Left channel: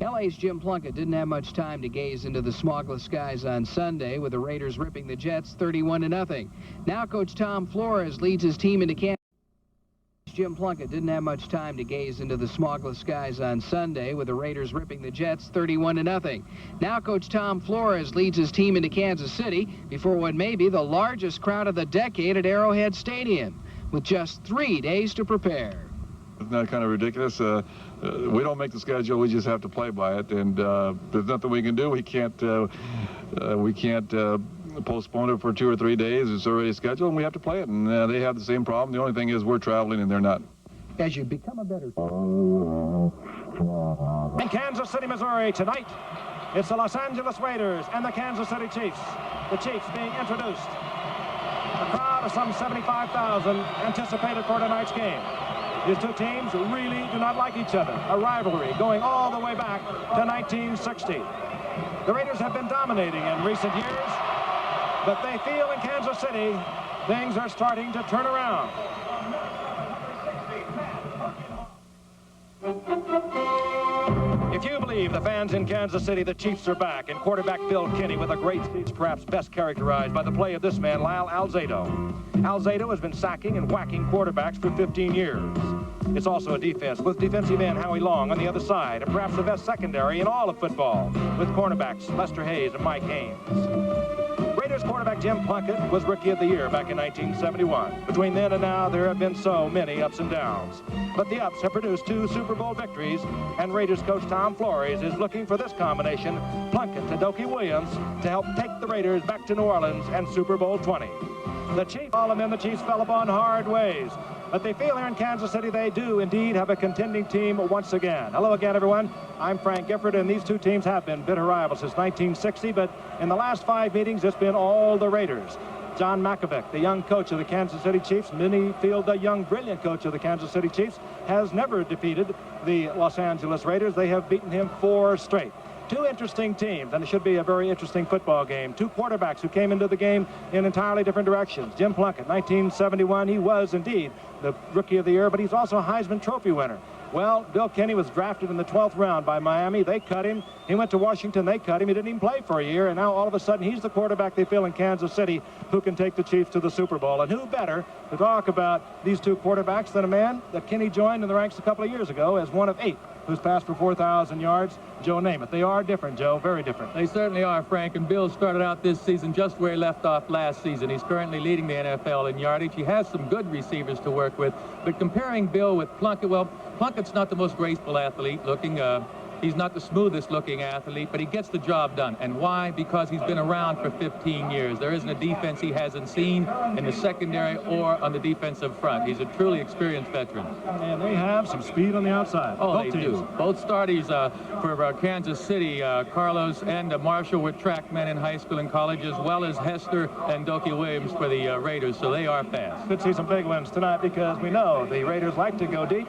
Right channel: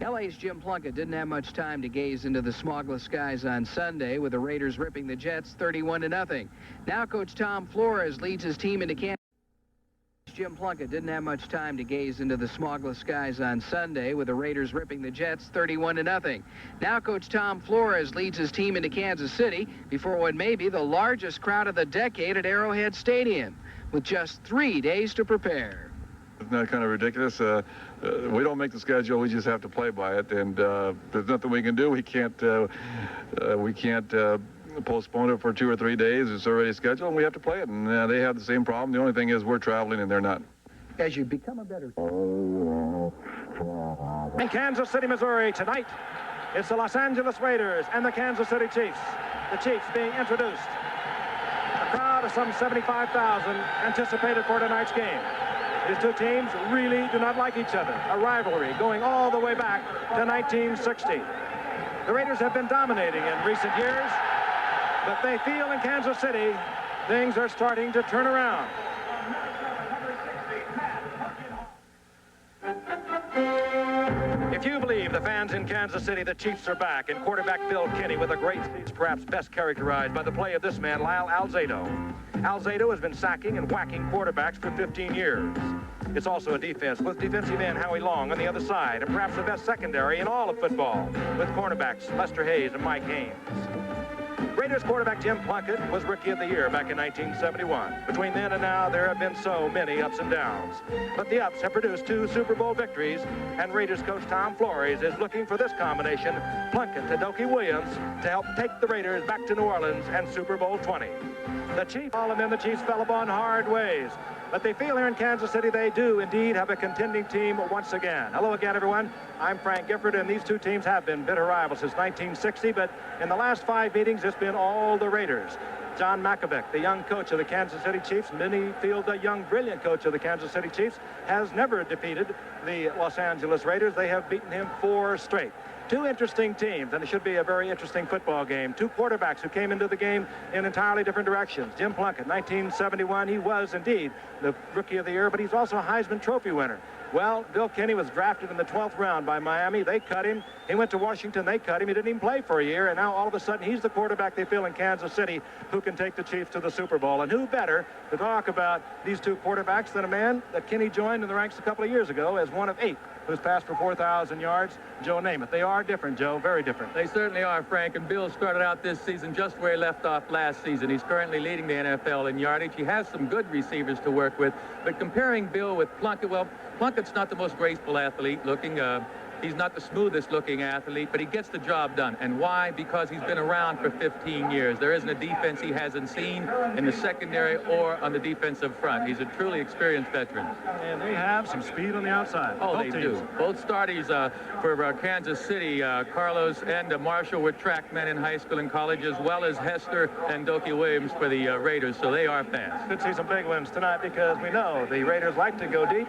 LA's Jim Plunkett didn't have much time to gaze into the smogless skies on Sunday, with the Raiders ripping the Jets 31-0. Now Coach Tom Flores leads his team into Kansas. Jim Plunkett didn't have much time to gaze into the smogless skies on Sunday, with the Raiders ripping the Jets 31-0. Now Coach Tom Flores leads his team into Kansas City before what may be the largest crowd of the decade at Arrowhead Stadium, with just 3 days to prepare. Isn't that kind of ridiculous? We don't make the schedule. We just have to play by it, and there's nothing we can do. We can't postpone it for 2 or 3 days. It's already scheduled, and we have to play it. And they have the same problem. The only thing is we're traveling, and they're not. As you become a better... In Kansas City, Missouri, tonight, it's the Los Angeles Raiders and the Kansas City Chiefs. The Chiefs being introduced. A crowd of some 75,000 anticipated for tonight's game. These two teams really do not like each other. A rivalry going all the way back to 1960. The Raiders have been dominating in recent years, but they feel in Kansas City things are starting to turn around. If you believe the fans in Kansas City, the Chiefs are back, and quarterback Bill Kinney with a great speech, perhaps best characterized by the play of this man, Lyle Alzado. Alzado has been sacking and whacking quarterbacks for 15 years. It's also a defense with defensive end Howie Long on the other side, and perhaps the best secondary in all of football, with cornerbacks Lester Hayes and Mike Haynes. Raiders quarterback Jim Plunkett was Rookie of the Year back in 1971. Between then and now, there have been so many ups and downs. But the ups have produced 2 Super Bowl victories, and Raiders coach Tom Flores is looking for this combination, Plunkett to Dokie Williams, to help take the Raiders back to New Orleans and Super Bowl 20. The Chiefs, and then the Chiefs fell upon hard ways. But they feel here in Kansas City they do indeed have a contending team once again. Hello again, everyone. I'm Frank Gifford, and these two teams have been bitter rivals since 1960, but in the last 5 meetings, it's been all the Raiders. John Makovic, the young coach of the Kansas City Chiefs, Minnie Field, the young, brilliant coach of the Kansas City Chiefs, has never defeated the Los Angeles Raiders. They have beaten him 4 straight. 2 interesting teams, and it should be a very interesting football game. 2 quarterbacks who came into the game in entirely different directions. Jim Plunkett, 1971, he was indeed the Rookie of the Year, but he's also a Heisman Trophy winner. Well, Bill Kinney was drafted in the 12th round by Miami. They cut him. He went to Washington. They cut him. He didn't even play for a year, and now all of a sudden he's the quarterback they feel in Kansas City who can take the Chiefs to the Super Bowl. And who better to talk about these 2 quarterbacks than a man that Kinney joined in the ranks a couple of years ago as one of 8 who's passed for 4,000 yards, Joe Namath. They are different, Joe, very different. They certainly are, Frank, and Bill started out this season just where he left off last season. He's currently leading the NFL in yardage. He has some good receivers to work with, but comparing Bill with Plunkett, well, Plunkett's not the most graceful athlete looking. He's not the smoothest looking athlete, but he gets the job done. And why? Because he's been around for 15 years. There isn't a defense he hasn't seen in the secondary or on the defensive front. He's a truly experienced veteran. And they have some speed on the outside. Oh, they do. Both starties for Kansas City, Carlos and Marshall were track men in high school and college, as well as Hester and Dokie Williams for the Raiders, so they are fast. Could see some big wins tonight because we know the Raiders like to go deep.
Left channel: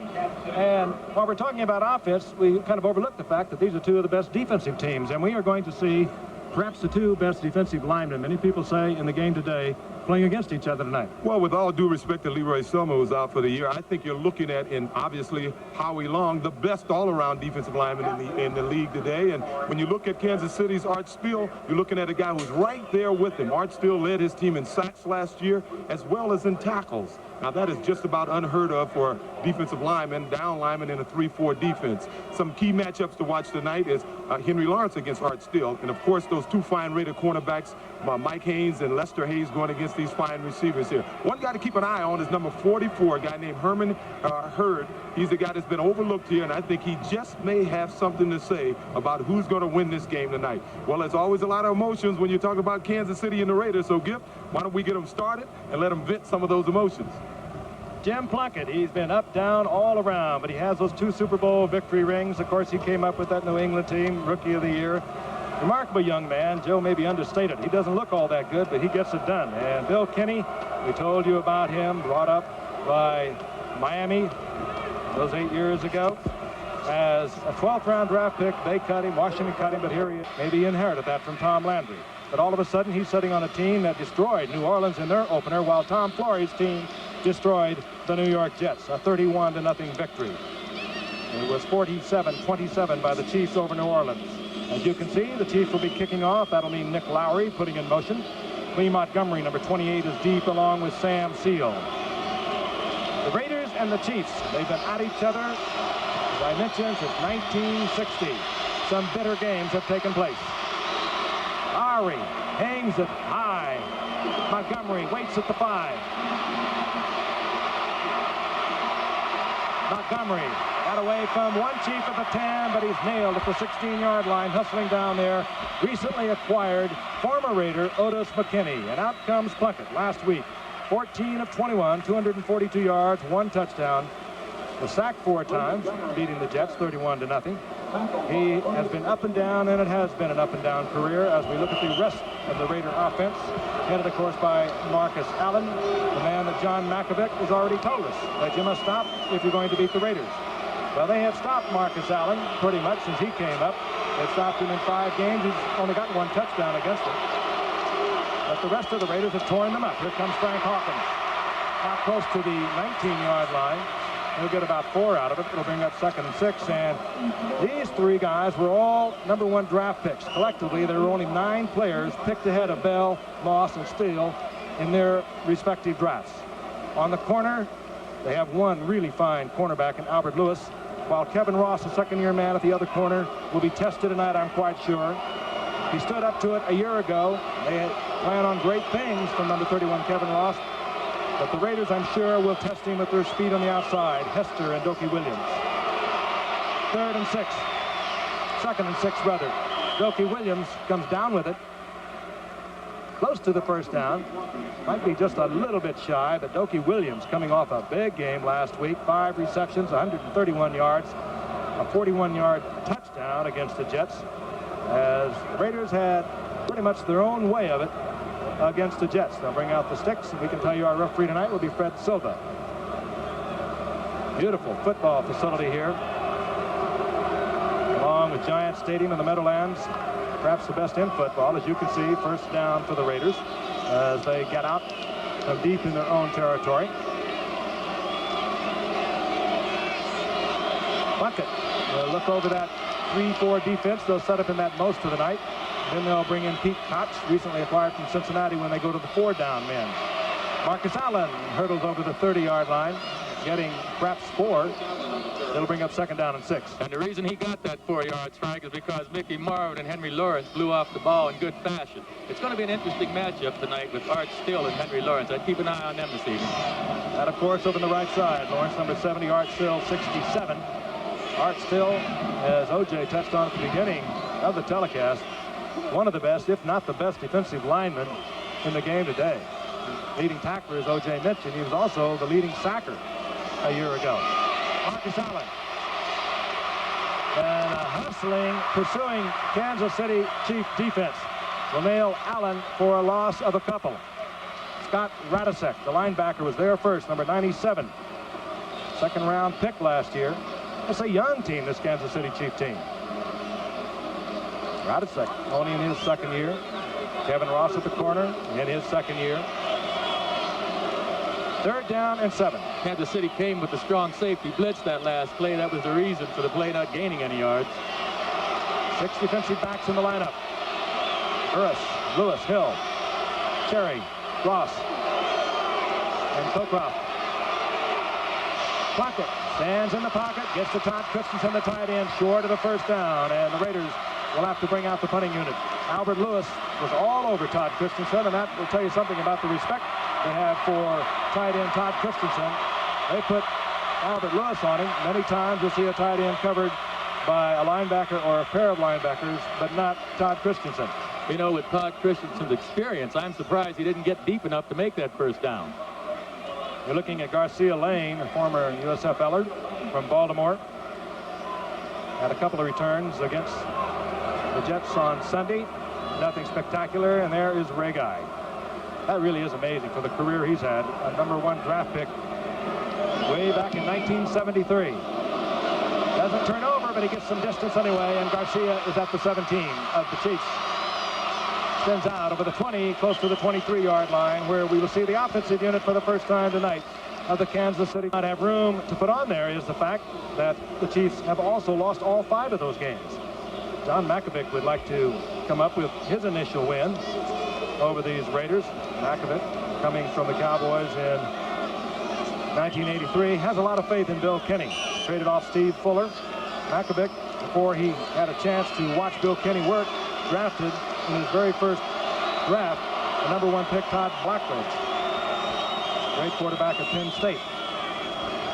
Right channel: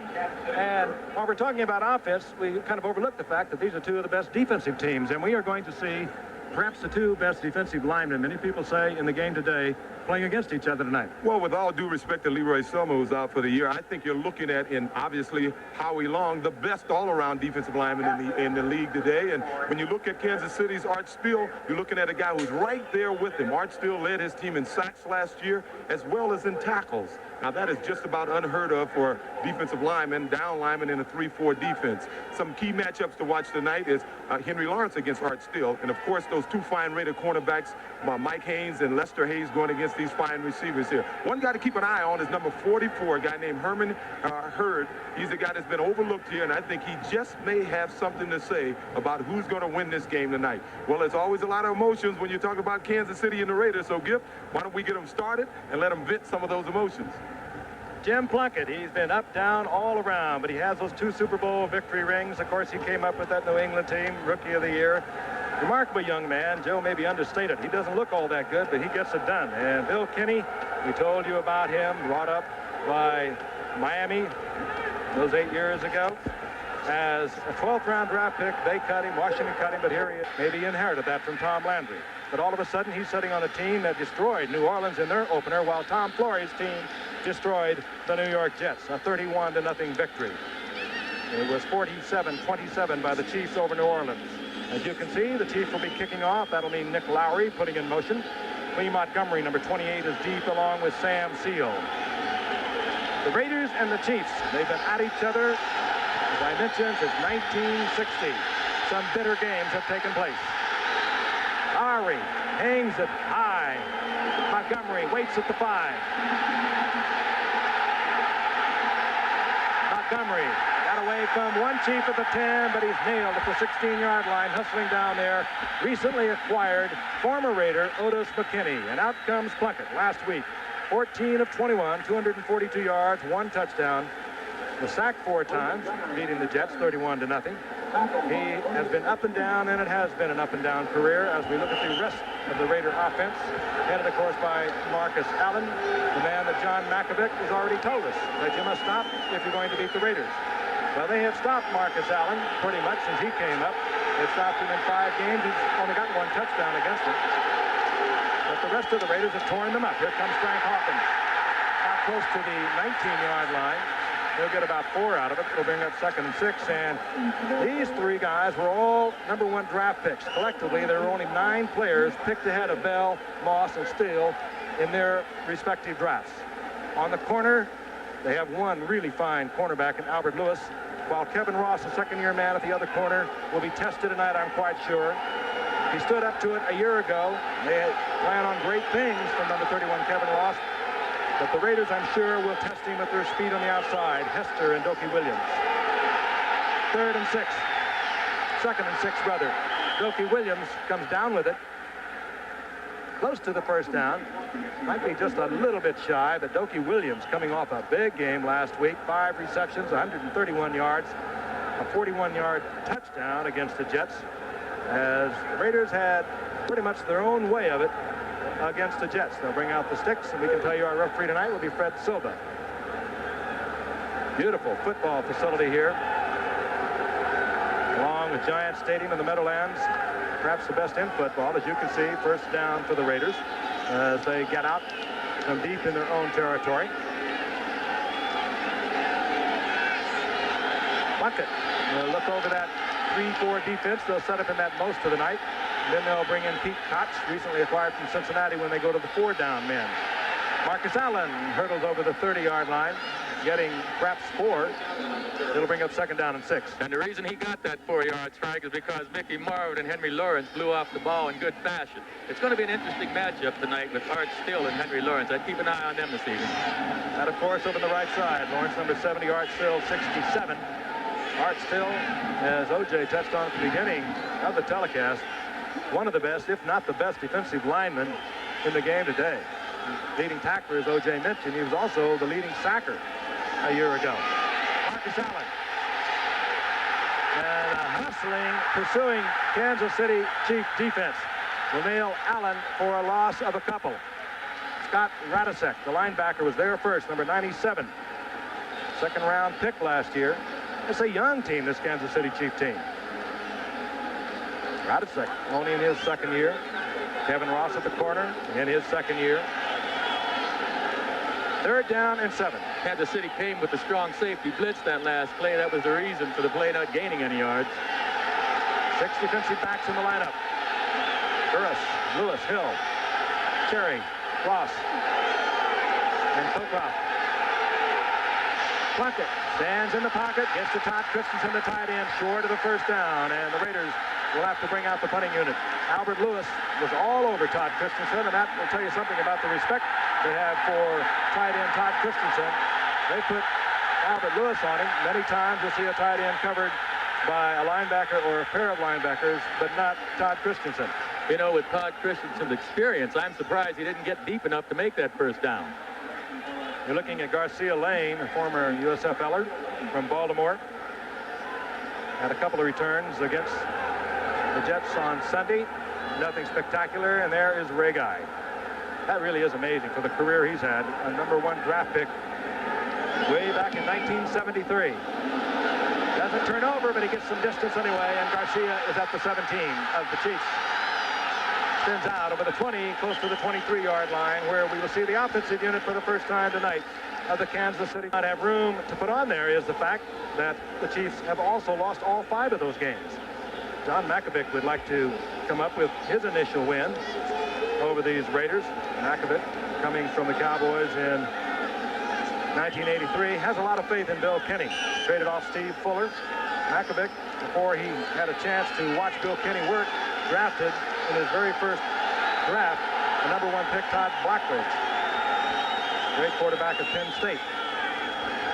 And while we're talking about offense, we kind of overlooked the fact that these are 2 of the best defensive teams, and we are going to see perhaps the 2 best defensive linemen, many people say, in the game today, playing against each other tonight. Well, with all due respect to Leroy Selma, who's out for the year, I think you're looking at, in obviously Howie Long, the best all-around defensive lineman in the league today. And when you look at Kansas City's Art Steele, you're looking at a guy who's right there with him. Art Steele led his team in sacks last year, as well as in tackles. Now, that is just about unheard of for defensive linemen, down linemen in a 3-4 defense. Some key matchups to watch tonight is Henry Lawrence against Art Steele. And, of course, those 2 fine Raider cornerbacks, Mike Haynes and Lester Hayes, going against these fine receivers here. One guy to keep an eye on is number 44, a guy named Herman Hurd. He's the guy that's been overlooked here, and I think he just may have something to say about who's going to win this game tonight. Well, there's always a lot of emotions when you talk about Kansas City and the Raiders, so Giff, why don't we get them started and let them vent some of those emotions. Jim Plunkett, he's been up, down, all around, but he has those 2 Super Bowl victory rings. Of course, he came up with that New England team, Rookie of the Year. Remarkable young man. Joe may be understated. He doesn't look all that good, but he gets it done. And Bill Kinney, we told you about him, brought up by Miami those 8 years ago. As a 12th round draft pick, they cut him, Washington cut him, but here he is. Maybe he inherited that from Tom Landry. But all of a sudden, he's sitting on a team that destroyed New Orleans in their opener, while Tom Flores' team destroyed the New York Jets, a 31-0 victory. It was 47-27 by the Chiefs over New Orleans. As you can see, the Chiefs will be kicking off. That'll mean Nick Lowry putting in motion. Clee Montgomery, number 28, is deep along with Sam Seal. The Raiders and the Chiefs, they've been at each other, as I mentioned, since 1960. Some bitter games have taken place. Lowry hangs it high. Montgomery waits at the 5. Montgomery got away from one Chief at the 10, but he's nailed at the 16-yard line, hustling down there. Recently acquired former Raider Otis McKinney. And out comes Plunkett last week. 14 of 21, 242 yards, 1 touchdown. Was sacked 4 times, beating the Jets 31-0. He has been up and down, and it has been an up and down career as we look at the rest of the Raider offense, headed, of course, by Marcus Allen, the man that John Malkovich has already told us that you must stop if you're going to beat the Raiders. Well, they have stopped Marcus Allen pretty much since he came up. They've stopped him in 5 games. He's only gotten 1 touchdown against them. But the rest of the Raiders have torn them up. Here comes Frank Hawkins. Now close to the 19-yard line. He'll get about 4 out of it. It'll bring up 2nd and 6. And these 3 guys were all #1 draft picks. Collectively, there were only 9 players picked ahead of Bell, Moss, and Steele in their respective drafts. On the corner, they have one really fine cornerback in Albert Lewis, while Kevin Ross, a 2nd-year man at the other corner, will be tested tonight, I'm quite sure. He stood up to it a year ago. They plan on great things from number 31, Kevin Ross. But the Raiders, I'm sure, will test him with their speed on the outside. Hester and Dokie Williams. 3rd and 6. 2nd and 6, rather. Dokie Williams comes down with it. Close to the first down. Might be just a little bit shy, but Dokie Williams coming off a big game last week. 5 receptions, 131 yards. A 41-yard touchdown against the Jets, as the Raiders had pretty much their own way of it against the Jets. They'll bring out the sticks, and we can tell you our referee tonight will be Fred Silva. Beautiful football facility here, along with Giant Stadium in the Meadowlands. Perhaps the best in football. As you can see, first down for the Raiders as they get out from deep in their own territory. Plunkett will look over that 3-4 defense. They'll set up in that most of the night. Then they'll bring in Pete Koch, recently acquired from Cincinnati, when they go to the 4-down men. Marcus Allen hurdles over the 30-yard line, getting perhaps 4. It'll bring up 2nd down and 6. And the reason he got that 4-yard strike is because Mickey Marvin and Henry Lawrence blew off the ball in good fashion. It's going to be an interesting matchup tonight with Art Still and Henry Lawrence. I'd keep an eye on them this evening. And, of course, over on the right side, Lawrence, number 70, Art Still, 67. Art Still, as O.J. touched on at the beginning of the telecast, one of the best, if not the best, defensive lineman in the game today. Leading tackler, as O.J. mentioned, he was also the leading sacker a year ago. Marcus Allen. And a hustling, pursuing Kansas City Chief defense will nail Allen for a loss of a couple. Scott Radisek, the linebacker, was there first, number 97. 2nd-round pick last year. It's a young team, this Kansas City Chief team. Radisek only in his 2nd year. Kevin Ross at the corner in his 2nd year. 3rd down and 7. Kansas City came with the strong safety blitz that last play. That was the reason for the play not gaining any yards. 6 defensive backs in the lineup. Burris, Lewis, Hill, Cherry, Ross, and Cockcroft. Plunkett stands in the pocket, gets to Todd Christensen, the tight end, short of the 1st down, and the Raiders will have to bring out the punting unit. Albert Lewis was all over Todd Christensen, and that will tell you something about the respect they have for tight end Todd Christensen. They put Albert Lewis on him. Many times you'll see a tight end covered by a linebacker or a pair of linebackers, but not Todd Christensen. You know, with Todd Christensen's experience, I'm surprised he didn't get deep enough to make that 1st down. You're looking at Garcia Lane, a former USFLer from Baltimore. Had a couple of returns against the Jets on Sunday. Nothing spectacular, and there is Ray Guy. That really is amazing for the career he's had. A #1 draft pick way back in 1973. Doesn't turn over, but he gets some distance anyway, and Garcia is at the 17 of the Chiefs. Extends out over the 20, close to the 23-yard line, where we will see the offensive unit for the first time tonight of the Kansas City not have room to put on there is the fact that the Chiefs have also lost all 5 of those games. John Makovic would like to come up with his initial win over these Raiders. Makovic, coming from the Cowboys in 1983, has a lot of faith in Bill Kenny. Traded off Steve Fuller. Makovic, before he had a chance to watch Bill Kenny work, drafted in his very first draft the #1 pick, Todd Blackledge, great quarterback of Penn State.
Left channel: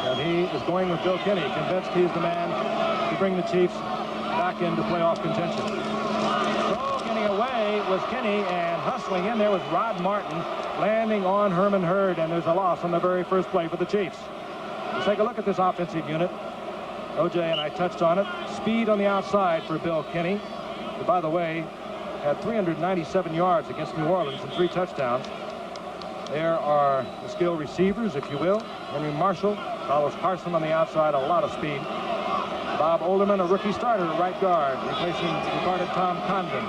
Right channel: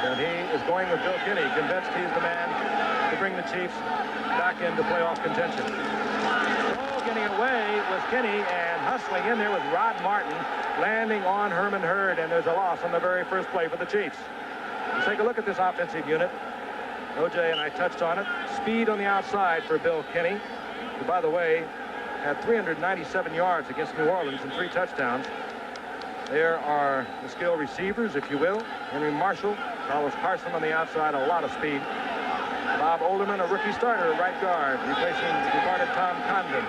And he is going with Bill Kenny, convinced he's the man to bring the Chiefs back into playoff contention. So getting away was Kenny, and hustling in there was Rod Martin, landing on Herman Hurd, and there's a loss on the very first play for the Chiefs. Let's take a look at this offensive unit. OJ and I touched on it. Speed on the outside for Bill Kenny, who, by the way, had 397 yards against New Orleans and 3 touchdowns. There are the skill receivers, if you will. Henry Marshall, Carlos Carson on the outside, a lot of speed. Bob Olderman, a rookie starter at right guard, replacing departed Tom Condon,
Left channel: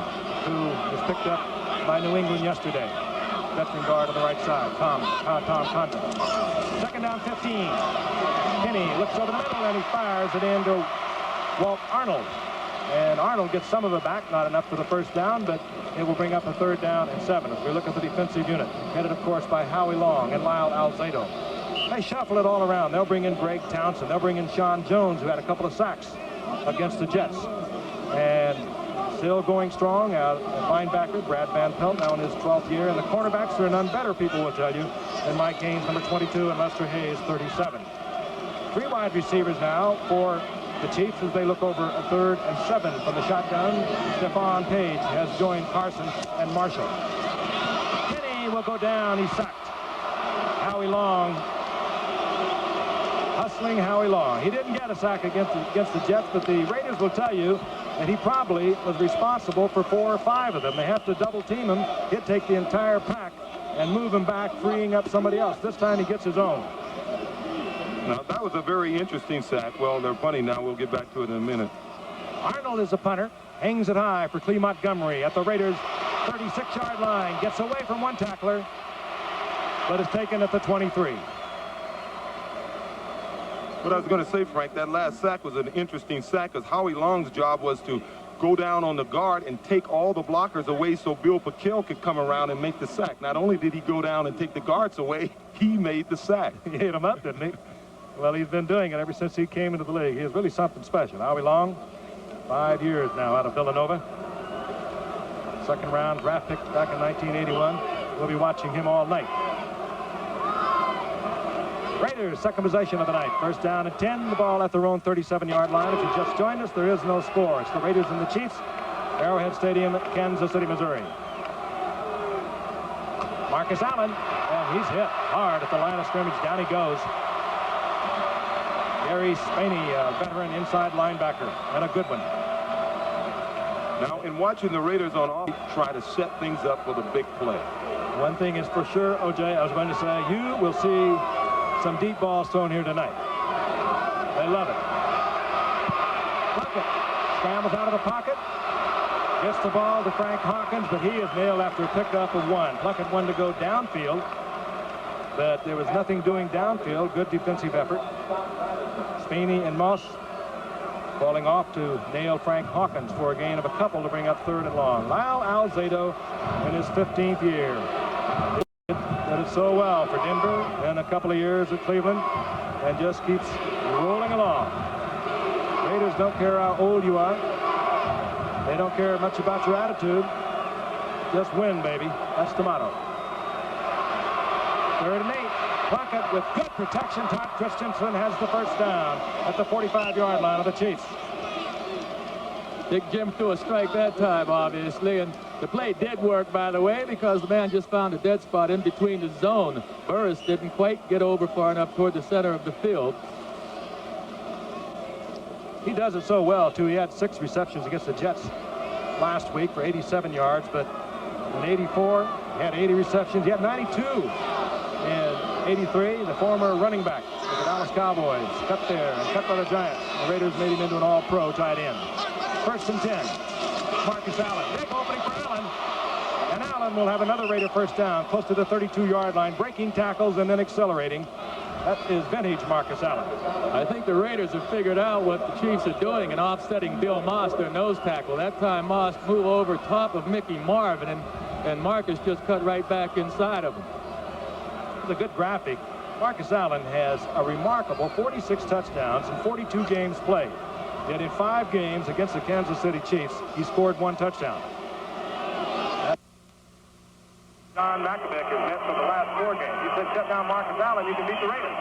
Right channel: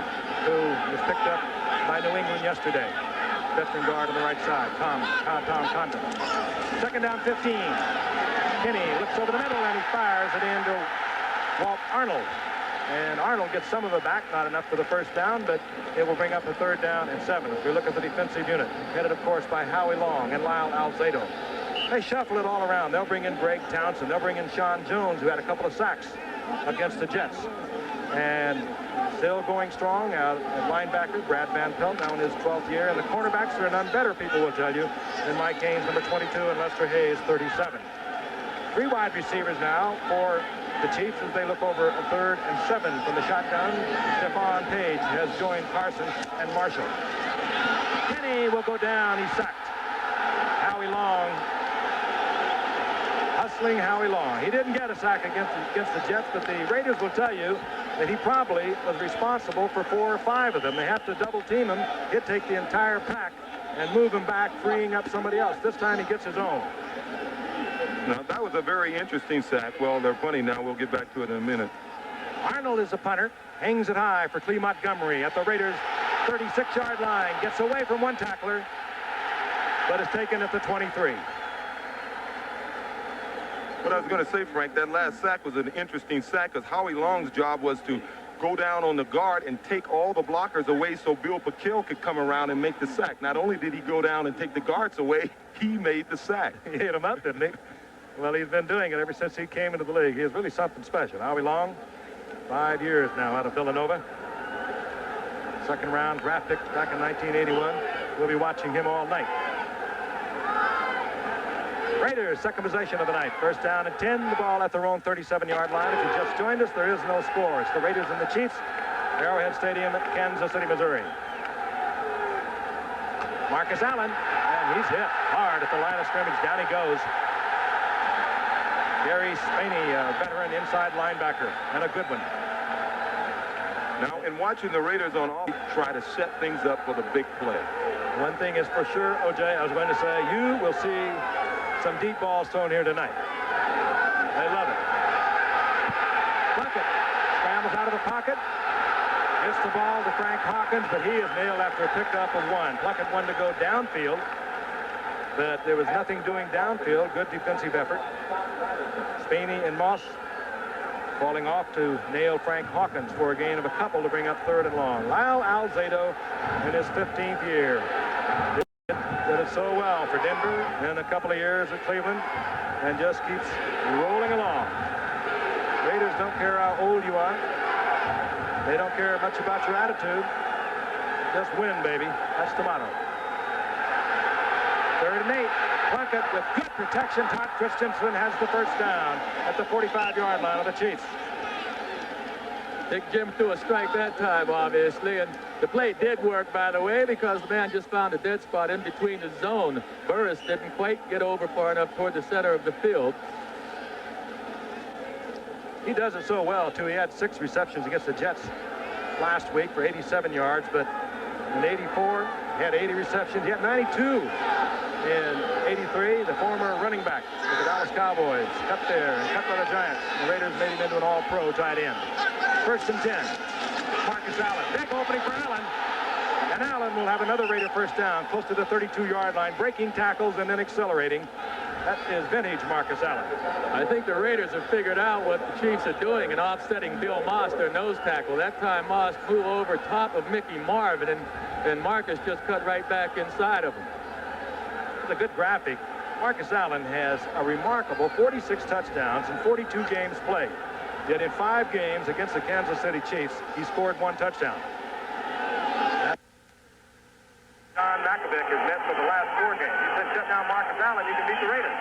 who was picked up by New England yesterday. Veteran guard on the right side, Tom Condon. Second down, 15. Kenny looks over the middle, and he fires it into Walt Arnold. And Arnold gets some of it back, not enough for the first down, but it will bring up a 3rd down and 7 as we look at the defensive unit, headed, of course, by Howie Long and Lyle Alzado. They shuffle it all around. They'll bring in Greg Townsend. They'll bring in Sean Jones, who had a couple of sacks against the Jets. And still going strong out at linebacker, Brad Van Pelt, now in his 12th year. And the cornerbacks are none better, people will tell you, than Mike Haynes, number 22, and Lester Hayes, 37. 3 wide receivers now for the Chiefs as they look over a 3rd and 7 from the shotgun. Stephon Page has joined Carson and Marshall. Kenny will go down. He's sacked. Howie Long, hustling Howie Long. He didn't get a sack against the Jets, but the Raiders will tell you that he probably was responsible for 4 or 5 of them. They have to double team him. He'd take the entire pack and move him back, freeing up somebody else. This time he gets his own. Now, that was a very interesting sack. Well, they're punting now. We'll get back to it in a minute. Arnold is a punter. Hangs it high for Clee Montgomery at the Raiders' 36-yard line. Gets away from one tackler, but is taken at the 23. What I was going to say, Frank, that last sack was an interesting sack because Howie Long's job was to go down on the guard and take all the blockers away so Bill Paquette could come around and make the sack. Not only did he go down and take the guards away, he made the sack. He hit him up, didn't he? Well, he's been doing it ever since he came into the league. He is really something special. Howie Long, 5 years now out of Villanova. 2nd round draft pick back in 1981. We'll be watching him all night. Raiders, 2nd possession of the night. 1st down and 10. The ball at their own 37-yard line. If you just joined us, there is no score. It's the Raiders and the Chiefs. Arrowhead Stadium, Kansas City, Missouri. Marcus Allen, and he's hit hard at the line of scrimmage. Down he goes. Gary Spaney, a veteran inside linebacker, and a good one. Now, in watching the Raiders on offense, try to set things up for the big play. One thing is for sure, OJ, I was going to say, you will see some deep balls thrown here tonight. They love it. Plunkett scrambles out of the pocket. Gets the ball to Frank Hawkins, but he is nailed after a pickup of 1. Plunkett wanted to go downfield, but there was nothing doing downfield. Good defensive effort. Spaney and Moss falling off to nail Frank Hawkins for a gain of a couple to bring up 3rd and long. Lyle Alzado in his 15th year. Did it so well for Denver and a couple of years at Cleveland and just keeps rolling along. Raiders don't care how old you are. They don't care much about your attitude. Just win, baby. That's the motto. 3rd and 8. Plunkett with good protection. Todd Christensen has the 1st down at the 45-yard line of the Chiefs. Big Jim threw a strike that time, obviously, and the play did work, by the way, because the man just found a dead spot in between the zone. Burris didn't quite get over far enough toward the center of the field. He does it so well, too. He had 6 receptions against the Jets last week for 87 yards, but in 84, he had 80 receptions. He had 92 in 83. The former running back of the Dallas Cowboys cut there and cut by the Giants. The Raiders made him into an all-pro tight end. 1st and 10. Marcus Allen. Big opening for Allen. And Allen will have another Raider 1st down close to the 32-yard line, breaking tackles and then accelerating. That is vintage Marcus Allen. I think the Raiders have figured out what the Chiefs are doing in offsetting Bill Moss, their nose tackle. That time Moss moved over top of Mickey Marvin, and Marcus just cut right back inside of him. It's a good graphic. Marcus Allen has a remarkable 46 touchdowns in 42 games played. Yet in 5 games against the Kansas City Chiefs, he scored 1 touchdown. John Mackovic has met for the last 4 games. He said, shut down Marcus Allen, you can beat the Raiders.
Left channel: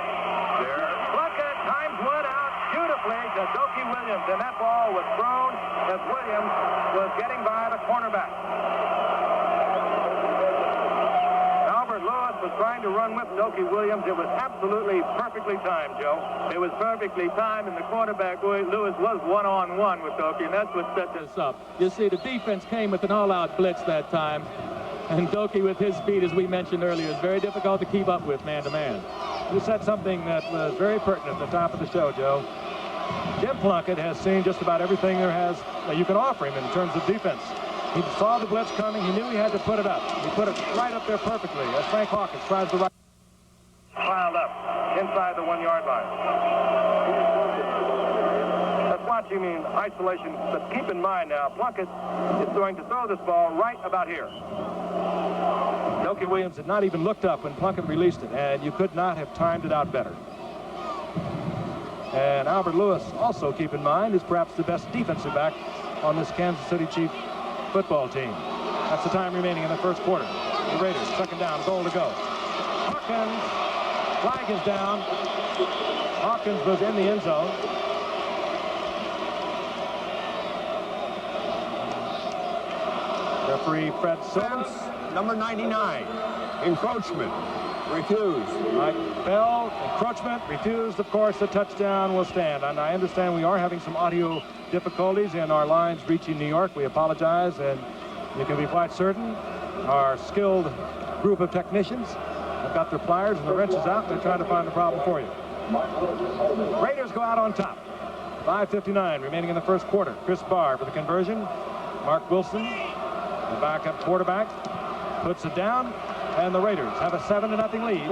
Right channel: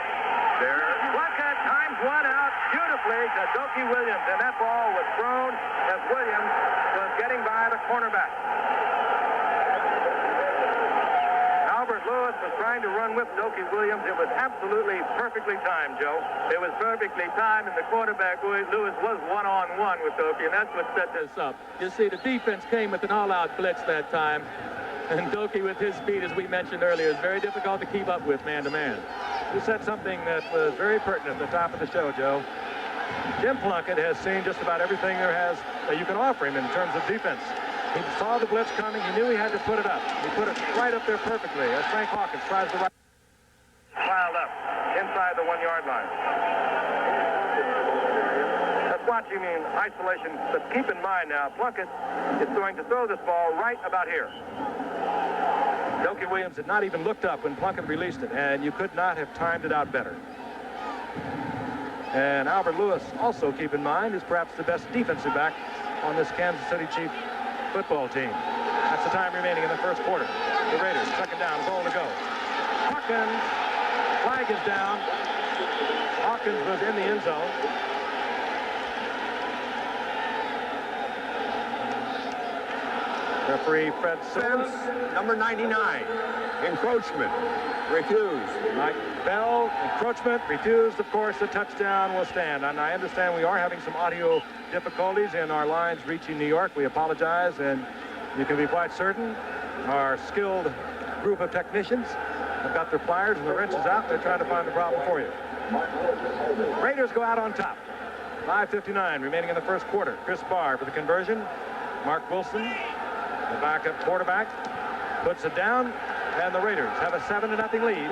There. Plunkett times one out beautifully to Dokie Williams, and that ball was thrown as Williams was getting by the cornerback. Albert Lewis was trying to run with Dokie Williams. It was absolutely perfectly timed, Joe. It was perfectly timed, and the cornerback, Lewis, was one-on-one with Dokie, and that's what set this up. You see, the defense came with an all-out blitz that time. And Dokie, with his speed, as we mentioned earlier, is very difficult to keep up with man-to-man. You said something that was very pertinent at the top of the show, Joe. Jim Plunkett has seen just about everything that you can offer him in terms of defense. He saw the blitz coming. He knew he had to put it up. He put it right up there perfectly as Frank Hawkins tries to right. Piled up inside the 1-yard line. That's watching in isolation, but keep in mind now, Plunkett is going to throw this ball right about here. Dokie Williams had not even looked up when Plunkett released it, and you could not have timed it out better. And Albert Lewis, also keep in mind, is perhaps the best defensive back on this Kansas City Chiefs football team. That's the time remaining in the first quarter. The Raiders, second down, goal to go. Hawkins, flag is down. Hawkins was in the end zone. Referee Fred Sims. Number 99, encroachment, refused. Mike Bell, encroachment, refused. Of course, the touchdown will stand. And I understand we are having some audio difficulties in our lines reaching New York. We apologize, and you can be quite certain our skilled group of technicians have got their pliers and the wrenches out. They're trying to find the problem for you. Raiders go out on top. 5:59 remaining in the first quarter. Chris Barr for the conversion. Mark Wilson, the backup quarterback, puts it down, and the Raiders have a 7-0 lead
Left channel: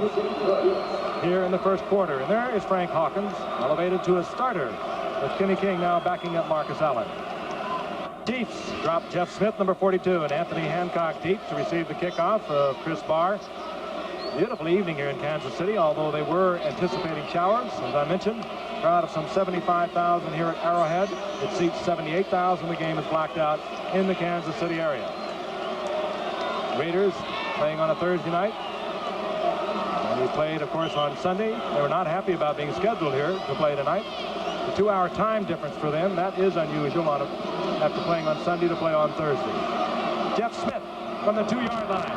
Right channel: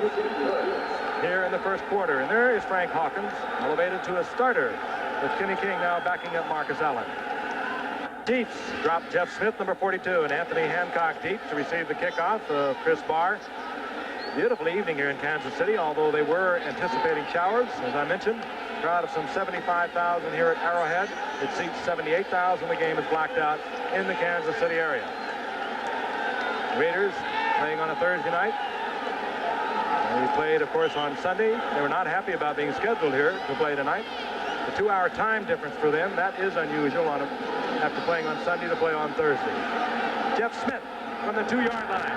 here in the first quarter. And there is Frank Hawkins, elevated to a starter, with Kenny King now backing up Marcus Allen. Chiefs drop Jeff Smith, number 42, and Anthony Hancock deep to receive the kickoff of Chris Barr. Beautiful evening here in Kansas City, although they were anticipating showers, as I mentioned. Crowd of some 75,000 here at Arrowhead. It seats 78,000. The game is blacked out in the Kansas City area. Raiders playing on a Thursday night. They played, of course, on Sunday. They were not happy about being scheduled here to play tonight. The 2-hour time difference for them, that is unusual after playing on Sunday to play on Thursday. Jeff Smith from the 2-yard line.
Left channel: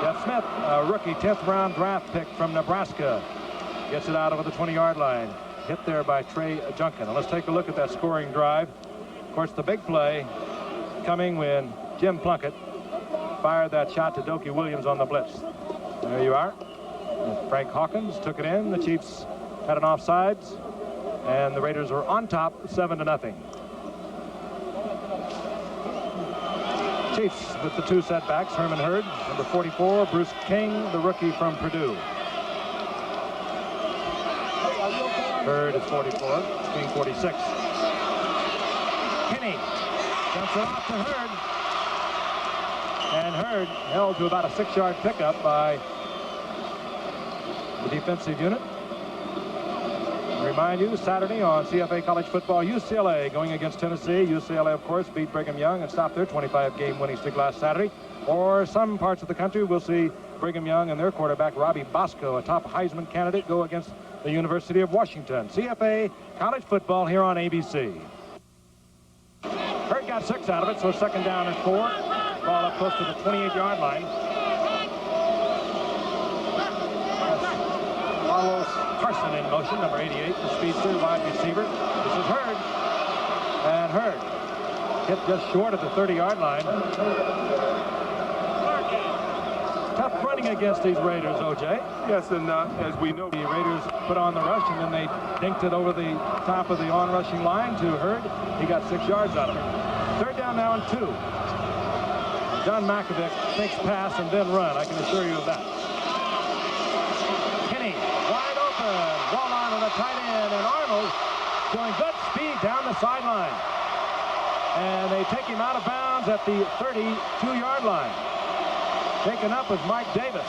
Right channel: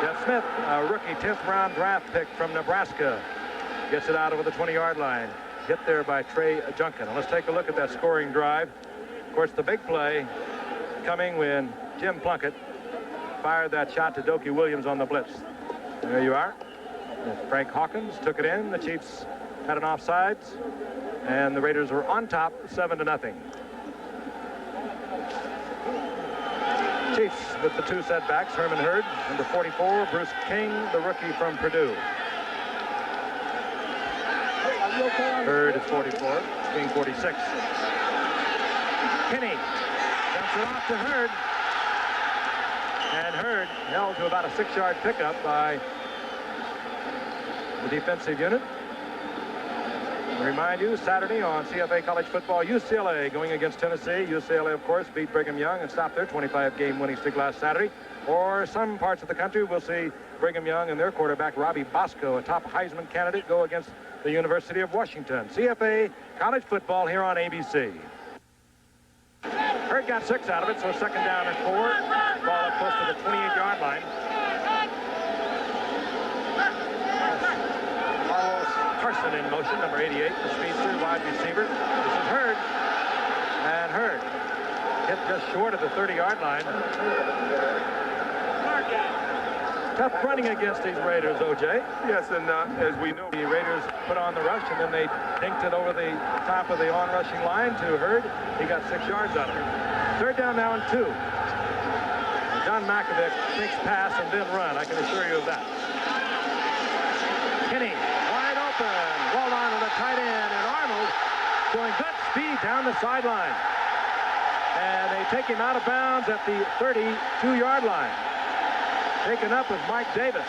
Jeff Smith, a rookie 10th round draft pick from Nebraska, gets it out over the 20-yard line. Hit there by Trey Junkin. Now let's take a look at that scoring drive. Of course, the big play coming when Jim Plunkett fired that shot to Dokie Williams on the blitz. There you are. Frank Hawkins took it in. The Chiefs had an offsides, and the Raiders were on top 7-0. Chiefs with the 2 setbacks. Herman Hurd, number 44. Bruce King, the rookie from Purdue. Hurd is 44. King 46. Kinney dumps it off to Hurd. And Hurd held to about a 6-yard pickup by the defensive unit. I remind you, Saturday on CFA College Football, UCLA going against Tennessee. UCLA, of course, beat Brigham Young and stopped their 25-game winning streak last Saturday. Or some parts of the country will see Brigham Young and their quarterback, Robbie Bosco, a top Heisman candidate, go against the University of Washington. CFA College Football here on ABC. Hurd got 6 out of it, so second down and 4. Ball up close to the 28-yard line. Carlos Carson in motion, number 88, the speedster, wide receiver. This is Hurd. And Hurd hit just short of the 30-yard line. Tough running against these Raiders, O.J. Yes, and as we know, the Raiders put on the rush, and then they dinked it over the top of the on-rushing line to Hurd. He got 6 yards out of it. Third down now and 2. John Mackovic thinks pass and then run. I can assure you of that. showing good speed down the sideline. And they take him out of bounds at the 32-yard line. Taken up was Mike Davis.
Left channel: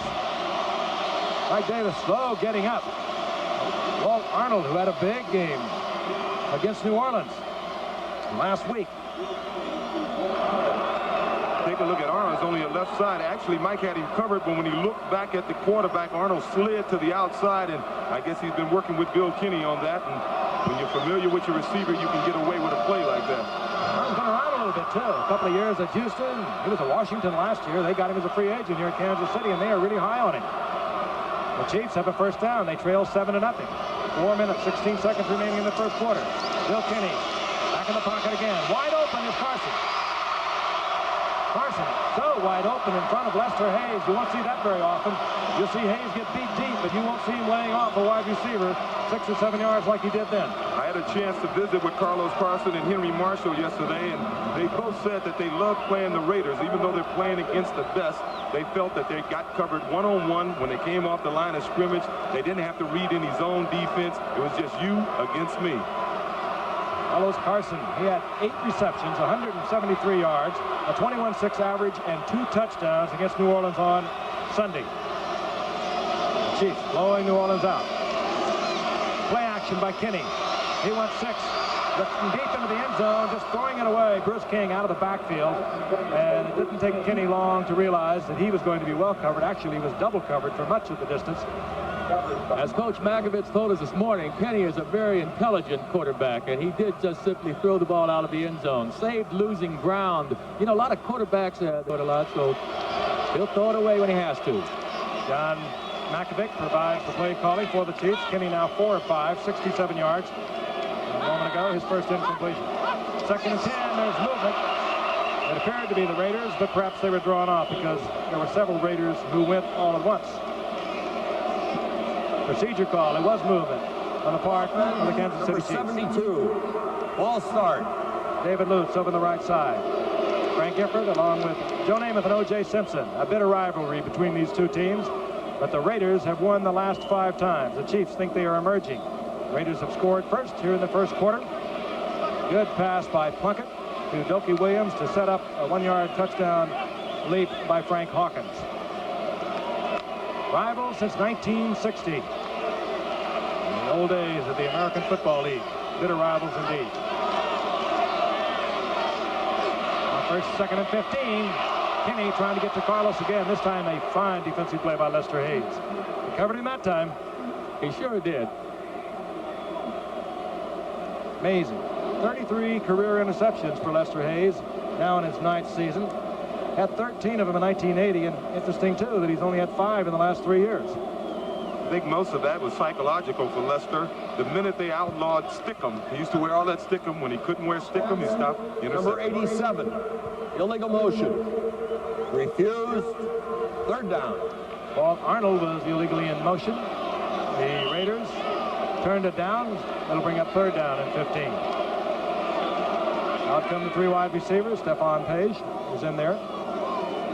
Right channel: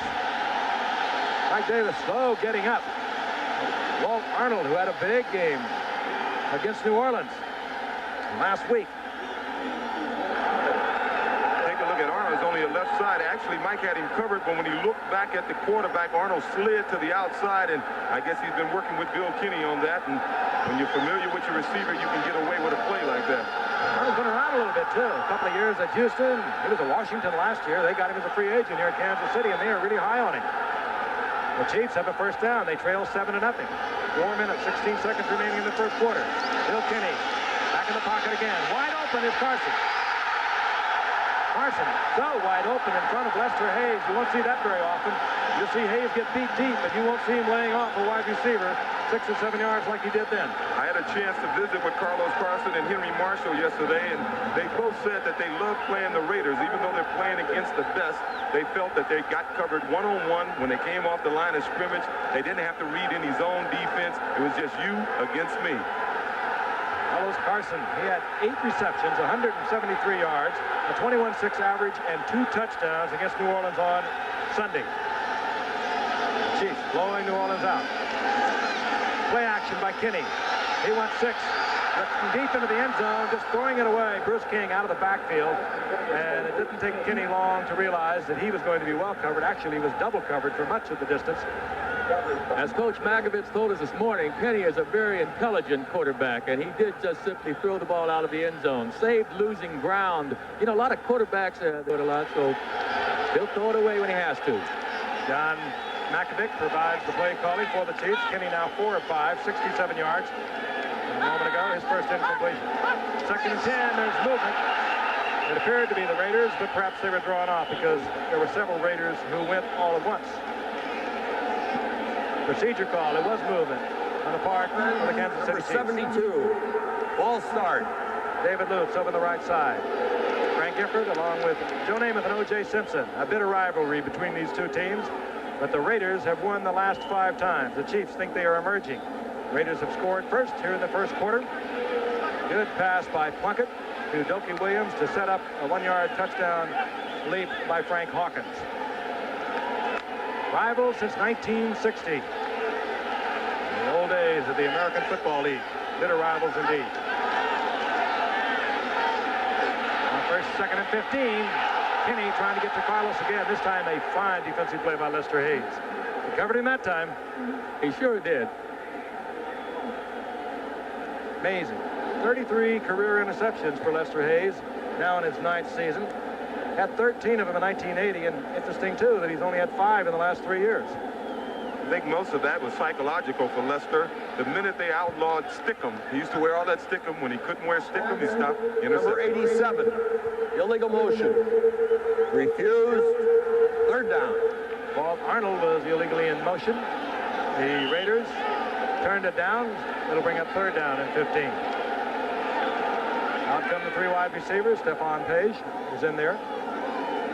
Mike Davis slow getting up. Walt Arnold, who had a big game against New Orleans last week. Take a look at Arnold. It's only a left side. Actually, Mike had him covered, but when he looked back at the quarterback, Arnold slid to the outside, and I guess he's been working with Bill Kinney on that. And when you're familiar with your receiver, you can get away with a play like that. Arnold's been around a little bit, too. A couple of years at Houston. He was at Washington last year. They got him as a free agent here at Kansas City, and they are really high on him. The Chiefs have a first down. They trail 7-0. 4 minutes, 16 seconds remaining in the first quarter. Bill Kinney back in the pocket again. Wide open is Carson. Carson so wide open in front of Lester Hayes. You won't see that very often. You'll see Hayes get beat deep, but you won't see him laying off a wide receiver 6 or 7 yards like he did then. I had a chance to visit with Carlos Carson and Henry Marshall yesterday, and they both said that they love playing the Raiders. Even though they're playing against the best, they felt that they got covered one-on-one when they came off the line of scrimmage. They didn't have to read any zone defense. It was just you against me. Carlos Carson, he had 8 receptions, 173 yards, a 21.6 average, and 2 touchdowns against New Orleans on Sunday. The Chiefs blowing New Orleans out. Play action by Kinney. He went 6. Looking deep into the end zone, just throwing it away. Bruce King out of the backfield. And it didn't take Kinney long to realize that he was going to be well covered. Actually, he was double covered for much of the distance. As Coach Magovitz told us this morning, Penny is a very intelligent quarterback, and he did just simply throw the ball out of the end zone. Saved losing ground. You know, a lot of quarterbacks do it a lot, so he'll throw it away when he has to. John Makovic provides the play calling for the Chiefs. Kinney now 4 of 5, 67 yards. A moment ago, his first incompletion. 2nd and 10, there's movement. It appeared to be the Raiders, but perhaps they were drawn off because there were several Raiders who went all at once. Procedure call. It was movement on the part of the Kansas City Chiefs. 72. Ball start. David Lutz over the right side. Frank Gifford along with Joe Namath and O.J. Simpson. A bit of rivalry between these two teams, but the Raiders have won the last 5 times. The Chiefs think they are emerging. Raiders have scored first here in the first quarter. Good pass by Plunkett to Dokie Williams to set up a 1-yard touchdown leap by Frank Hawkins. Rivals since 1960. In the old days of the American Football League. Bitter rivals indeed. On first, 2nd and 15. Kinney trying to get to Carlos again. This time a fine defensive play by Lester Hayes. He covered him that time. He sure did. Amazing. 33 career interceptions for Lester Hayes, now in his 9th season. Had 13 of them in 1980, and interesting, too, that he's only had 5 in the last 3 years. I think most of that was psychological for Lester. The minute they outlawed Stickum, he used to wear all that Stickum. When he couldn't wear Stickum, he stopped intercepting. Number 87. Illegal motion. Refused. 3rd down. Walt Arnold was illegally in motion. The Raiders turned it down. It'll bring up 3rd down and 15. Out come the 3 wide receivers. Stephon Page is in there.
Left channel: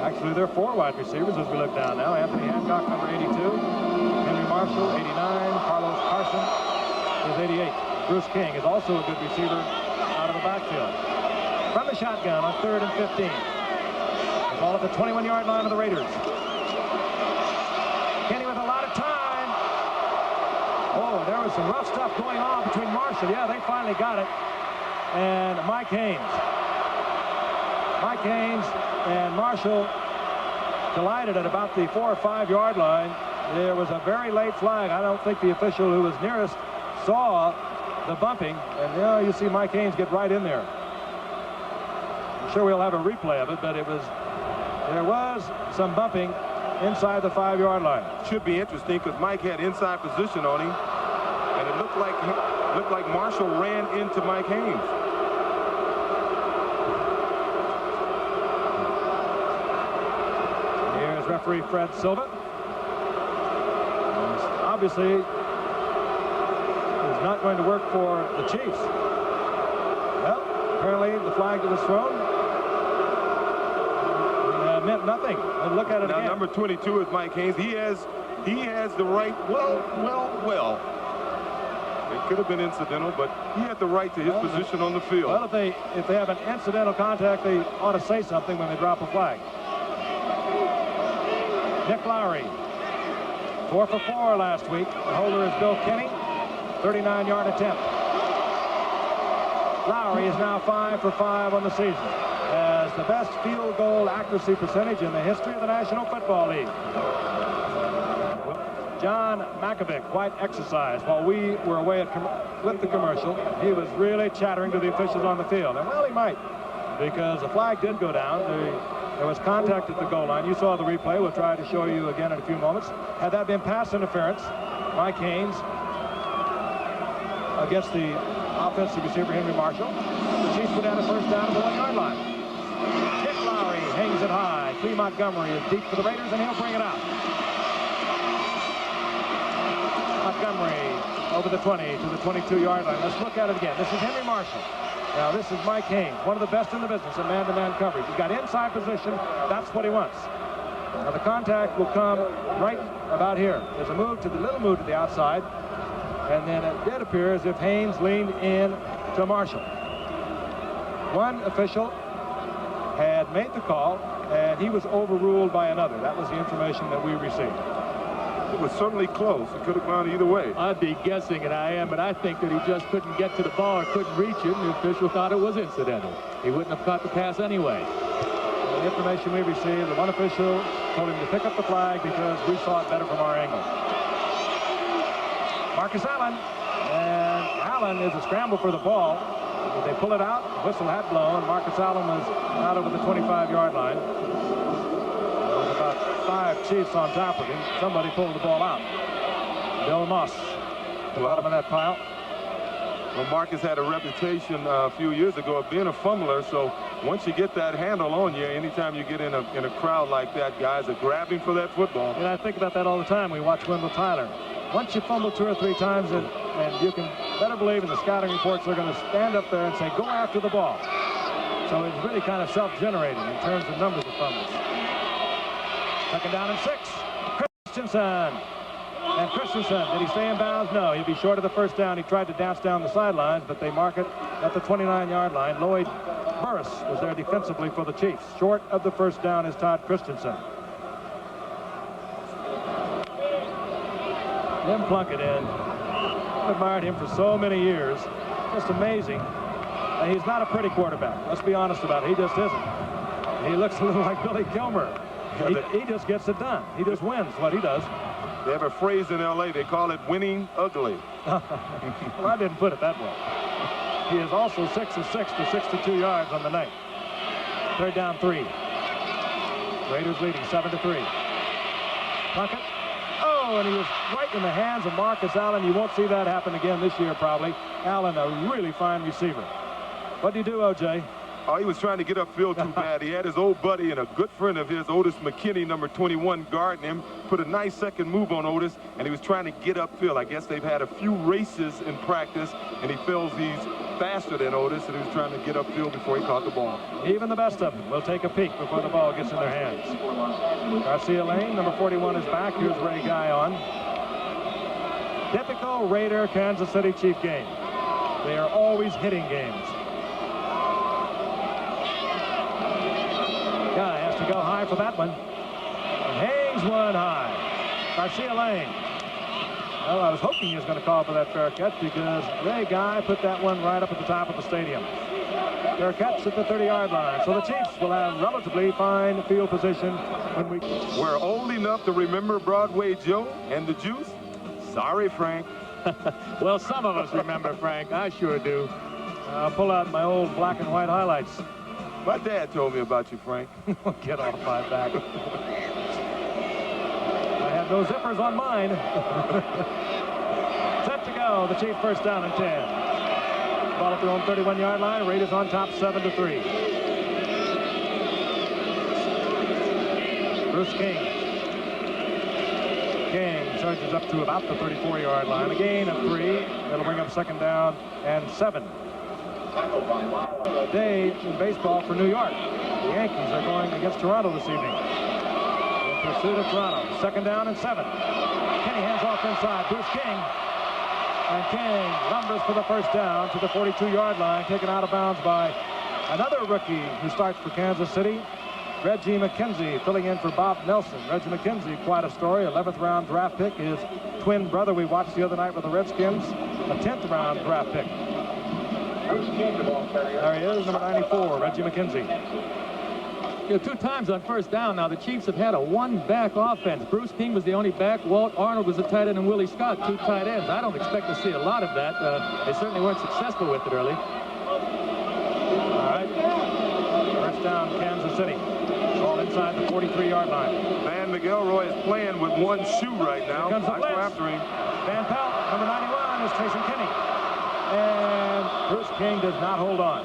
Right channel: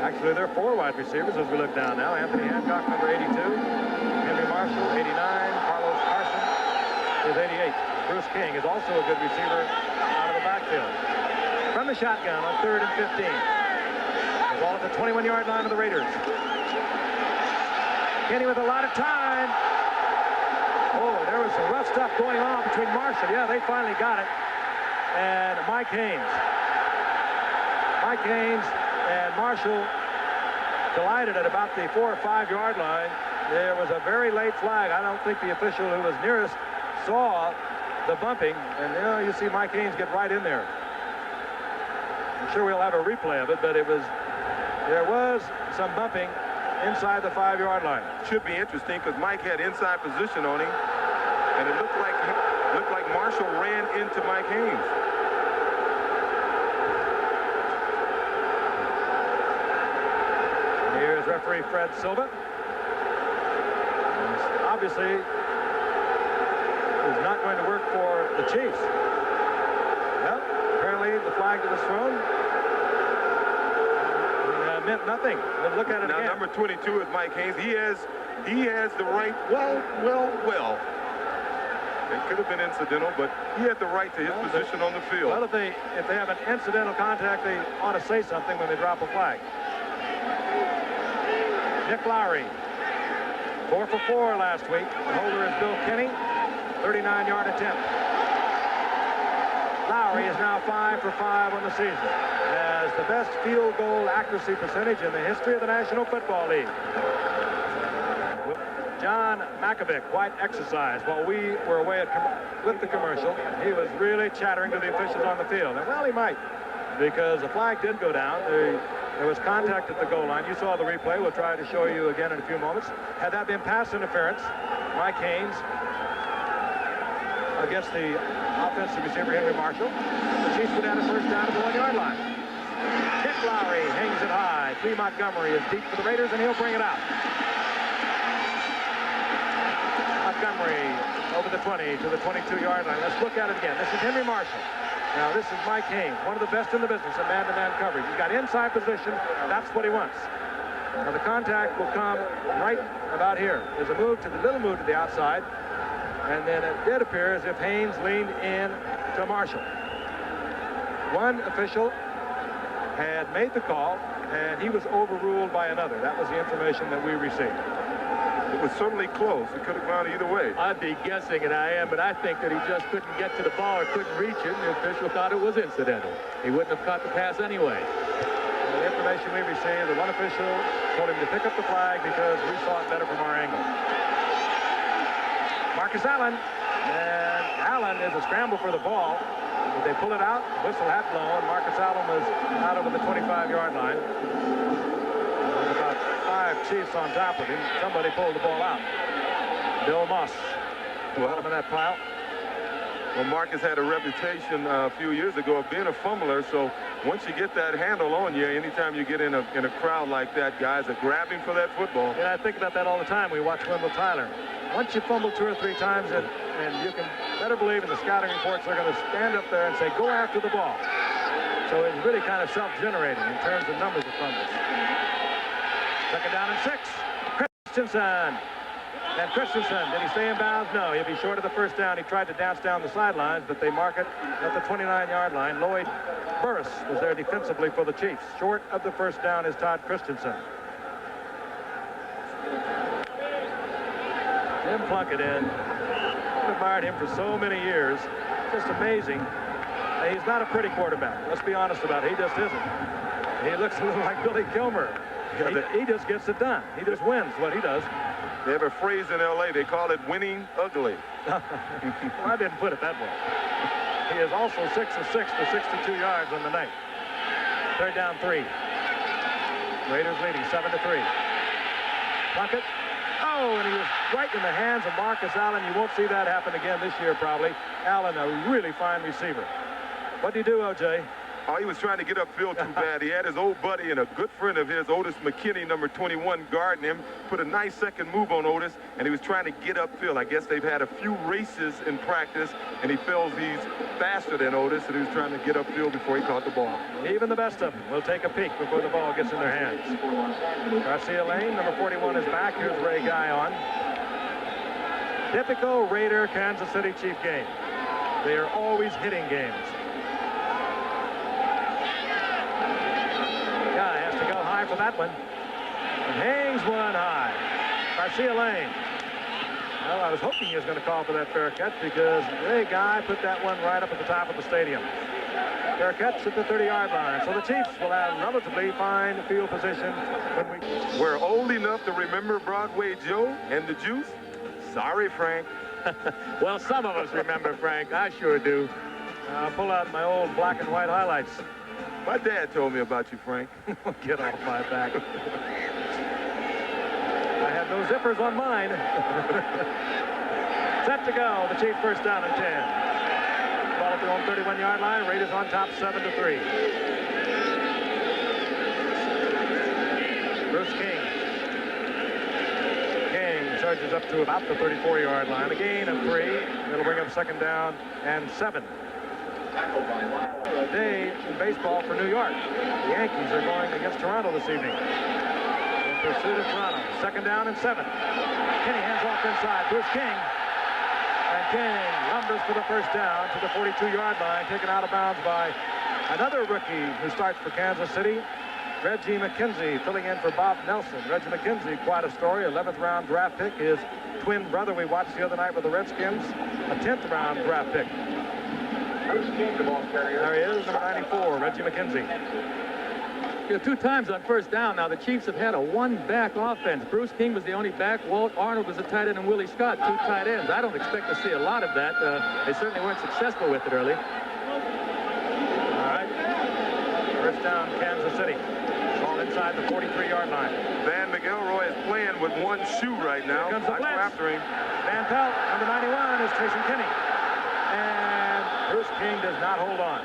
Actually, there are 4 wide receivers as we look down now. Anthony Hancock, number 82. Henry Marshall, 89. Carlos Carson is 88. Bruce King is also a good receiver out of the backfield. From the shotgun on 3rd and 15. The ball at the 21-yard line of the Raiders. Kinney with a lot of time. Oh, there was some rough stuff going on between Marshall. Yeah, they finally got it. And Mike Haynes. Mike Haynes and Marshall collided at about the 4 or 5 yard line. There was a very late flag. I don't think the official who was nearest saw the bumping. And now you see Mike Haynes get right in there. I'm sure we'll have a replay of it, but there was some bumping inside the 5 yard line. Should be interesting because Mike had inside position on him, and it looked like Marshall ran into Mike Haynes. Here's referee Fred Silva. Obviously, is not going to work for the Chiefs. Well, apparently the flag that was thrown meant nothing. Let's look at it now, again. Number 22 is Mike Haynes. He has the right. Well. It could have been incidental, but he had the right to his position on the field. Well, if they have an incidental contact, they ought to say something when they drop a flag. Nick Lowry, 4 for 4 last week. The holder is Bill Kenny, 39-yard attempt. Lowry is now 5 for 5 on the season, as the best field goal accuracy percentage in the history of the National Football League. John Makovic quite exercised while we were away with the commercial. He was really chattering to the officials on the field, and well, he might, because the flag did go down. There was contact at the goal line. You saw the replay. We'll try to show you again in a few moments. Had that been pass interference, Mike Haynes against the offensive receiver Henry Marshall, the Chiefs would have a first down at the 1-yard line. Nick Lowry hangs it high. Cleve Montgomery is deep for the Raiders, and he'll bring it out. Montgomery over the 20 to the 22-yard line. Let's look at it again. This is Henry Marshall. Now this is Mike Haynes, one of the best in the business of man-to-man coverage. He's got inside position. That's what he wants. Now the contact will come right about here. There's a little move to the outside, and then it did appear as if Haynes leaned in to Marshall. One official had made the call, and he was overruled by another. That was the information that we received. It was certainly close. It could have gone either way. I'd be guessing, and I am, but I think that he just couldn't get to the ball or couldn't reach it, and the official thought it was incidental. He wouldn't have caught the pass anyway. Well, the information we received, the one official told him to pick up the flag because we saw it better from our angle. Marcus Allen, and Allen is a scramble for the ball. They pull it out, whistle had blown. Marcus Allen was out over the 25-yard line. There was about 5 Chiefs on top of him. Somebody pulled the ball out. Bill Moss, bottom of that pile. Well, Marcus had a reputation a few years ago of being a fumbler, so once you get that handle on you, anytime you get in a crowd like that, guys are grabbing for that football. And I think about that all the time. We watch Wendell Tyler. Once you fumble 2 or 3 times, and you can better believe in the scouting reports, they're going to stand up there and say, go after the ball. So it's really kind of self-generating in terms of numbers of fumbles. 2nd down and 6. Christensen. And Christensen, did he stay in bounds? No, he'll be short of the first down. He tried to dance down the sidelines, but they mark it at the 29-yard line. Lloyd Burris was there defensively for the Chiefs. Short of the first down is Todd Christensen. Jim Plunkett I've admired him for so many years. Just amazing. He's not a pretty quarterback. Let's be honest about it. He just isn't. He looks a little like Billy Gilmer. He just gets it done. He just wins what he does. They have a phrase in L.A. They call it winning ugly. Well, I didn't put it that way. He is also 6 of 6 for 62 yards on the night. 3rd down 3. Raiders leading 7-3. Plunkett. Oh, and he was right in the hands of Marcus Allen. You won't see that happen again this year, probably. Allen, a really fine receiver. What did he do, O.J.? Oh, he was trying to get upfield too bad. He had his old buddy and a good friend of his, Otis McKinney, number 21, guarding him. Put a nice second move on Otis, and he was trying to get upfield. I guess they've had a few races in practice, and he feels he's faster than Otis, and he was trying to get upfield before he caught the ball. Even the best of them will take a peek before the ball gets in their hands. Garcia Lane, number 41, is back. Here's Ray Guy on. Typical Raider Kansas City Chief game. They are always hitting games. Guy has to go high for that one. And hangs one high. Garcia Lane. Well, I was hoping he was going to call for that fair catch because Ray Guy put that one right up at the top of the stadium. Fair catch at the 30-yard line. So the Chiefs will have relatively fine field position when we... We're old enough to remember Broadway Joe and the Juice. Sorry, Frank. Well, some of us remember, Frank. I sure do. I'll pull out my old black and white highlights. My dad told me about you, Frank. Get off my back. I have no zippers on mine. Set to go. The Chiefs 1st down and 10. Ball at their own 31-yard line. Raiders on top 7-3. Bruce King. King surges up to about the 34-yard line. A gain of 3. That'll bring up 2nd down and 7. A day in baseball for New York. The Yankees are going against Toronto this evening. In pursuit of Toronto. 2nd down and 7. Kenny hands off inside. Bruce King. And King lumbers for the first down to the 42-yard line, taken out of bounds by another rookie who starts for Kansas City, Reggie McKenzie, filling in for Bob Nelson. Reggie McKenzie, quite a story, 11th round draft pick. His twin brother we watched the other night with the Redskins, a 10th round draft pick. There he is, number 94, Reggie McKenzie. Yeah, 2 times on first down. Now the Chiefs have had a one-back offense. Bruce King was the only back. Walt Arnold was a tight end, and Willie Scott, 2 tight ends. I don't expect to see a lot of that. They certainly weren't successful with it early. All right. First down, Kansas City. Ball inside the 43-yard line. Van McElroy is playing with one shoe right now. Here comes the I go blitz. after him. Van Pelt, number 91, is chasing Kenny. And Bruce King does not hold on.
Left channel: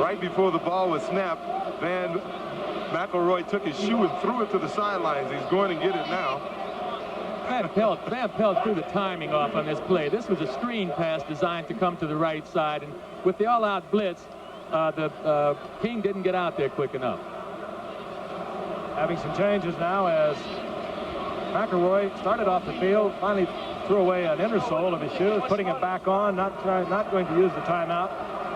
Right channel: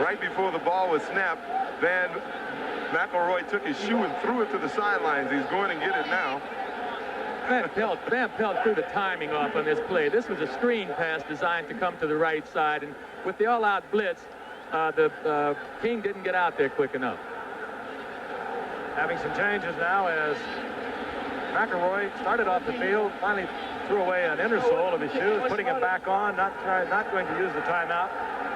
Right before the ball was snapped, Van McElroy took his shoe and threw it to the sidelines. He's going to get it now. Van Pelt threw the timing off on this play. This was a screen pass designed to come to the right side, and with the all-out blitz, the King didn't get out there quick enough. Having some changes now as McElroy started off the field, finally threw away an inner sole of his shoe, putting it back on, not going to use the timeout.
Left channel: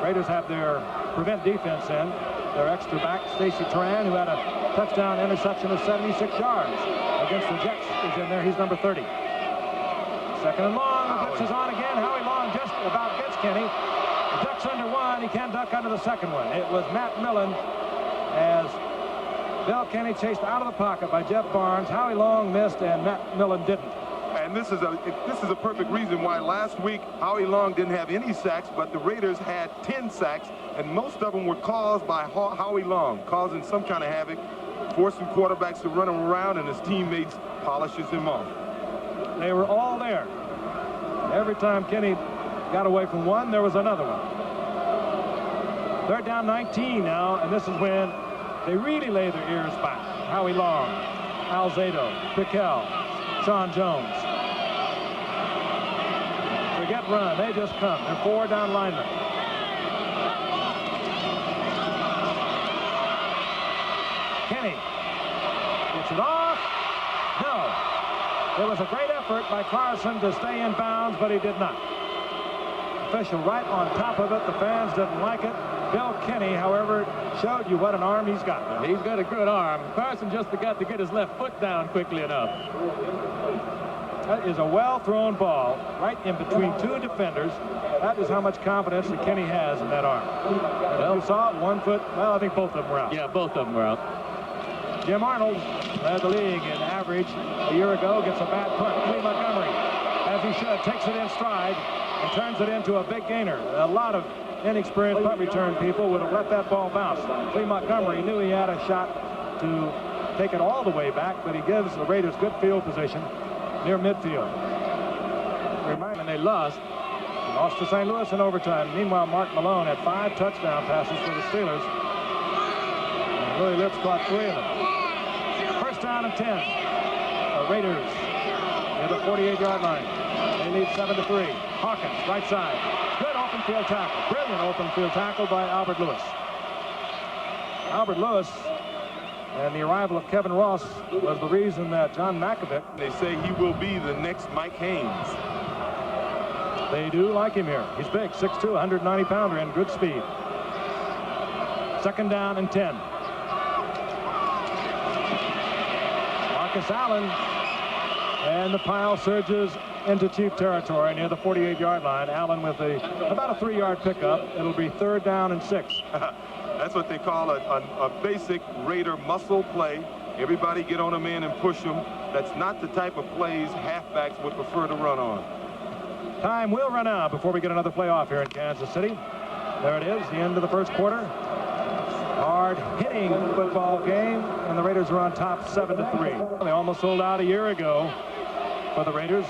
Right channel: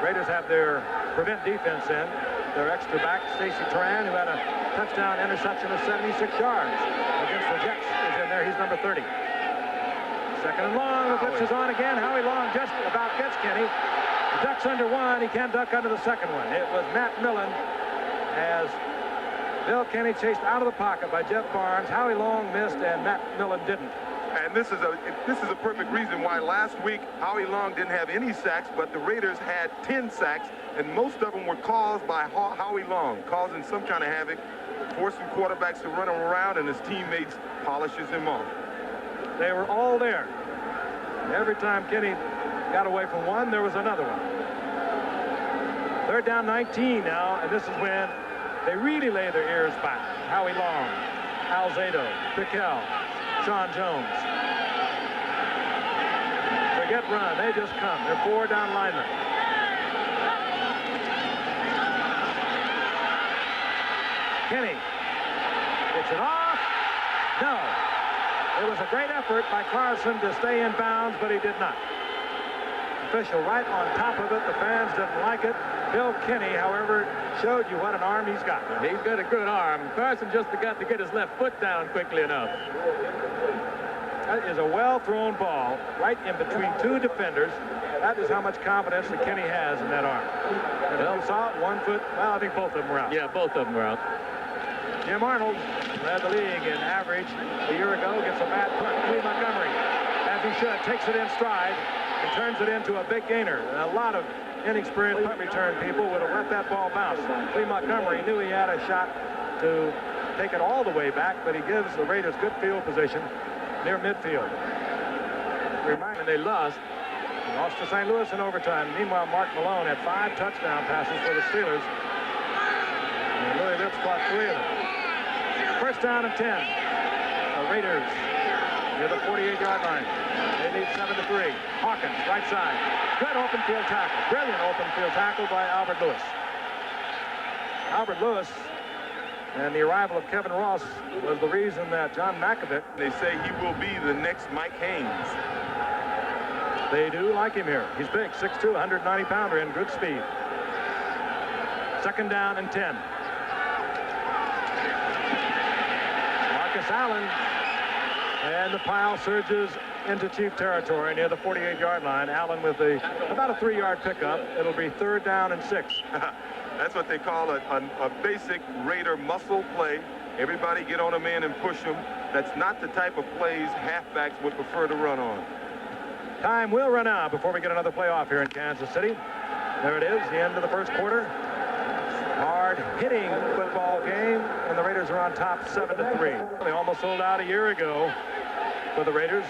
Raiders have their prevent defense in. Their extra back, Stacy Turan, who had a touchdown interception of 76 yards against the Jets, is in there. He's number 30. Second and long. The blitz is on again. Howie Long just about gets Kenny. Ducks under one. He can't duck under the second one. It was Matt Millen as Bill Kenny chased out of the pocket by Jeff Barnes. Howie Long missed and Matt Millen didn't. And this is a perfect reason why last week Howie Long didn't have any sacks, but the Raiders had 10 sacks, and most of them were caused by Howie Long, causing some kind of havoc, forcing quarterbacks to run him around, and his teammates polishes him off. They were all there. Every time Kenny got away from one, there was another one. Third down 19 now, and this is when they really lay their ears back. Howie Long, Alzado, Piquel, Sean Jones. Forget run. They just come. They're 4 down linemen. Kenny gets it off. No. It was a great effort by Carson to stay in bounds, but he did not. Official right on top of it. The fans didn't like it. Bill Kenny, however, showed you what an arm he's got. He's got a good arm. Carson just got to get his left foot down quickly enough. That is a well-thrown ball right in between 2 defenders. That is how much confidence that Kenny has in that arm. And if you saw it, 1 foot, well, I think both of them were out. Yeah, both of them were out. Jim Arnold led the league in average a year ago, gets a bad punt. Lee Montgomery, as he should, takes it in stride and turns it into a big gainer. A lot of inexperienced punt return people would have let that ball bounce. Lee Montgomery knew he had a shot to take it all the way back, but he gives the Raiders good field position near midfield. And they lost. Lost to St. Louis in overtime. Meanwhile, Mark Malone had 5 touchdown passes for the Steelers. And Louis Lips caught 3 of them. First down and 10. The Raiders near the 48-yard line. They lead 7-3. Hawkins, right side. Good open field tackle. Brilliant open field tackle by Albert Lewis. Albert Lewis and the arrival of Kevin Ross was the reason that John Mackovic. They say he will be the next Mike Haynes. They do like him here. He's big, 6'2", 190-pounder, and good speed. Second down and 10. Marcus Allen, and the pile surges into Chief territory near the 48-yard line. Allen with about a 3-yard pickup. It'll be 3rd down and 6. That's what they call a basic Raider muscle play. Everybody get on a man and push him. That's not the type of plays halfbacks would prefer to run on. Time will run out before we get another play off here in Kansas City. There it is, the end of the first quarter. Hard-hitting football game, and the Raiders are on top 7-3. They almost sold out a year ago for the Raiders.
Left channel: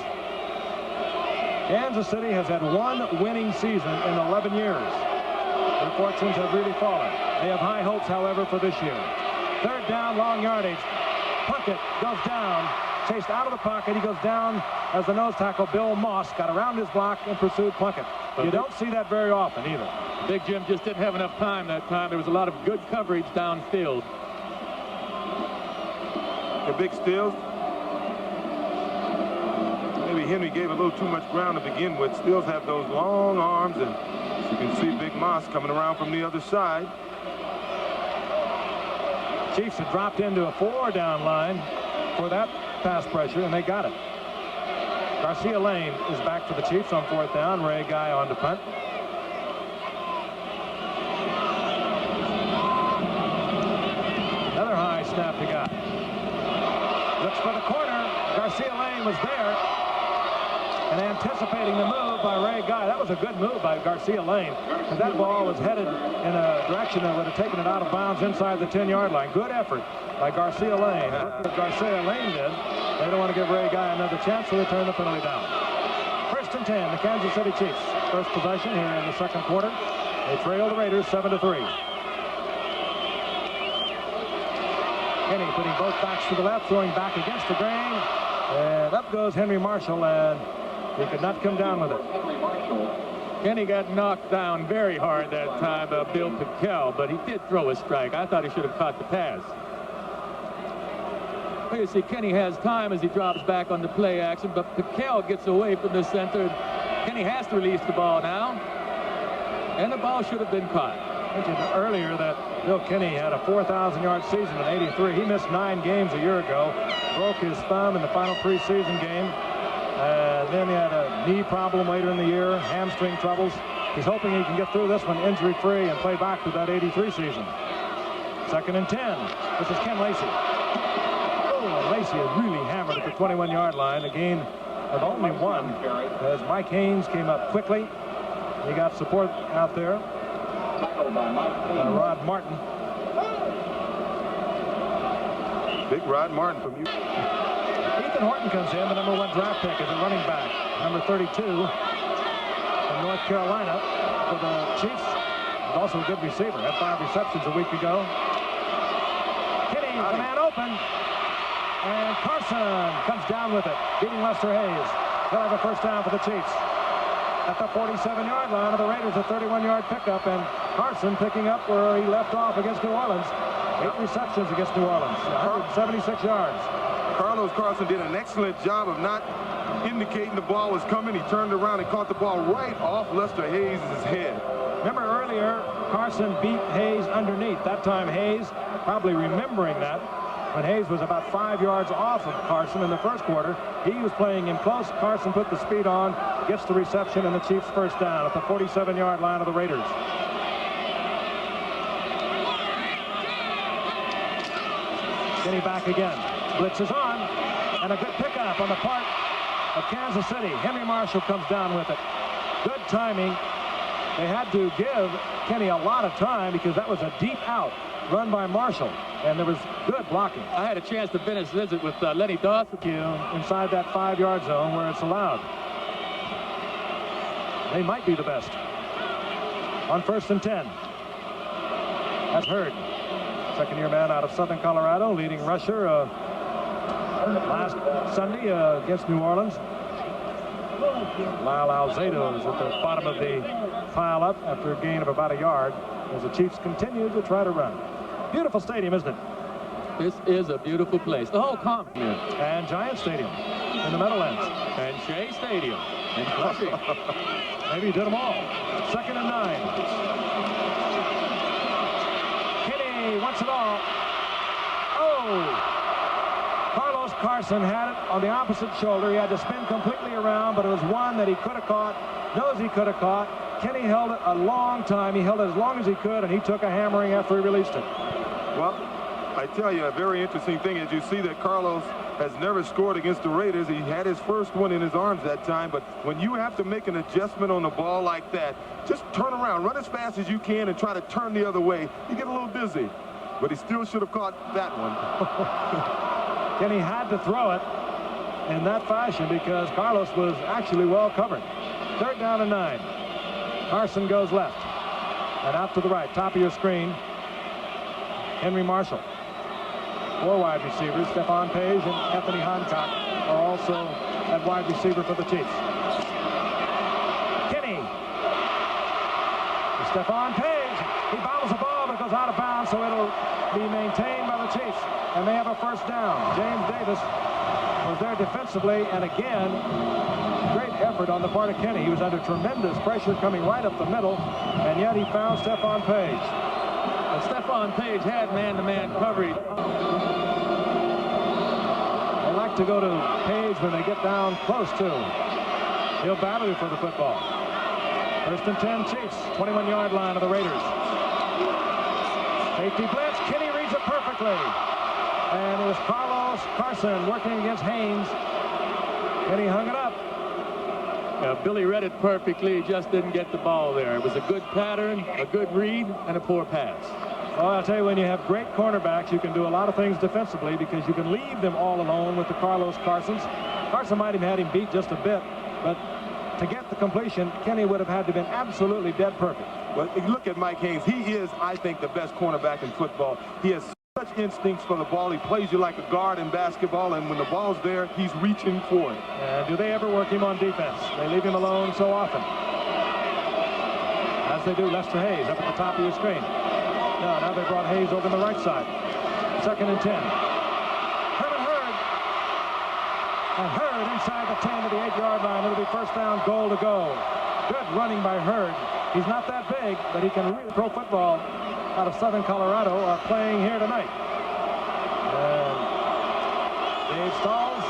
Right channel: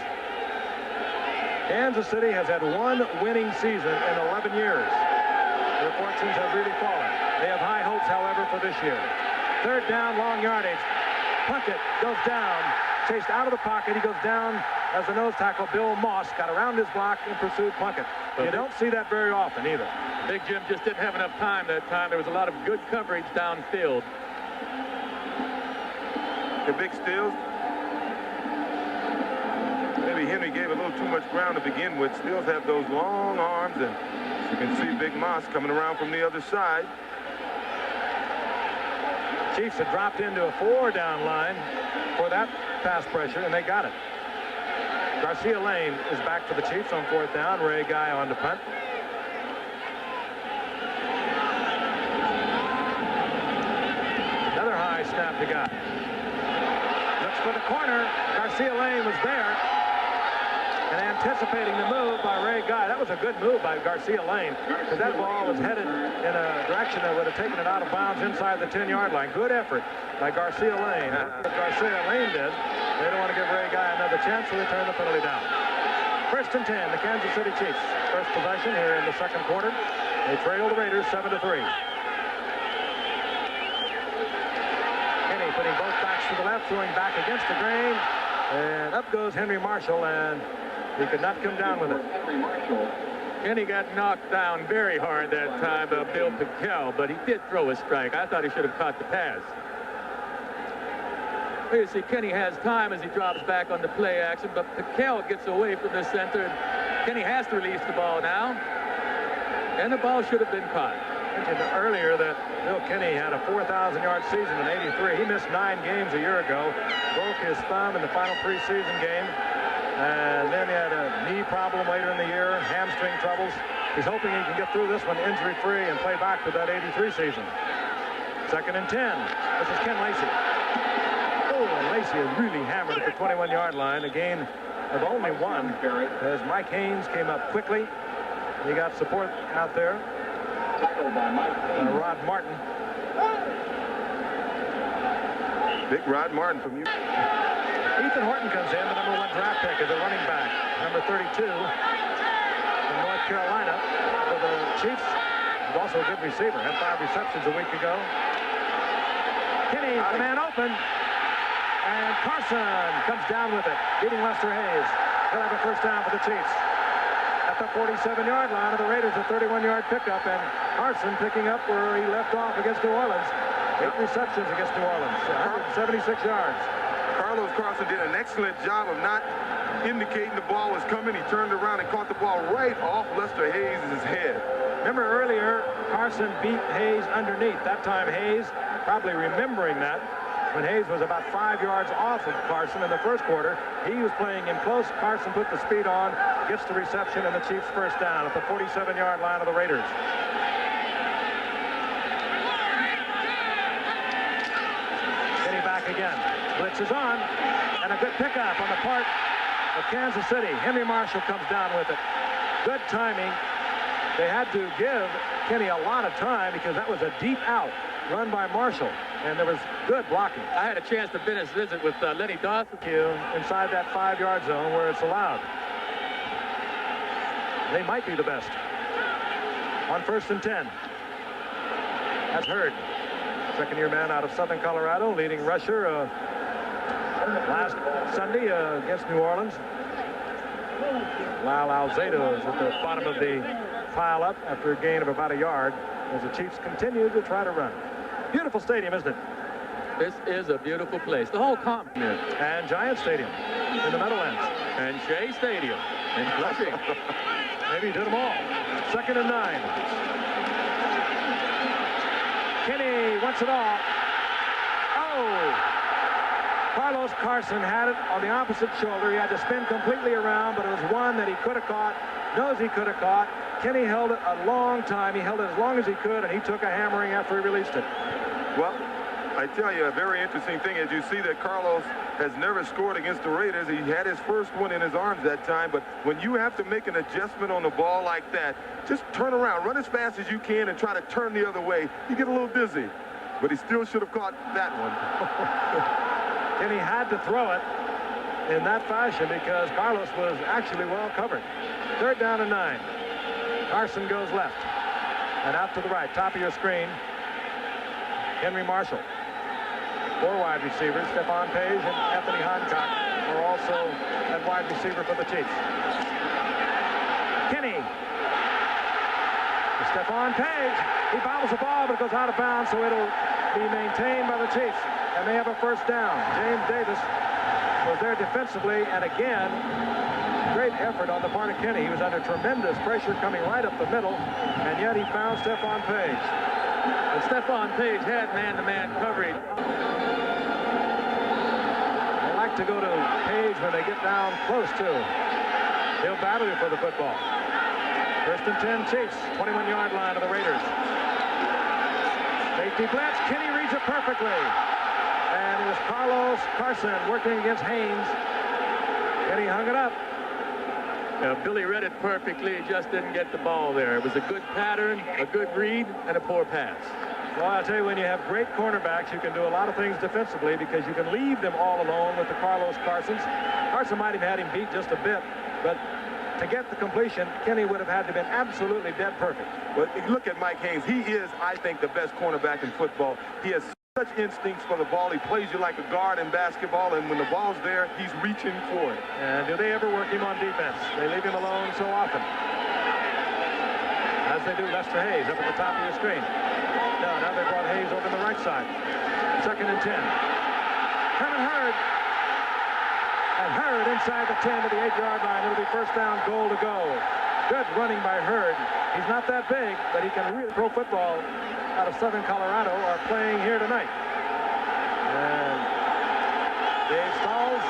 Kansas City has had 1 winning season in 11 years. Their fortunes have really fallen. They have high hopes, however, for this year. 3rd down, long yardage. Plunkett goes down, chased out of the pocket. He goes down as the nose tackle, Bill Moss, got around his block and pursued Plunkett. You don't see that very often either. Big Jim just didn't have enough time that time. There was a lot of good coverage downfield. The big steals. Henry gave a little too much ground to begin with. Stills have those long arms, and as you can see Big Moss coming around from the other side. Chiefs had dropped into a 4-down line for that pass pressure, and they got it. Garcia Lane is back for the Chiefs on 4th down. Ray Guy on to punt. Another high snap to Guy. Looks for the corner. Garcia Lane was there. And anticipating the move by Ray Guy. That was a good move by Garcia Lane, because that ball was headed in a direction that would have taken it out of bounds inside the 10-yard line. Good effort by Garcia Lane. What Garcia Lane did, they don't want to give Ray Guy another chance, so they turn the penalty down. 1st and 10, the Kansas City Chiefs. First possession here in the second quarter. They trail the Raiders 7-3. Kenny putting both backs to the left, throwing back against the grain. And up goes Henry Marshall, and he could not come down with it. Kenny got knocked down very hard that time by Bill Piquel, but he did throw a strike. I thought he should have caught the pass. Well, you see, Kenny has time as he drops back on the play action, but Piquel gets away from the center. Kenny has to release the ball now, and the ball should have been caught. I mentioned earlier that Bill Kenny had a 4,000-yard season in '83. He missed 9 games a year ago, broke his thumb in the final preseason game. And then he had a knee problem later in the year, hamstring troubles. He's hoping he can get through this one injury-free and play back to that '83 season. 2nd and 10. This is Ken Lacey. Oh, and Lacey is really hammered at the 21-yard line. A gain of only 1 as Mike Haynes came up quickly. He got support out there by Rod Martin. Big Rod Martin from you. Ethan Horton comes in, the #1 draft pick as a running back, number 32 from North Carolina for the Chiefs. He's also a good receiver. Had 5 receptions a week ago. Kenny, the man open, and Carson comes down with it, beating Lester Hayes. He'll have a first down for the Chiefs. At the 47-yard line of the Raiders, a 31-yard pickup, and Carson picking up where he left off against New Orleans. 8 receptions against New Orleans, 176 yards. Carlos Carson did an excellent job of not indicating the ball was coming. He turned around and caught the ball right off Lester Hayes' head. Remember earlier, Carson beat Hayes underneath. That time Hayes, probably remembering that, when Hayes was about 5 yards off of Carson in the first quarter, he was playing him close. Carson put the speed on, gets the reception, and the Chiefs first down at the 47-yard line of the Raiders. Kenny back again. Blitz is on, and a good pickup on the part of Kansas City. Henry Marshall comes down with it. Good timing. They had to give Kenny a lot of time because that was a deep out run by Marshall, and there was good blocking. I had a chance to finish visit with Lenny Dawson. Inside that 5-yard zone where it's allowed. They might be the best. On 1st and 10. That's Hurd. Second-year man out of Southern Colorado, leading rusher last Sunday against New Orleans. Lyle Alzado is at the bottom of the pile up after a gain of about a yard as the Chiefs continue to try to run. Beautiful stadium, isn't it? This is a beautiful place. The whole complex. And Giant Stadium in the Meadowlands. And Shea Stadium in Flushing. Maybe he did them all. 2nd and 9. Kenny wants it all. Oh! Carlos Carson had it on the opposite shoulder. He had to spin completely around, but it was one that he could have caught, knows he could have caught. Kenny held it a long time. He held it as long as he could, and he took a hammering after he released it. Well, I tell you, a very interesting thing is you see that Carlos has never scored against the Raiders. He had his first one in his arms that time, but when you have to make an adjustment on the ball like that, just turn around, run as fast as you can, and try to turn the other way. You get a little dizzy, but he still should have caught that one. Kenny had to throw it in that fashion because Carlos was actually well covered. 3rd down and 9. Carson goes left and out to the right. Top of your screen, Henry Marshall. 4 wide receivers. Stephon Page and Anthony Hancock are also at wide receiver for the Chiefs. Kenny. Stephon Page. He bobbles the ball, but it goes out of bounds, so it'll be maintained by the Chiefs. And they have a first down. James Davis was there defensively, and again, great effort on the part of Kenny. He was under tremendous pressure coming right up the middle, and yet he found Stephon Page. And Stephon Page had man-to-man coverage. They like to go to Page when they get down close to him. He'll battle you for the football. 1st and 10 Chiefs, 21-yard line of the Raiders. Safety blitz. Kenny reads it perfectly. And it was Carlos Carson working against Haynes. Kenny hung it up. Billy read it perfectly. He just didn't get the ball there. It was a good pattern, a good read, and a poor pass. Well, I'll tell you, when you have great cornerbacks, you can do a lot of things defensively because you can leave them all alone with the Carlos Carsons. Carson might have had him beat just a bit, but to get the completion, Kenny would have had to have been absolutely dead perfect. But look at Mike Haynes. He is, I think, the best cornerback in football. He has such instincts for the ball. He plays you like a guard in basketball, and when the ball's there, he's reaching for it. And do they ever work him on defense? They leave him alone so often. As they do Lester Hayes up at the top of your screen. No, now they brought Hayes over on the right side. 2nd and 10. Herman Hurd. And Hurd inside the 10 to the 8-yard line. It'll be 1st down, goal to go. Good running by Hurd. He's not that big, but he can really pro football out of Southern Colorado are playing here tonight. And Dave Stalls,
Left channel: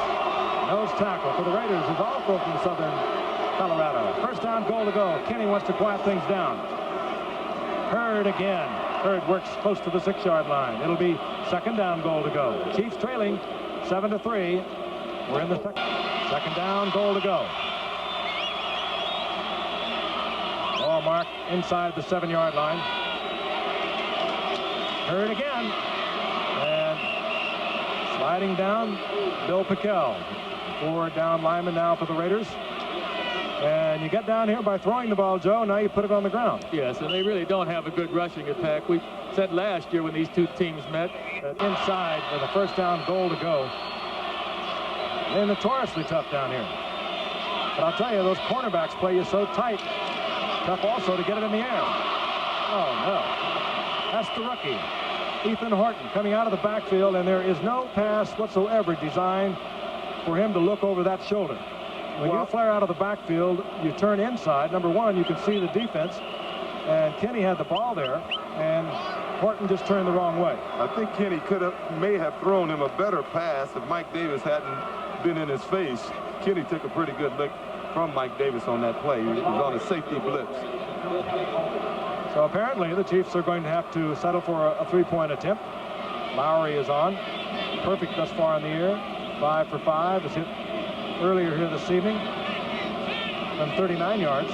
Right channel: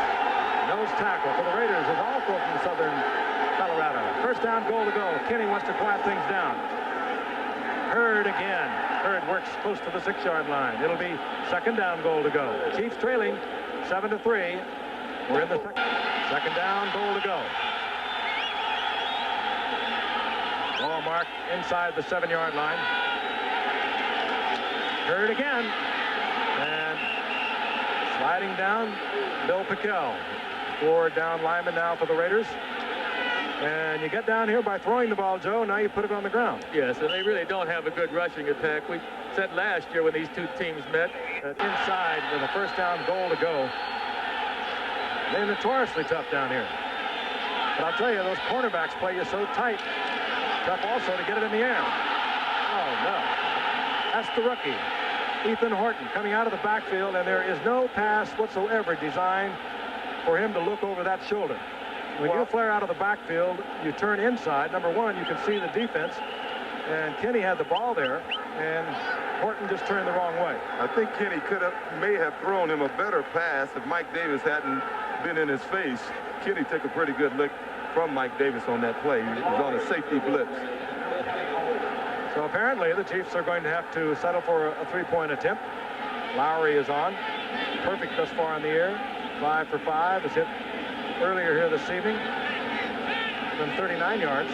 nose tackle for the Raiders, is also from Southern Colorado. 1st down, goal to go. Kenny wants to quiet things down. Hurd again. Hurd works close to the 6-yard line. It'll be 2nd down, goal to go. Chiefs trailing 7-3. We're in the 2nd down, goal to go. Ball mark inside the 7-yard line. Hurd again. And sliding down, Bill Pickell. 4 down lineman now for the Raiders. And you get down here by throwing the ball, Joe. Now you put it on the ground. Yes, and they really don't have a good rushing attack. We said last year when these two teams met. Inside with a 1st down, goal to go. They're notoriously tough down here. But I'll tell you, those cornerbacks play you so tight. Tough also to get it in the air. Oh, no. That's the rookie, Ethan Horton, coming out of the backfield, and there is no pass whatsoever designed for him to look over that shoulder. When you flare out of the backfield, you turn inside. Number one, you can see the defense, and Kenny had the ball there, and Horton just turned the wrong way. I think Kenny may have thrown him a better pass if Mike Davis hadn't been in his face. Kenny took a pretty good lick from Mike Davis on that play. He was on a safety blitz. So apparently the Chiefs are going to have to settle for a 3-point attempt. Lowry is on. Perfect thus far in the air. 5 for 5. Is hit earlier here this evening from 39 yards.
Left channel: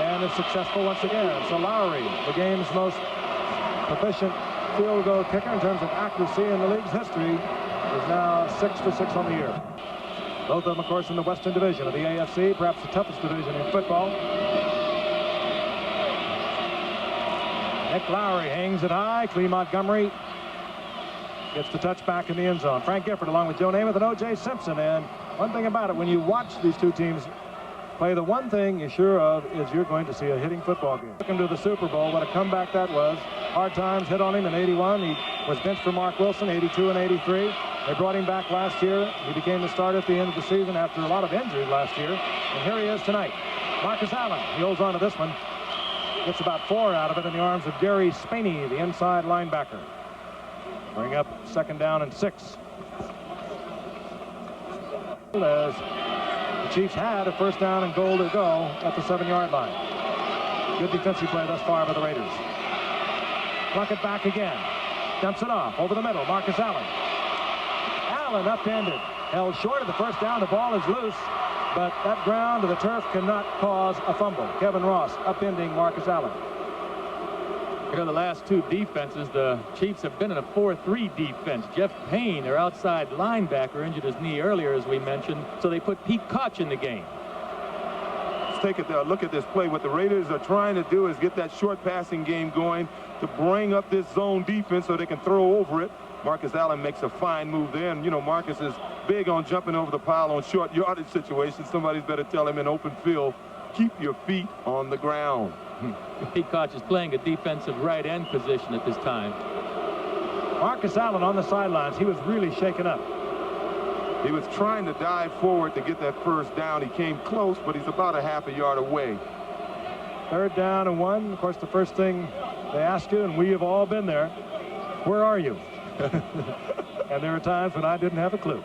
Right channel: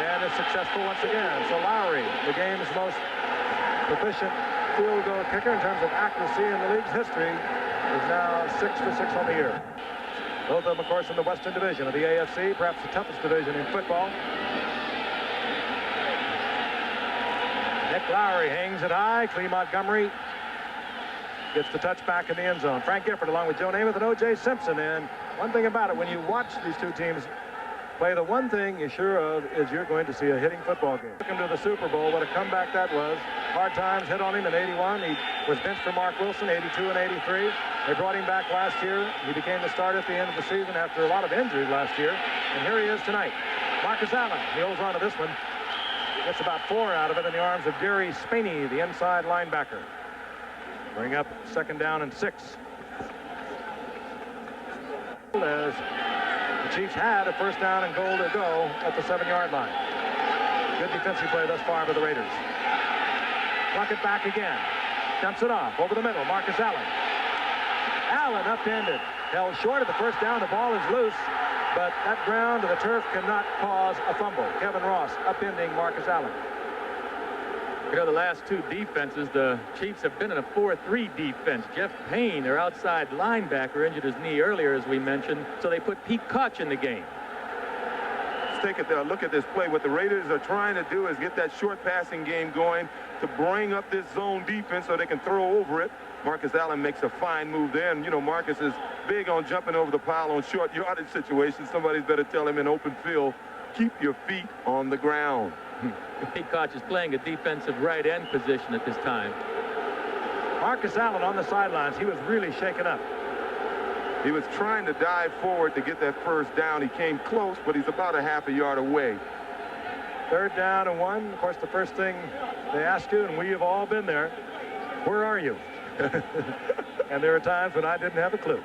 And is successful once again. So Lowry, the game's most proficient field goal kicker in terms of accuracy in the league's history, is now 6 for 6 on the year. Both of them, of course, in the Western Division of the AFC, perhaps the toughest division in football. Nick Lowry hangs it high. Clee Montgomery gets the touch back in the end zone. Frank Gifford along with Joe Namath and O.J. Simpson. And one thing about it, when you watch these two teams play, the one thing you're sure of is you're going to see a hitting football game. Took him to the Super Bowl. What a comeback that was. Hard times hit on him in 81. He was benched for Mark Wilson, 82 and 83. They brought him back last year. He became the starter at the end of the season after a lot of injuries last year. And here he is tonight. Marcus Allen, he holds on to this one. Gets about 4 out of it in the arms of Gary Spaney, the inside linebacker. Bring up 2nd down and 6. As the Chiefs had a 1st down and goal to go at the 7-yard line. Good defensive play thus far by the Raiders. Plunkett back again. Dumps it off over the middle. Marcus Allen. Allen upended. Held short of the 1st down. The ball is loose. But that ground to the turf cannot cause a fumble. Kevin Ross upending Marcus Allen. You know, the last two defenses, the Chiefs have been in a 4-3 defense. Jeff Payne, their outside linebacker, injured his knee earlier, as we mentioned. So they put Pete Koch in the game. Let's take a look at this play. What the Raiders are trying to do is get that short passing game going to bring up this zone defense so they can throw over it. Marcus Allen makes a fine move there, and you know Marcus is big on jumping over the pile on short yardage situations. Somebody's better tell him in open field, keep your feet on the ground. Pete Koch is playing a defensive right end position at this time. Marcus Allen on the sidelines. He was really shaken up. He was trying to dive forward to get that first down. He came close, but he's about a half a yard away. 3rd down and 1. Of course, the first thing they ask you, and we have all been there, where are you? And there are times when I didn't have a clue.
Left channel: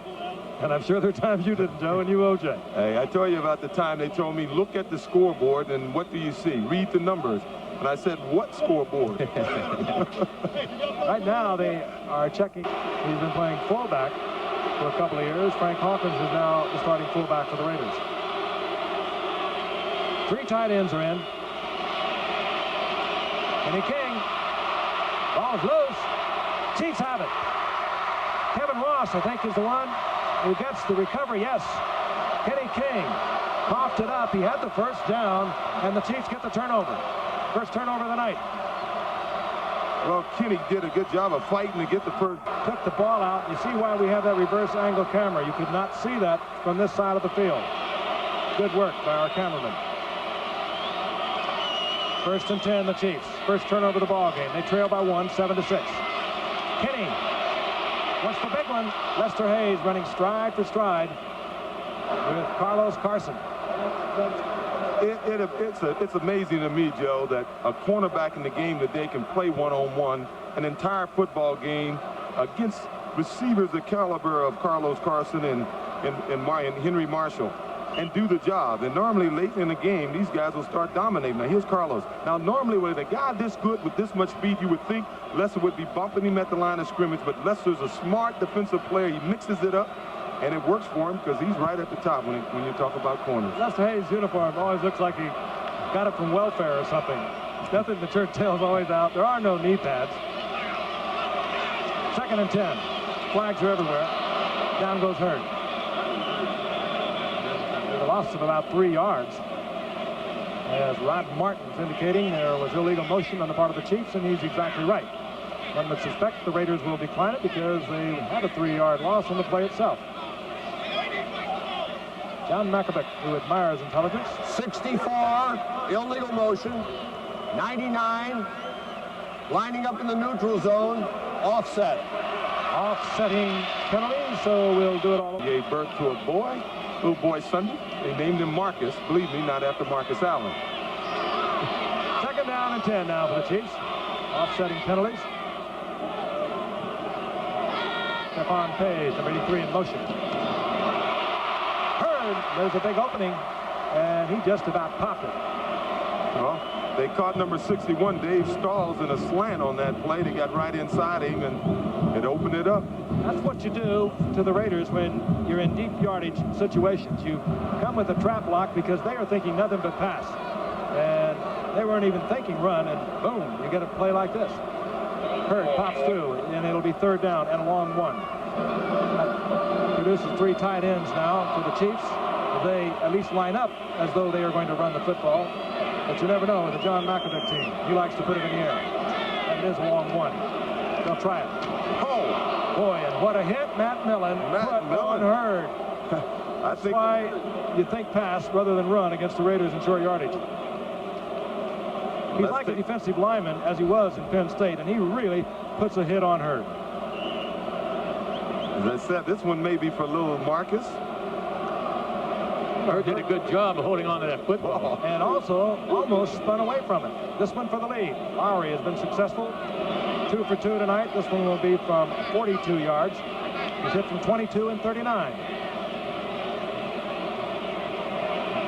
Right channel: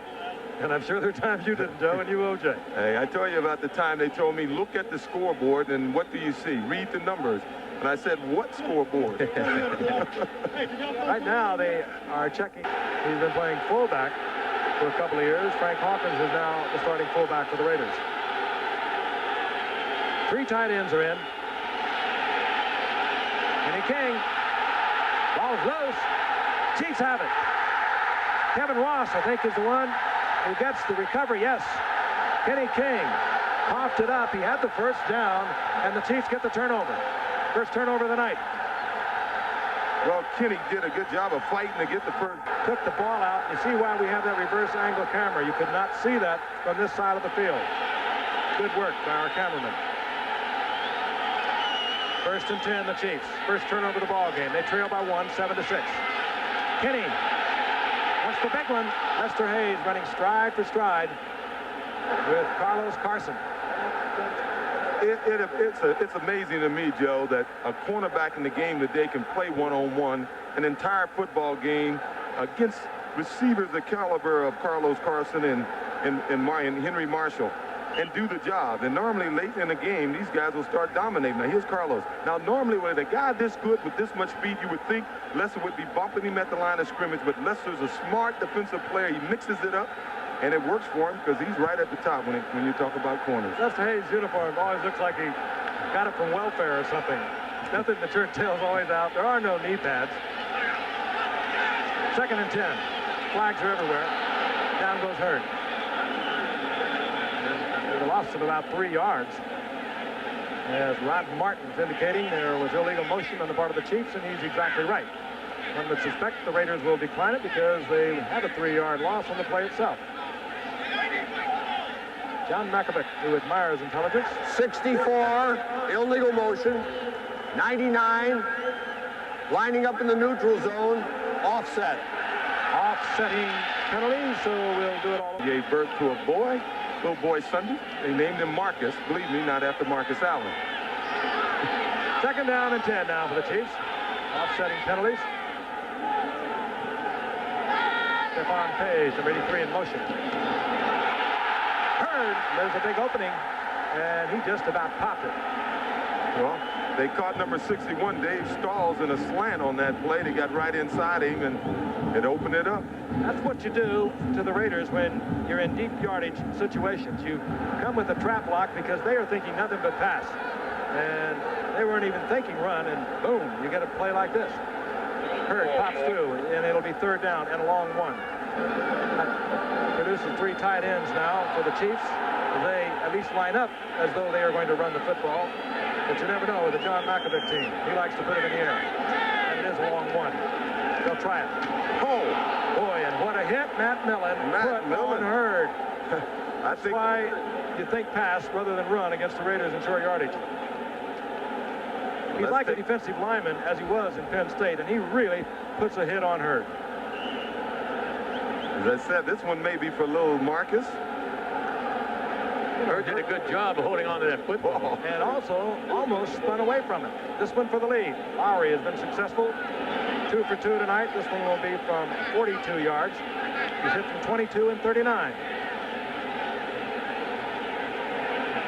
And I'm sure there are times you didn't, Joe, and you, O.J. Hey, I told you about the time they told me, look at the scoreboard, and what do you see? Read the numbers. And I said, what scoreboard? Right now, they are checking. He's been playing fullback for a couple of years. Frank Hawkins is now the starting fullback for the Raiders. 3 tight ends are in. Kenny King. Ball's loose. Chiefs have it. Kevin Ross, I think, is the one who gets the recovery. Yes. Kenny King coughed it up. He had the first down, and the Chiefs get the turnover. First turnover of the night. Well, Kenny did a good job of fighting to get the first. Took the ball out. You see why we have that reverse angle camera. You could not see that from this side of the field. Good work by our cameraman. 1st and 10, the Chiefs. First turnover of the ball game. They trail by 1, 7-6. Kenny wants the big one. Lester Hayes running stride for stride with Carlos Carson. It's amazing to me, Joe, that a cornerback in the game today can play one-on-one an entire football game against receivers the caliber of Carlos Carson and Henry Marshall and do the job. And normally late in the game, these guys will start dominating. Now, here's Carlos. Now, normally with a guy this good with this much speed, you would think Lester would be bumping him at the line of scrimmage, but Lester's a smart defensive player. He mixes it up, and it works for him because he's right at the top when you talk about corners. Lester Hayes' uniform always looks like he got it from welfare or something. Nothing, the shirt tail's always out. There are no knee pads. 2nd and 10. Flags are everywhere. Down goes Hurd. There's a loss of about 3 yards. As Rod Martin's indicating, there was illegal motion on the part of the Chiefs, and he's exactly right. One would suspect the Raiders will decline it because they had a 3-yard loss on the play itself. John Mackovic, who admires intelligence. 64, illegal motion. 99, lining up in the neutral zone, offset. Offsetting penalties, so we'll do it all. He gave birth to a boy, little boy Sunday. They named him Marcus, believe me, not after Marcus Allen. 2nd down and 10 now for the Chiefs. Offsetting penalties. Stephon Page, number 83, in motion. Hurd, there's a big opening, and he just about popped it. Well, they caught number 61, Dave Stalls, in a slant on that play. They got right inside him, and it opened it up. That's what you do to the Raiders when you're in deep yardage situations. You come with a trap block because they are thinking nothing but pass. And they weren't even thinking run, and boom, you get a play like this. Hurd pops through, and it'll be 3rd down and a long one. That produces 3 tight ends now for the Chiefs. They at least line up as though they are going to run the football. But you never know with the John Mackovic team. He likes to put it in the air. And it is a long one. They'll try it. Oh, boy, and what a hit Matt Millen put on Hurd. That's why you think pass rather than run against the Raiders in short yardage. He's like a defensive lineman, as he was in Penn State, and he really puts a hit on Hurd. As I said, this one may be for little Marcus. Hurd did a good job of holding on to that football. And also almost spun away from it. This one for the lead. Lowry has been successful. 2 for 2 tonight. This one will be from 42 yards. He's hit from 22 and 39.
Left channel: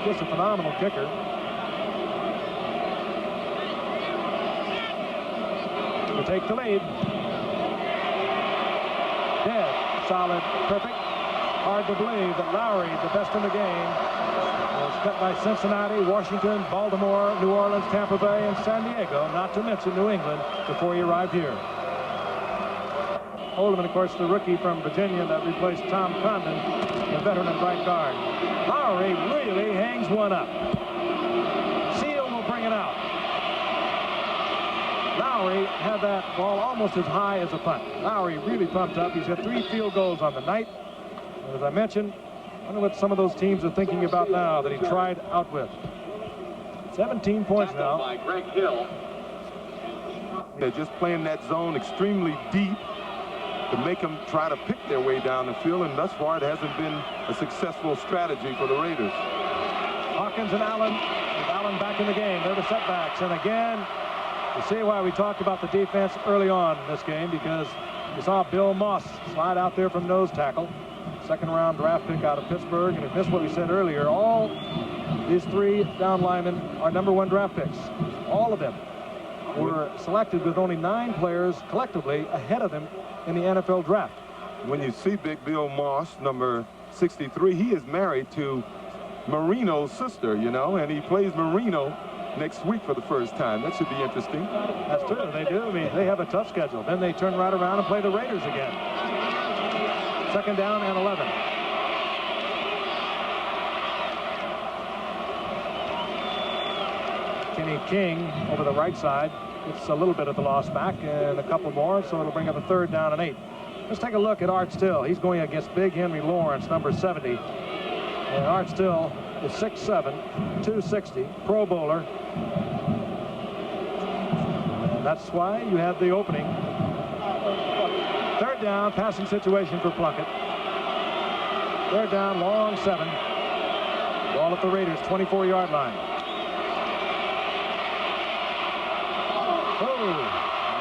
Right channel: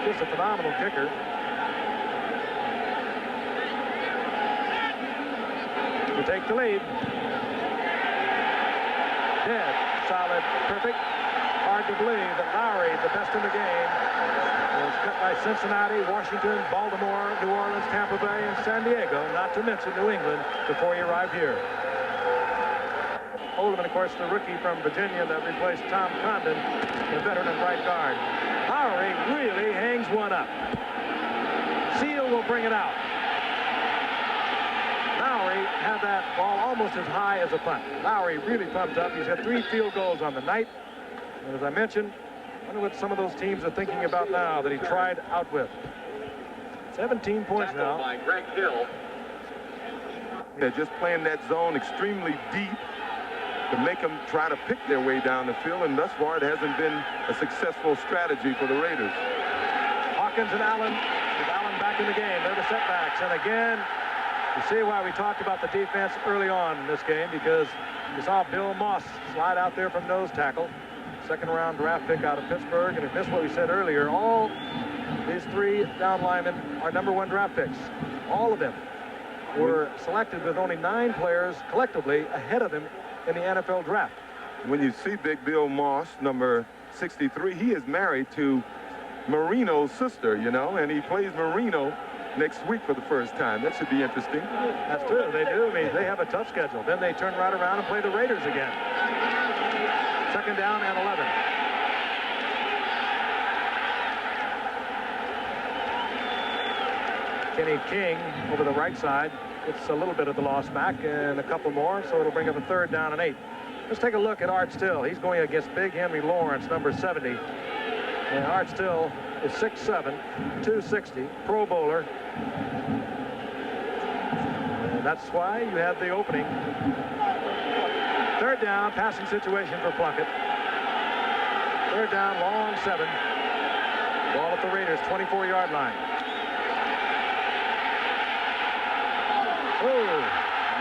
Just a phenomenal kicker. To take the lead. Dead. Solid. Perfect. Hard to believe that Lowry, the best in the game, was cut by Cincinnati, Washington, Baltimore, New Orleans, Tampa Bay, and San Diego, not to mention New England, before he arrived here. Oldham, of course, the rookie from Virginia that replaced Tom Condon, the veteran at right guard. Lowry really hangs one up. Seal will bring it out. Lowry had that ball almost as high as a punt. Lowry really pumped up. He's got 3 field goals on the night. And as I mentioned, I wonder what some of those teams are thinking about now that he tried out with. 17 points now. They're just playing that zone extremely deep. to make them try to pick their way down the field, and thus far it hasn't been a successful strategy for the Raiders. Hawkins and Allen, with Allen back in the game. They're the setbacks, and again, you see why we talked about the defense early on in this game, because you saw Bill Moss slide out there from nose tackle, second-round draft pick out of Pittsburgh, and if you missed what we said earlier, all these 3 down linemen are #1 draft picks. All of them were selected with only 9 players collectively ahead of him in the NFL draft. When you see Big Bill Moss, number 63, he is married to Marino's sister, you know, and he plays Marino next week for the first time. That should be interesting. That's true. They do. I mean, they have a tough schedule. Then they turn right around and play the Raiders again. Second down and 11. Kenny King over the right side gets a little bit of the loss back and a couple more, so it'll bring up a 3rd down and 8. Let's take a look at Art Still. He's going against Big Henry Lawrence, number 70. And Art Still is 6'7", 260, Pro Bowler. And that's why you had the opening. 3rd down, passing situation for Plunkett. 3rd down, long 7. Ball at the Raiders' 24-yard line. Oh,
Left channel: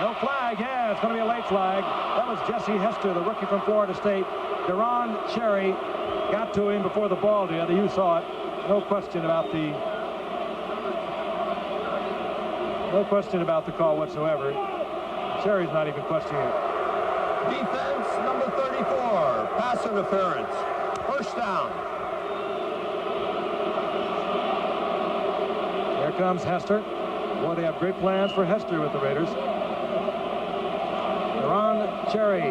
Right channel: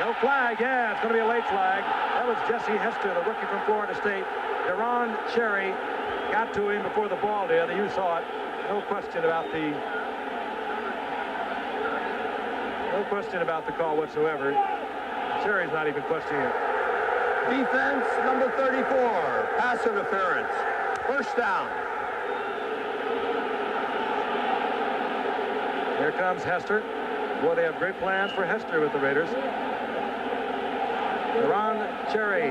no flag. Yeah, it's going to be a late flag. That was Jesse Hester, the rookie from Florida State. Deron Cherry got to him before the ball did. You saw it. No question about the call whatsoever. Cherry's not even questioning it. Defense number 34, pass interference. 1st down. Here comes Hester. Boy, they have great plans for Hester with the Raiders. Deron Cherry.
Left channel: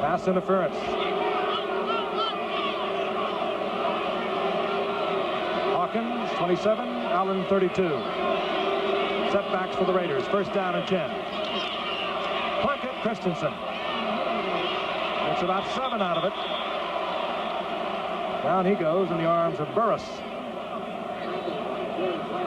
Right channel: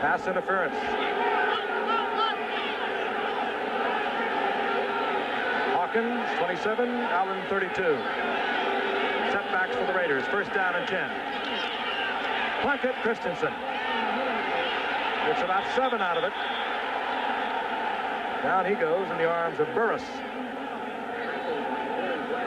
Pass interference. Hawkins, 27. Allen, 32. Setbacks for the Raiders. 1st down and 10. Plunkett, Christensen. Gets about 7 out of it. Down he goes in the arms of Burris.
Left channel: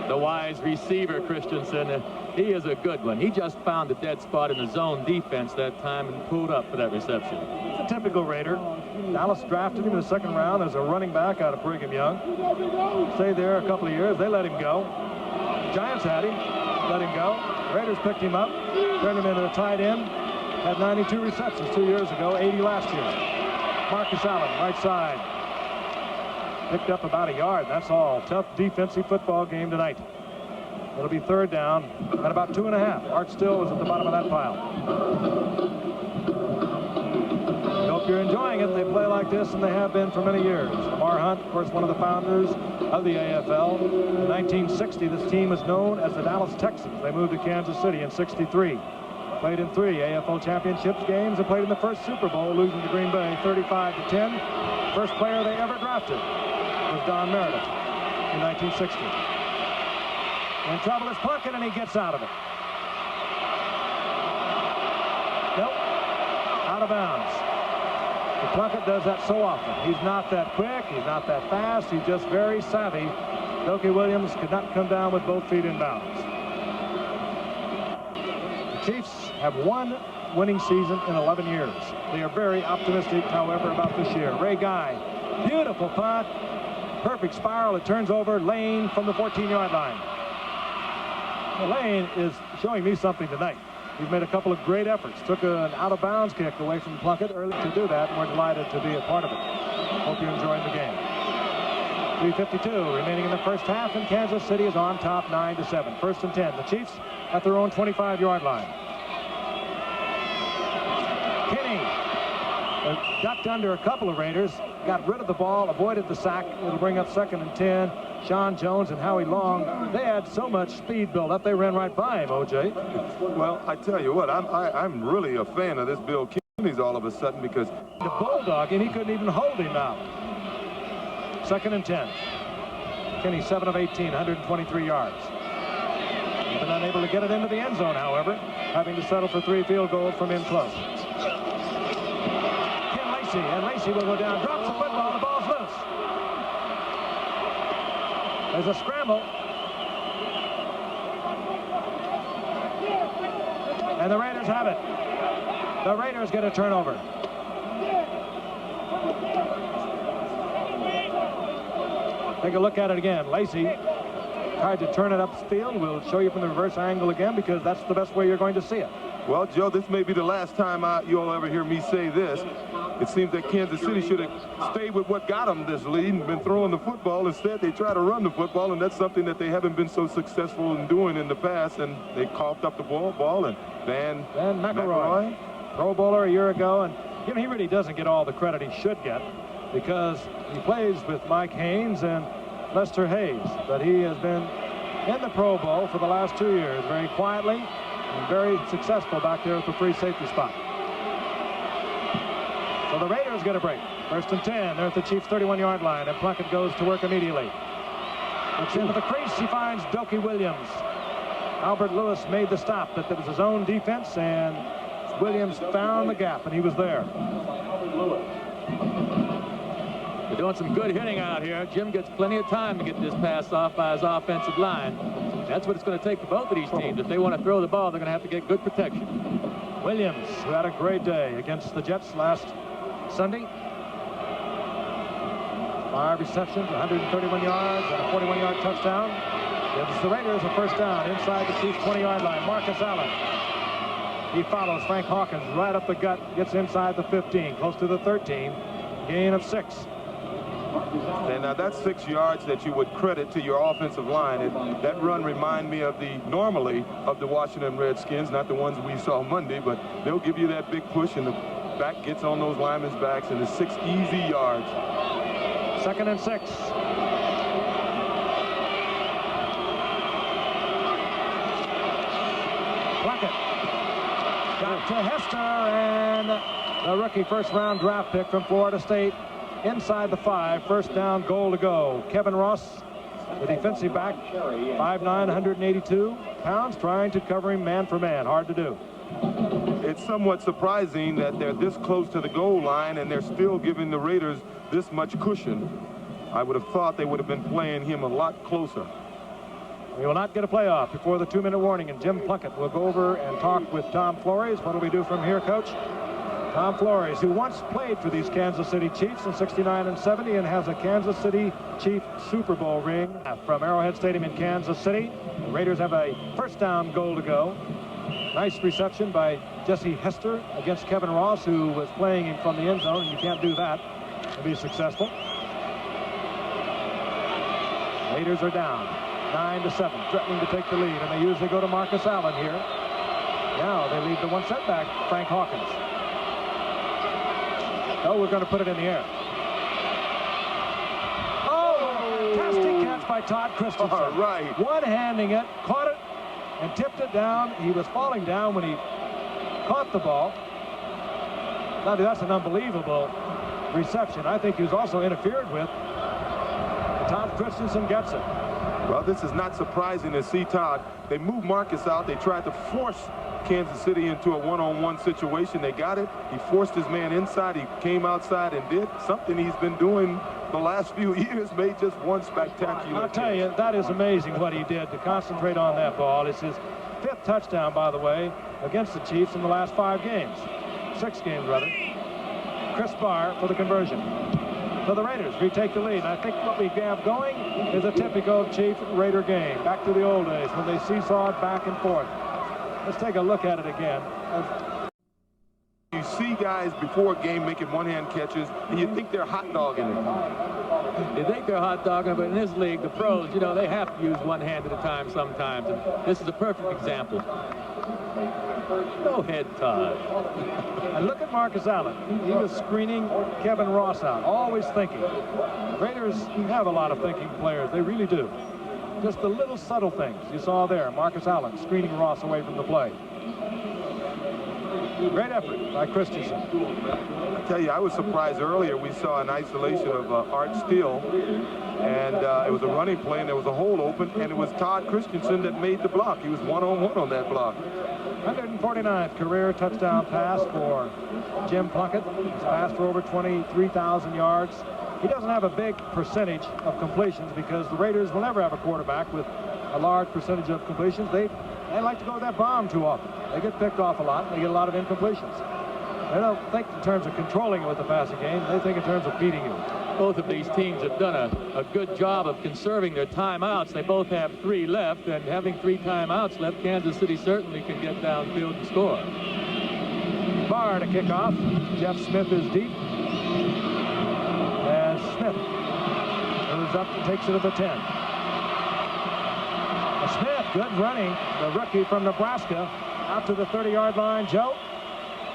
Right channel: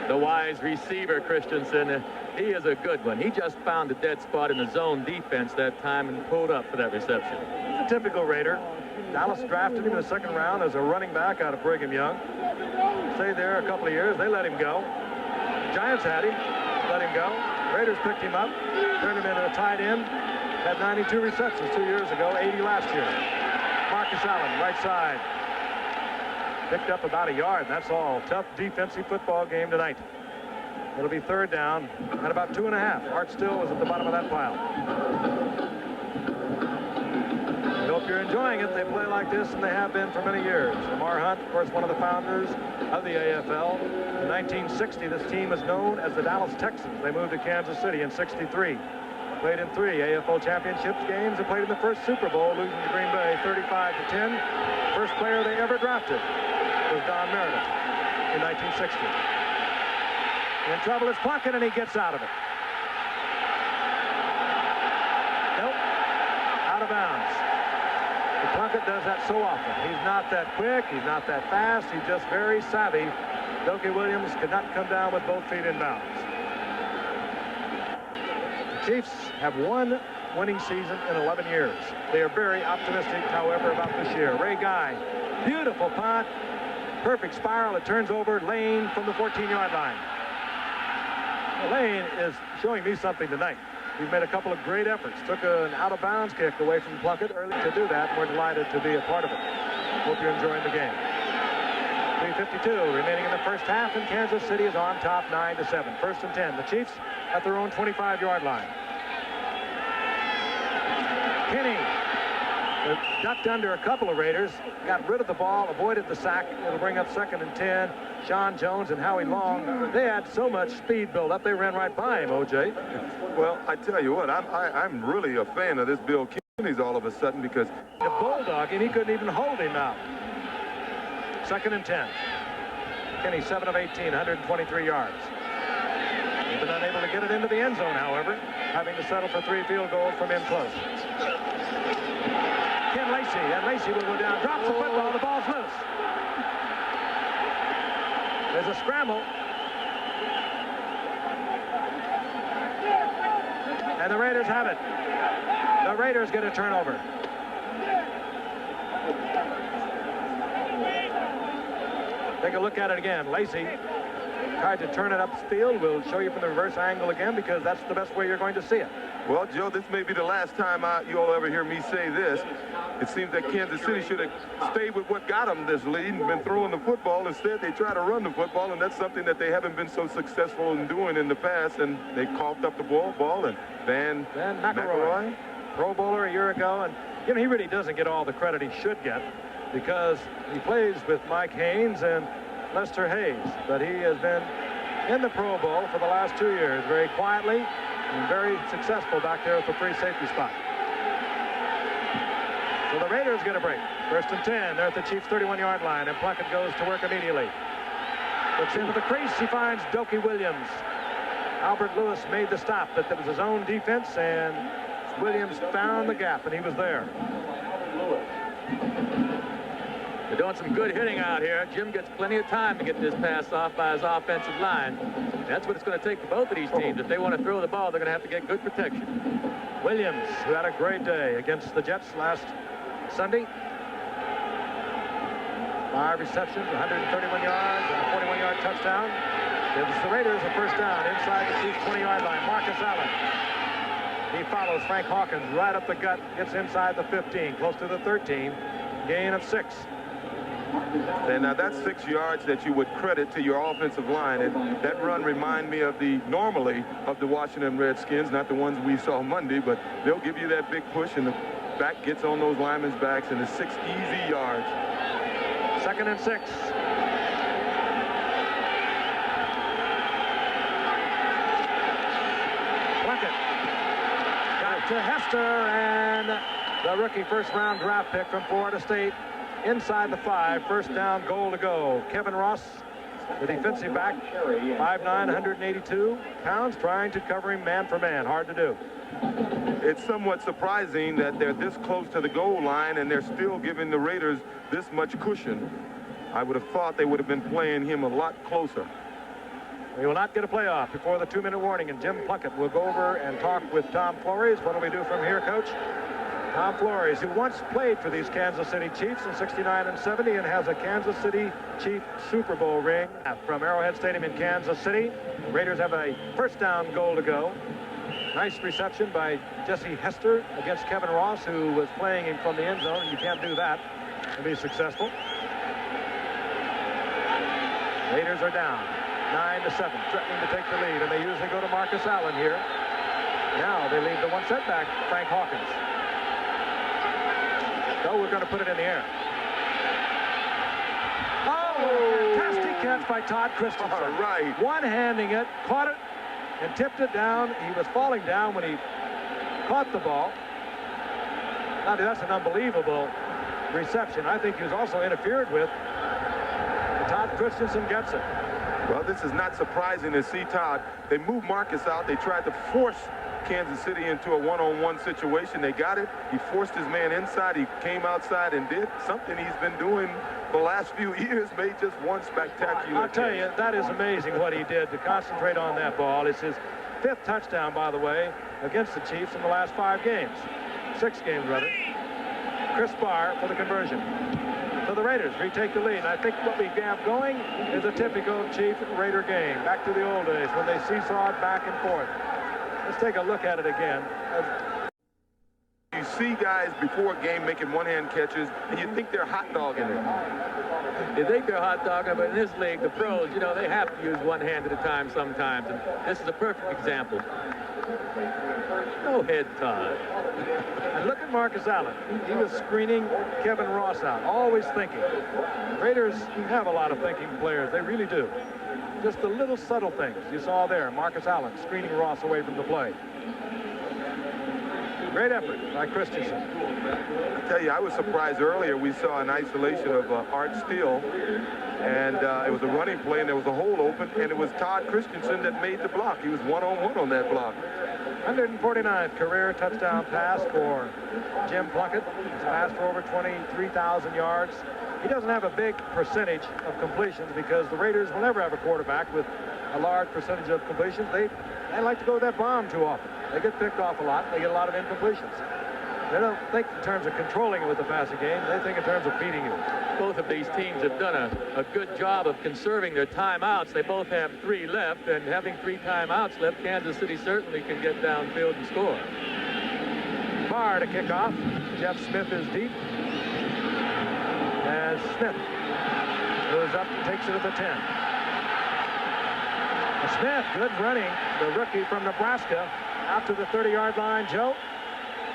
The wise receiver, Christensen. He is a good one. He just found a dead spot in the zone defense that time and pulled up for that reception. It's a typical Raider. Dallas drafted him in the 2nd round as a running back out of Brigham Young. Stayed there a couple of years. They let him go. Giants had him. Let him go. Raiders picked him up. Turned him into a tight end. Had 92 receptions 2 years ago. 80 last year. Marcus Allen, right side. Picked up about a yard. That's all. Tough defensive football game tonight. It'll be 3rd down and about 2.5. Art Still was at the bottom of that pile. I hope you're enjoying it. They play like this, and they have been for many years. Lamar Hunt, of course, one of the founders of the AFL. In 1960, this team was known as the Dallas Texans. They moved to Kansas City in '63. Played in 3 AFL championships games and played in the first Super Bowl, losing to Green Bay 35-10. First player they ever drafted was Don Meredith in 1960. In trouble is Plunkett, and he gets out of it. Nope. Out of bounds. And Plunkett does that so often. He's not that quick. He's not that fast. He's just very savvy. Dokie Williams could not come down with both feet in bounds. The Chiefs have 1 winning season in 11 years. They are very optimistic, however, about this year. Ray Guy, beautiful punt. Perfect spiral. It turns over. Lane from the 14-yard line. Well, Lane is showing me something tonight. He's made a couple of great efforts. Took an out-of-bounds kick away from Plunkett early to do that, and we're delighted to be a part of it. Hope you're enjoying the game. 3:52 remaining in the 1st half, and Kansas City is on top 9-7. 1st and 10. The Chiefs at their own 25-yard line. Kinney ducked under a couple of Raiders, got rid of the ball, avoided the sack. It'll bring up 2nd and 10. Sean Jones and Howie Long, they had so much speed build up, they ran right by him, O.J. Well, I tell you what, I'm really a fan of this Bill Kenny's all of a sudden, because the bulldog, and he couldn't even hold him out. 2nd and 10. Kenny 7 of 18, 123 yards. He's been unable to get it into the end zone, however, having to settle for 3 field goals from in close. Ken Lacey, and Lacey will go down, drops the football, the ball's loose. There's a scramble. And the Raiders have it. The Raiders get a turnover. Take a look at it again. Lacey tried to turn it upfield. We'll show you from the reverse angle again because that's the best way you're going to see it. Well, Joe, this may be the last time you'll ever hear me say this. It seems that Kansas City should have stayed with what got them this lead and been throwing the football. Instead, they try to run the football, and that's something that they haven't been so successful in doing in the past. And they coughed up the ball, and Van McElroy, Pro Bowler a year ago, and you know he really doesn't get all the credit he should get because he plays with Mike Haynes and Lester Hayes, but he has been in the Pro Bowl for the last 2 years very quietly and very successful back there at the free safety spot. So the Raiders get a break. 1st and 10. They're at the Chiefs' 31-yard line, and Plunkett goes to work immediately. Looks into the crease. He finds Dokie Williams. Albert Lewis made the stop, but that was his own defense, and Williams found the gap, and he was there. They're doing some good hitting out here. Jim gets plenty of time to get this pass off by his offensive line. That's what it's going to take for both of these teams. If they want to throw the ball, they're going to have to get good protection. Williams, who had a great day against the Jets last Sunday. 5 receptions, 131 yards, and a 41-yard touchdown. Gives the Raiders a first down inside the Chiefs' 20-yard line. Marcus Allen. He follows Frank Hawkins right up the gut, gets inside the 15, close to the 13. Gain of 6. And now that's 6 yards that you would credit to your offensive line. And that run reminded me of the Washington Redskins, not the ones we saw Monday, but they'll give you that big push and the back gets on those linemen's backs and it's 6 easy yards. 2nd and 6. Plunkett got to Hester, and the rookie first-round draft pick from Florida State inside the 5. First down, goal to go. Kevin Ross, the defensive back, 5'9", 182 pounds, trying to cover him man for man. Hard to do. It's somewhat surprising that they're this close to the goal line and they're still giving the Raiders this much cushion. I would have thought they would have been playing him a lot closer. We will not get a playoff before the 2-minute warning, and Jim Plunkett will go over and talk with Tom Flores. What do we do from here, Coach? Tom Flores, who once played for these Kansas City Chiefs in '69 and '70 and has a Kansas City Chief Super Bowl ring from Arrowhead Stadium in Kansas City. The Raiders have a first down, goal to go. Nice reception by Jesse Hester against Kevin Ross, who was playing him from the end zone, and you can't do that and be successful. Raiders are down 9-7, threatening to take the lead, and they usually go to Marcus Allen here. Now they leave the one setback, Frank Hawkins. So we're going to put it in the air. Oh, fantastic catch by Todd Christensen. All right. One-handing it, caught it, and tipped it down. He was falling down when he caught the ball. Now that's an unbelievable reception. I think he was also interfered with. Todd Christensen gets it. Well, this is not surprising to see Todd. They moved Marcus out. They tried to force Kansas City into a one-on-one situation. They got it. He forced his man inside. He came outside and did something he's been doing the last few years, made just one spectacular I'll tell you, that is amazing what he did to concentrate on that ball. It's his 5th touchdown, by the way, against the Chiefs in the last 5 games. 6 games, rather. Chris Barr for the conversion. So the Raiders retake the lead. And I think what we have going is a typical Chief-Raider game. Back to the old days when they seesawed back and forth. Let's take a look at it again. You see guys before a game making one-hand catches, and you think they're hot dogging it. You think they're hot dogging, but in this league, the pros, you know, they have to use one hand at a time sometimes. And this is a perfect example. Go ahead, Todd. And look at Marcus Allen. He was screening Kevin Ross out, always thinking. Raiders have a lot of thinking players. They really do. Just the little subtle things you saw there. Marcus Allen screening Ross away from the play. Great effort by Christensen. I tell you, I was surprised earlier. We saw an isolation of Art Steele, and it was a running play, and there was a hole open, and it was Todd Christensen that made the block. He was one-on-one on that block. 149th career touchdown pass for Jim Plunkett. He's passed for over 23,000 yards. He doesn't have a big percentage of completions because the Raiders will never have a quarterback with a large percentage of completions. They like to go to that bomb too often. They get picked off a lot. They get a lot of incompletions. They don't think in terms of controlling it with the passing game. They think in terms of beating you. Both of these teams have done a good job of conserving their timeouts. They both have 3 left, and having 3 timeouts left, Kansas City certainly can get downfield and score. Barr to kick off. Jeff Smith is deep. As Smith moves up and takes it to the 10. Smith, good running. The rookie from Nebraska out to the 30-yard line. Joe,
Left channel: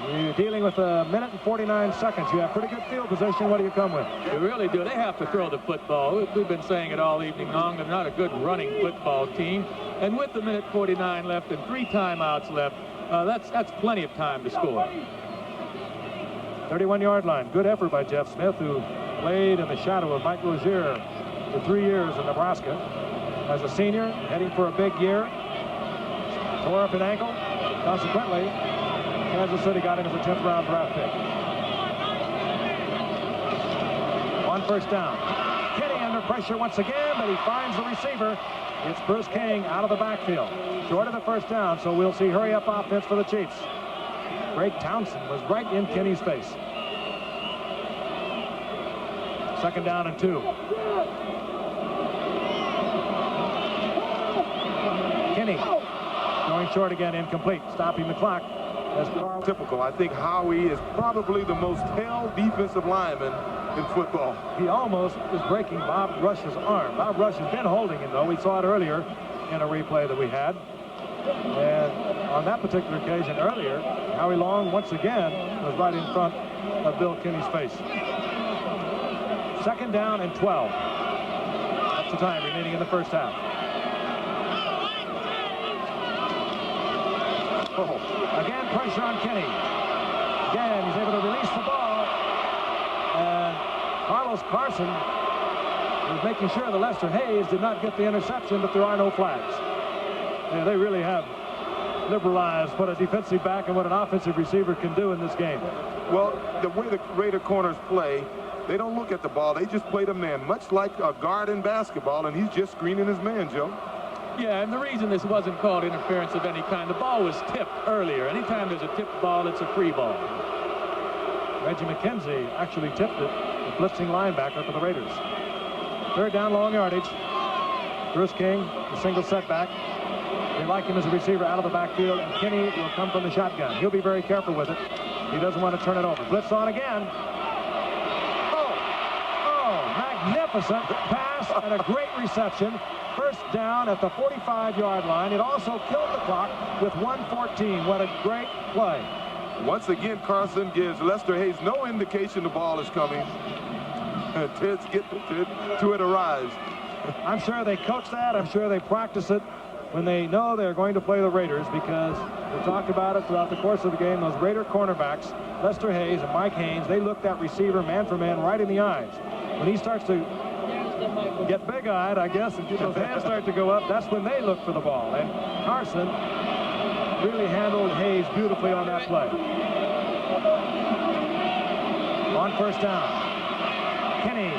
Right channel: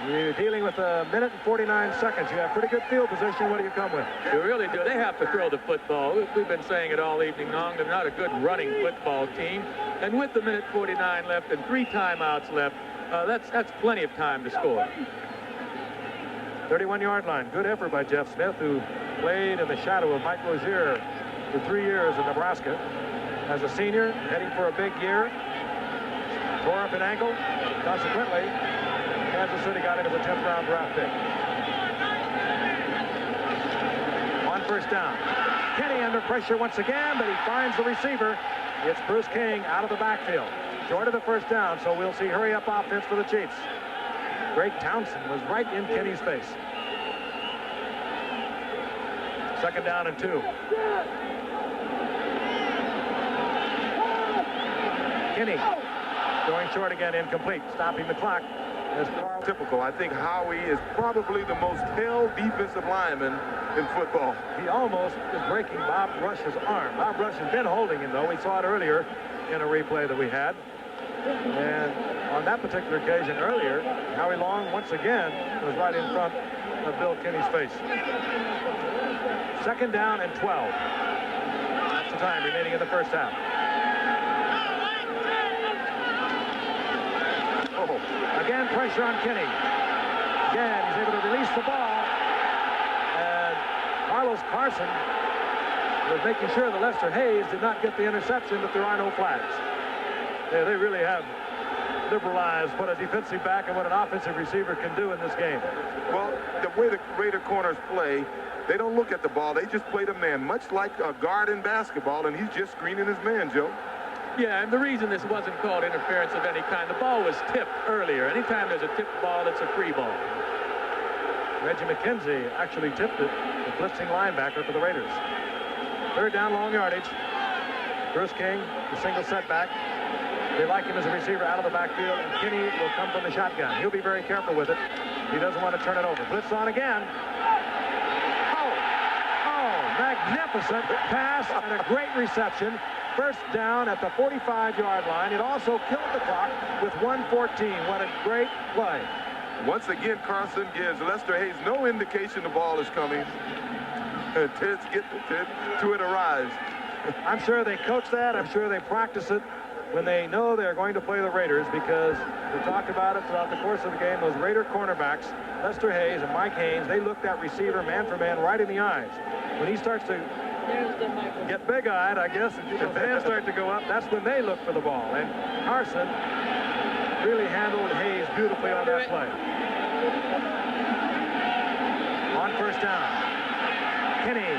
you're dealing with a minute and 49 seconds. You have pretty good field position. What do you come with? You really do. They have to throw the football. We've been saying it all evening long. They're not a good running football team. And with the minute 49 left and 3 timeouts left, that's plenty of time to score. 31-yard line. Good effort by Jeff Smith, who played in the shadow of Mike Rozier for 3 years in Nebraska. As a senior, heading for a big year. Tore up an ankle. Consequently, Kansas City got him as a 10th round draft pick. On first down. Kenny under pressure once again, but he finds the receiver. It's Bruce King out of the backfield. Short of the first down, so we'll see hurry-up offense for the Chiefs. Greg Townsend was right in Kenny's face. 2nd down and 2. Kenny going short again, incomplete, stopping the clock. As typical. I think Howie is probably the most held defensive lineman in football. He almost is breaking Bob Rush's arm. Bob Rush has been holding him, though. We saw it earlier in a replay that we had. And on that particular occasion earlier, Howie Long once again was right in front of Bill Kenny's face. 2nd down and 12. That's the time remaining in the first half. Oh. Again, pressure on Kenny. Again, he's able to release the ball. And Carlos Carson was making sure that Lester Hayes did not get the interception, but there are no flags. Yeah, they really have liberalized what a defensive back and what an offensive receiver can do in this game. Well, the way the Raider corners play, they don't look at the ball. They just play the man, much like a guard in basketball, and he's just screening his man, Joe. Yeah, and the reason this wasn't called interference of any kind, the ball was tipped earlier. Anytime there's a tipped ball, it's a free ball. Reggie McKenzie actually tipped it, the blitzing linebacker for the Raiders. 3rd down, long yardage. Bruce King, the single setback. They like him as a receiver out of the backfield, and Kenny will come from the shotgun. He'll be very careful with it. He doesn't want to turn it over. Blitz on again. Oh, magnificent pass and a great reception. 1st down at the 45-yard line. It also killed the clock with 1:14. What a great play. Once again, Carson gives Lester Hayes no indication the ball is coming. Ted's get to it arrives. I'm sure they coach that. I'm sure they practice it when they know they're going to play the Raiders, because we talked about it throughout the course of the game. Those Raider cornerbacks, Lester Hayes and Mike Haynes, they look that receiver man for man right in the eyes. When he starts to get big-eyed, I guess, and those hands start to go up, that's when they look for the ball. And Carson really handled Hayes beautifully on that play. On first down, Kenny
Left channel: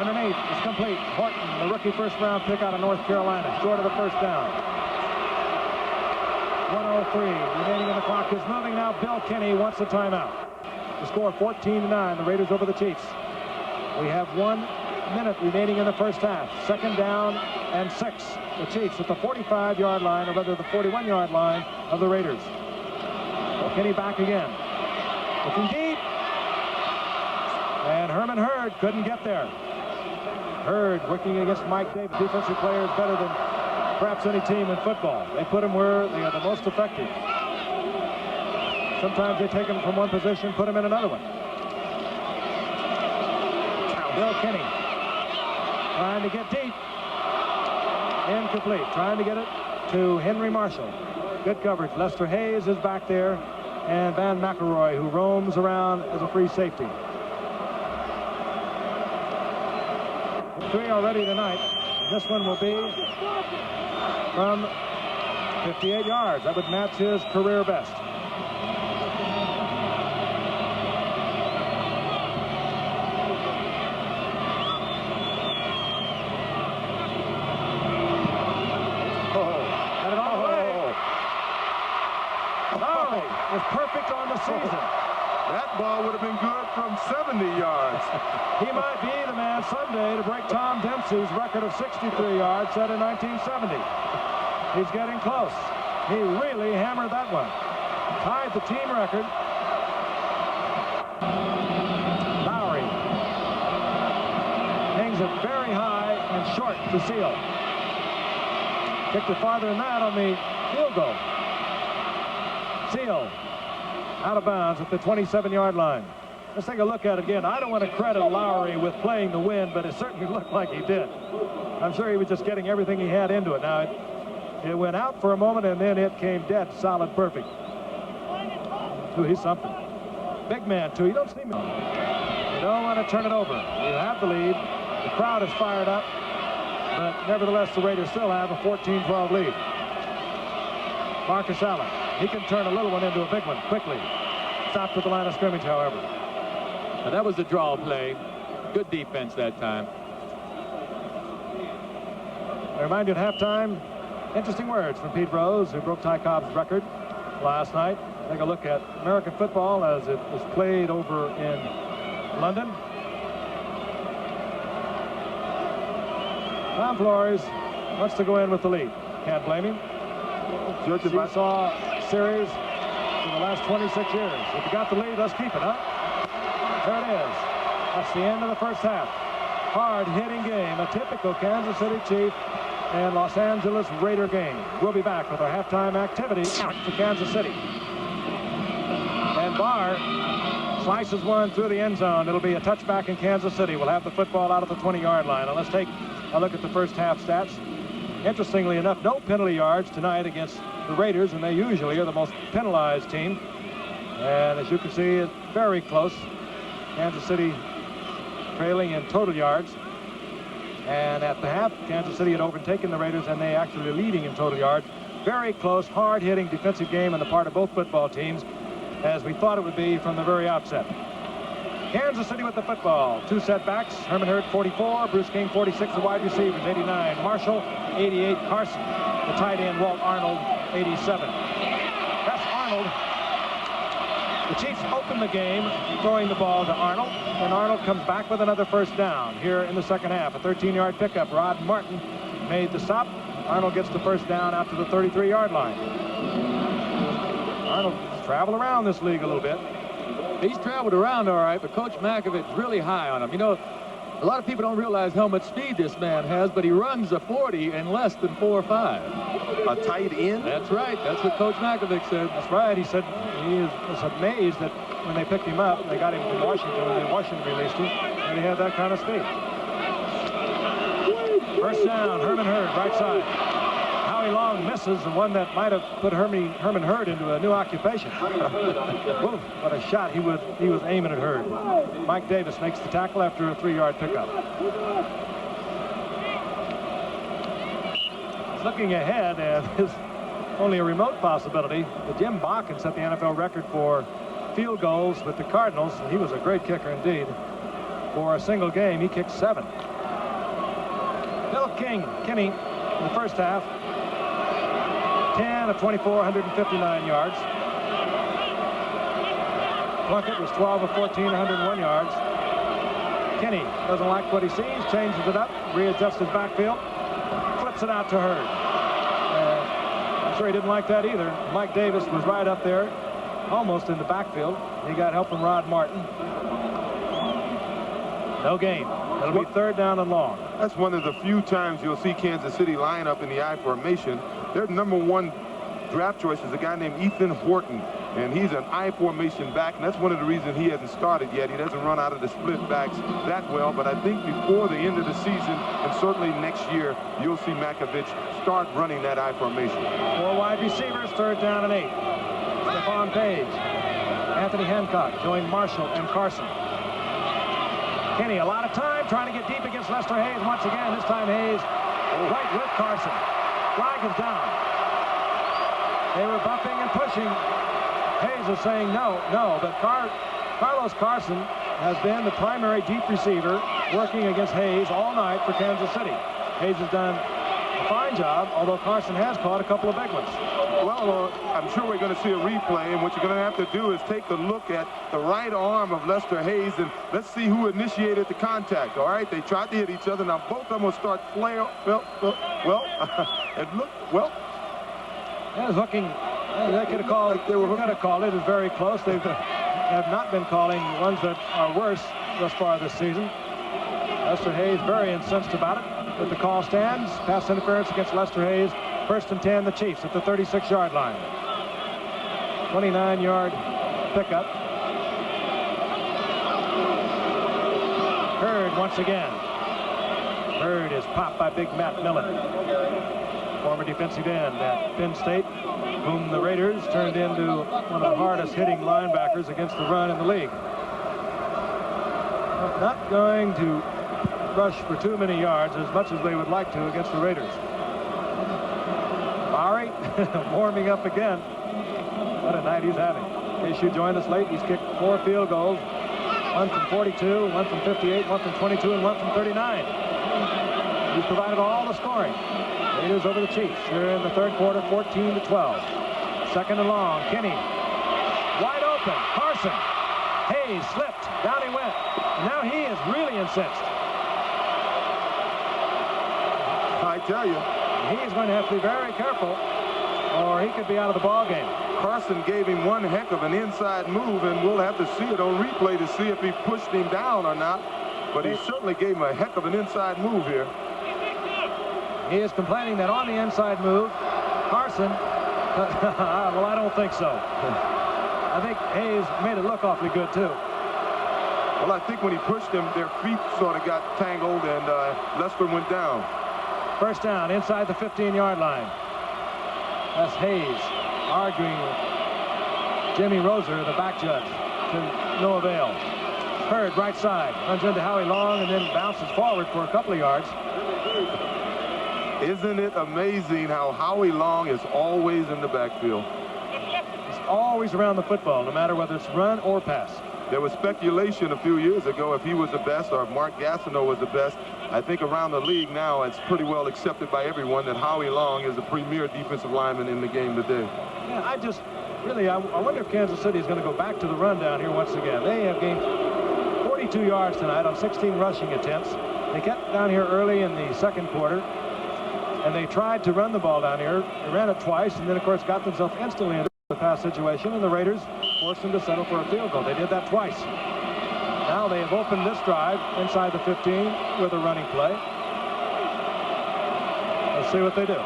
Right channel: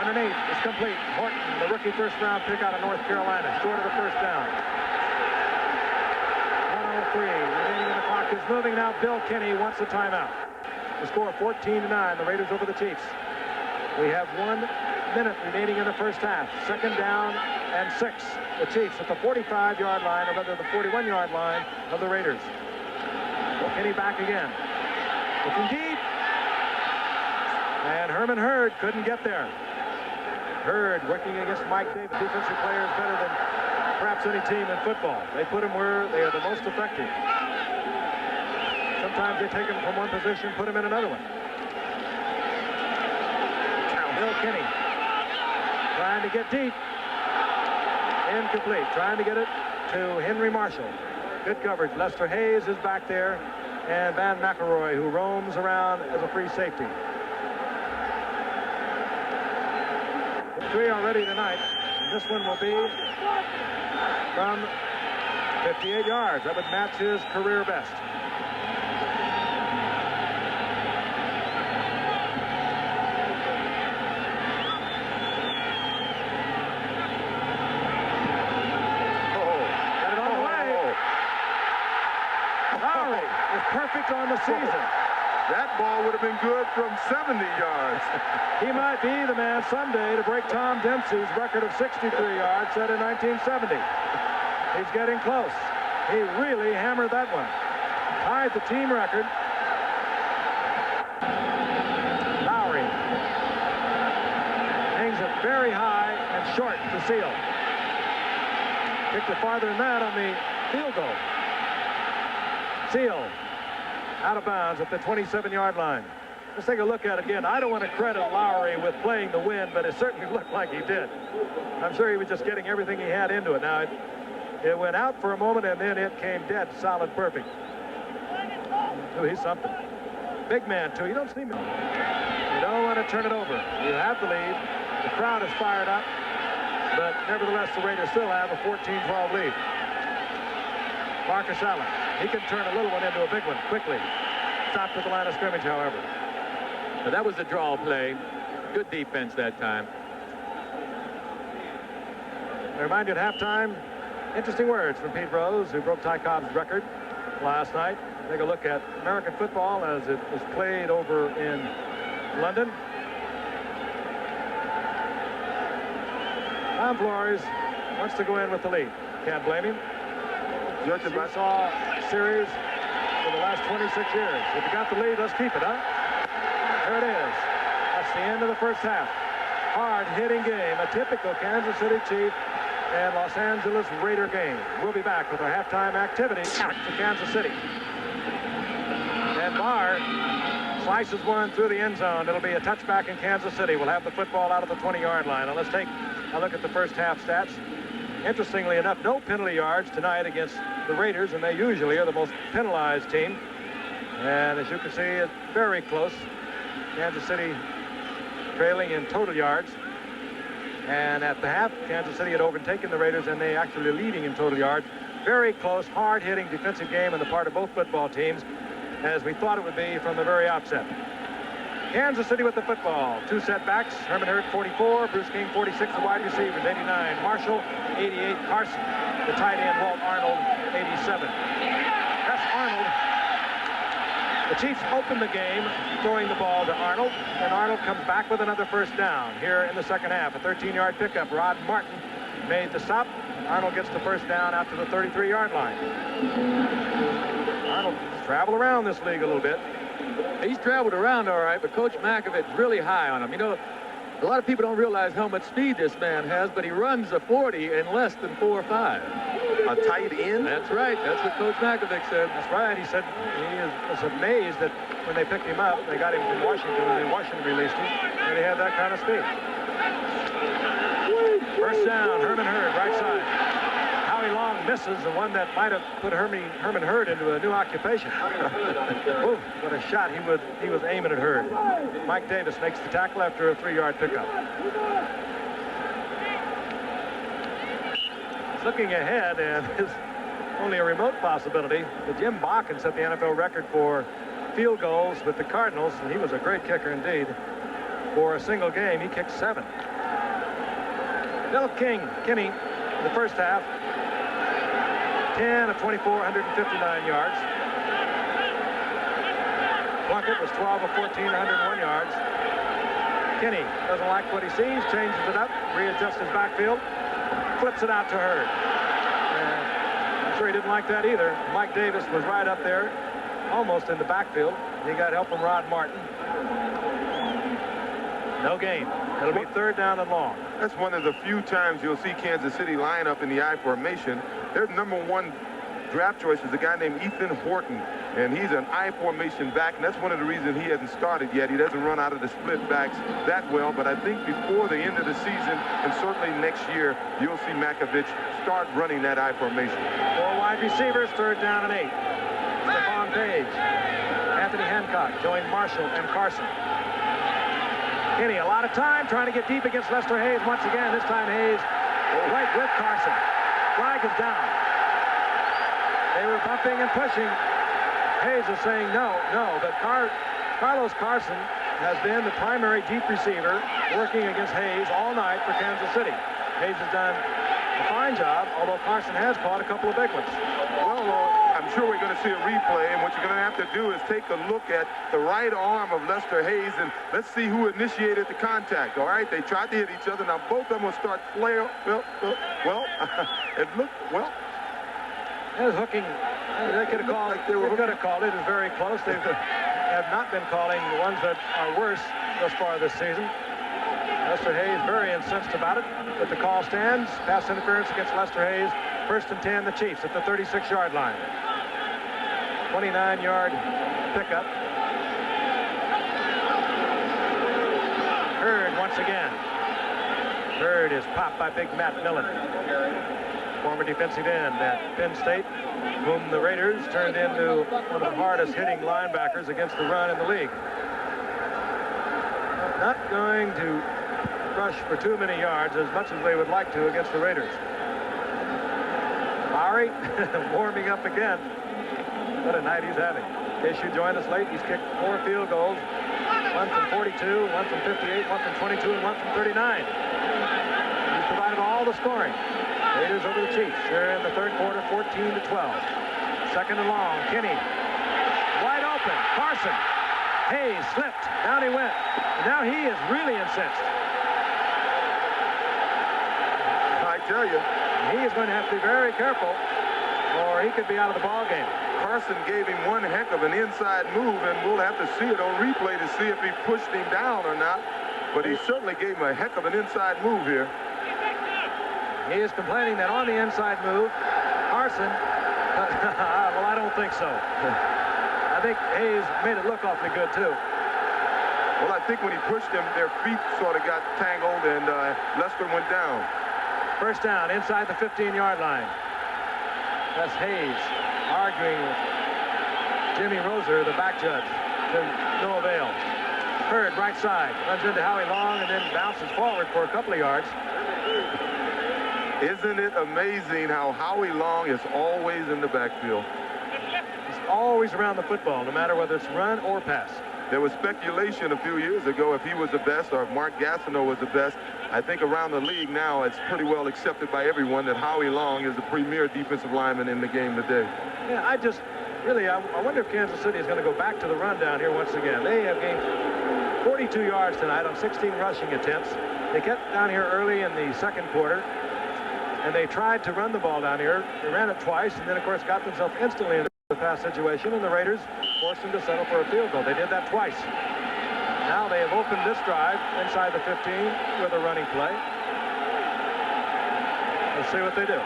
underneath is complete. Horton, the rookie 1st-round pick out of North Carolina, short of the 1st down. 1:03 remaining in the clock is moving now. Bill Kenny wants a timeout. The score 14-9. The Raiders over the Chiefs. We have 1 minute remaining in the first half. 2nd down and 6. The Chiefs at the 45-yard line, or rather the 41-yard line of the Raiders. Kenny back again. Looking deep. And Herman Hurd couldn't get there. Hurd working against Mike Davis. Defensive players better than perhaps any team in football. They put them where they are the most effective. Sometimes they take them from one position, put them in another one. Bill Kenny trying to get deep. Incomplete. Trying to get it to Henry Marshall. Good coverage. Lester Hayes is back there, and Van McElroy, who roams around as a free safety. 3 already tonight, and this one will be from 58 yards. That would match his career best. perfect on the season. That ball would have been good from 70 yards. He might be the man someday to break Tom Dempsey's record of 63 yards set in 1970. He's getting close. He really hammered that one. Tied the team record. Lowry hangs it very high and short to Seal. Kicked it farther than that on the field goal. Seal out of bounds at the 27-yard line. Let's take a look at it again. I don't want to credit Lowry with playing the wind, but it certainly looked like he did. I'm sure he was just getting everything he had into it. Now, it went out for a moment, and then it came dead, solid, perfect. Ooh, he's something. Big man, too. You don't see me. You don't want to turn it over. You have the lead. The crowd is fired up, but nevertheless, the Raiders still have a 14-12 lead. Marcus Allen. He can turn a little one into a big one quickly. Stopped at the line of scrimmage, however. Now, that was the draw play. Good defense that time. I remind you at halftime, interesting words from Pete Rose, who broke Ty Cobb's record last night. Take a look at American football as it was played over in London. Tom Flores wants to go in with the lead. Can't blame him. Seesaw series for the last 26 years. If you got the lead, let's keep it, huh? There it is. That's the end of the first half. Hard-hitting game, a typical Kansas City Chief and Los Angeles Raider game. We'll be back with our halftime activity to Kansas City. And Barr slices one through the end zone. It'll be a touchback in Kansas City. We'll have the football out of the 20-yard line. Now let's take a look at the first half stats. Interestingly enough, no penalty yards tonight against the Raiders, and they usually are the most penalized team. And as you can see, it's very close. Kansas City trailing in total yards. And at the half, Kansas City had overtaken the Raiders, and they actually leading in total yards. Very close, hard-hitting defensive game on the part of both football teams, as we thought it would be from the very outset. Kansas City with the football. Two setbacks. Herman Hurd, 44. Bruce King, 46. The wide receivers, 89. Marshall, 88. Carson. The tight end, Walt Arnold, 87. That's Arnold. The Chiefs open the game throwing the ball to Arnold, and Arnold comes back with another first down here in the second half. A 13-yard pickup. Rod Martin made the stop. Arnold gets the first down out to the 33-yard line. Arnold traveled around this league a little bit. He's traveled around all right, but Coach Makovic's really high on him. You know, a lot of people don't realize how much speed this man has, but he runs a 40 in less than 4.5. A tight end? That's right. That's what Coach Makovic said. That's right. He said he was amazed that when they picked him up, they got him from Washington, and then Washington released him, and he had that kind of speed. First down, Herman Hurd, right side. Howie Long misses, the one that might have put Herman Hurd into a new occupation. Whoa, what a shot he was aiming at Hurd. Mike Davis makes the tackle after a 3-yard pickup. He's looking ahead, and there's only a remote possibility that Jim Bakken set the NFL record for field goals with the Cardinals, and he was a great kicker indeed. For a single game, he kicked 7. Bill Kinney in the first half, 10 of 24, 159 yards. Plunkett was 12 of 14, 101 yards. Kinney doesn't like what he sees, changes it up, readjusts his backfield, flips it out to Hurd. I'm sure he didn't like that either. Mike Davis was right up there, almost in the backfield. He got help from Rod Martin. No gain. It'll be third down and long. That's one of the few times you'll see Kansas City line up in the I formation. Their #1 draft choice is a guy named Ethan Horton, and he's an I formation back, and that's one of the reasons he hasn't started yet. He doesn't run out of the split backs that well, but I think before the end of the season, and certainly next year, you'll see Makovic start running that I formation. 4 wide receivers, third down and 8. Stephon Page, Anthony Hancock joined Marshall and Carson. Kinney, a lot of time trying to get deep against Lester Hayes once again. This time Hayes right with Carson. Flag is down. They were bumping and pushing. Hayes is saying no, but Carlos Carson has been the primary deep receiver working against Hayes all night for Kansas City. Hayes has done a fine job, although Carson has caught a couple of big ones. Well, I'm sure we're going to see a replay, and what you're going to have to do is take a look at the right arm of Lester Hayes, and let's see who initiated the contact. All right, they tried to hit each other. Now both of them will start flare. Well, it looked well. It was hooking. They could have called. They were going to call it. It was very close. They have not been calling the ones that are worse thus far this season. Lester Hayes very incensed about it, but the call stands. Pass interference against Lester Hayes. 1st and 10, the Chiefs at the 36-yard line. 29-yard pickup. Hurd once again. Hurd is popped by big Matt Millen, former defensive end at Penn State, whom the Raiders turned into one of the hardest hitting linebackers against the run in the league. Not going to rush for too many yards, as much as they would like to against the Raiders. Murray warming up again. What a night he's having. In case you joined us late, he's kicked 4 field goals. 1 from 42, 1 from 58, 1 from 22, and 1 from 39. He's provided all the scoring. Raiders over the Chiefs here in the 3rd quarter, 14-12. 2nd and long. Kinney wide open. Carson. Hayes slipped. Down he went. And now he is really incensed. I tell you. He is going to have to be very careful, or he could be out of the ball game. Carson gave him one heck of an inside move, and we'll have to see it on replay to see if he pushed him down or not. But he certainly gave him a heck of an inside move here. He is complaining that on the inside move, Carson, well, I don't think so. I think Hayes made it look awfully good, too. Well, I think when he pushed him, their feet sort of got tangled, and Lester went down. 1st down inside the 15-yard line. That's Hayes arguing with Jimmy Roser, the back judge, to no avail. Hurd right side, runs into Howie Long and then bounces forward for a couple of yards. Isn't it amazing how Howie Long is always in the backfield? He's always around the football, no matter whether it's run or pass. There was speculation a few years ago if he was the best or if Mark Gastineau was the best. I think around the league now it's pretty well accepted by everyone that Howie Long is the premier defensive lineman in the game today. Yeah, I wonder if Kansas City is going to go back to the run down here once again. They have gained 42 yards tonight on 16 rushing attempts. They kept down here early in the 2nd quarter, and they tried to run the ball down here. They ran it twice, and then, of course, got themselves instantly into the pass situation, and the Raiders forced them to settle for a field goal. They did that twice. Now they have opened this drive inside the 15 with a running play. Let's see what they do.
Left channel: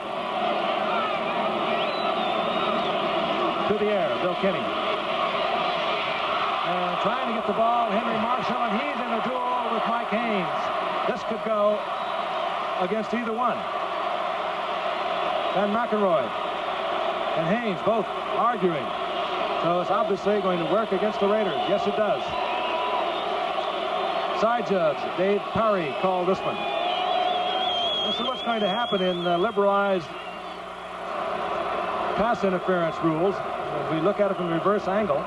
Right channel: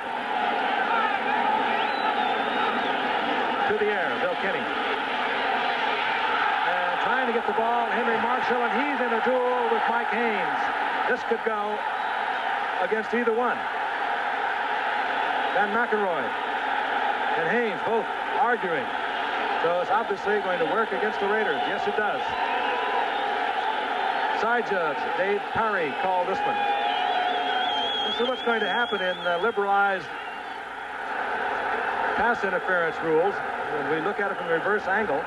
To the air, Bill Kinney. And trying to get the ball, Henry Marshall, and he's in a duel with Mike Haynes. This could go against either one. Van McElroy and Haynes both arguing. So it's obviously going to work against the Raiders. Yes, it does. Side judge Dave Parry called this one. This is what's going to happen in liberalized pass interference rules. When we look at it from the reverse angle.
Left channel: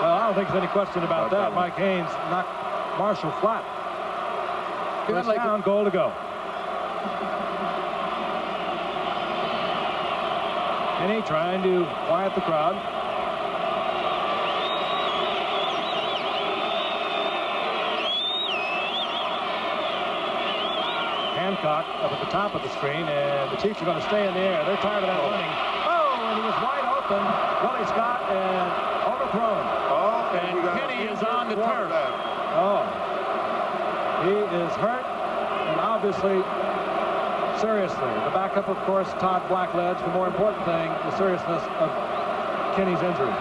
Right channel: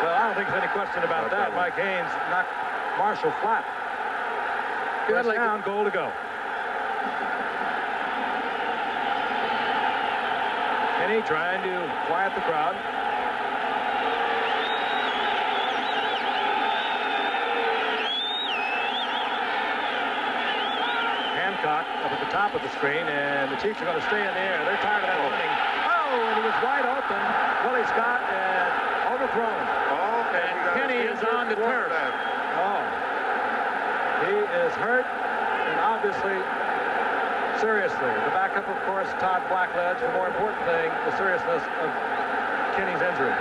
Well, I don't think there's any question about that. Mike Haynes knocked Marshall flat. First down, goal to go. Kenny trying to quiet the crowd. Hancock up at the top of the screen, and the Chiefs are going to stay in the air. They're tired of that running. Oh, and he was wide open. Willie Scott, and overthrown. Oh, and Kenny is on the turf. Oh, he is hurt, and obviously seriously. The backup, of course, Todd Blackledge. The more important thing, the seriousness of Kenny's injury.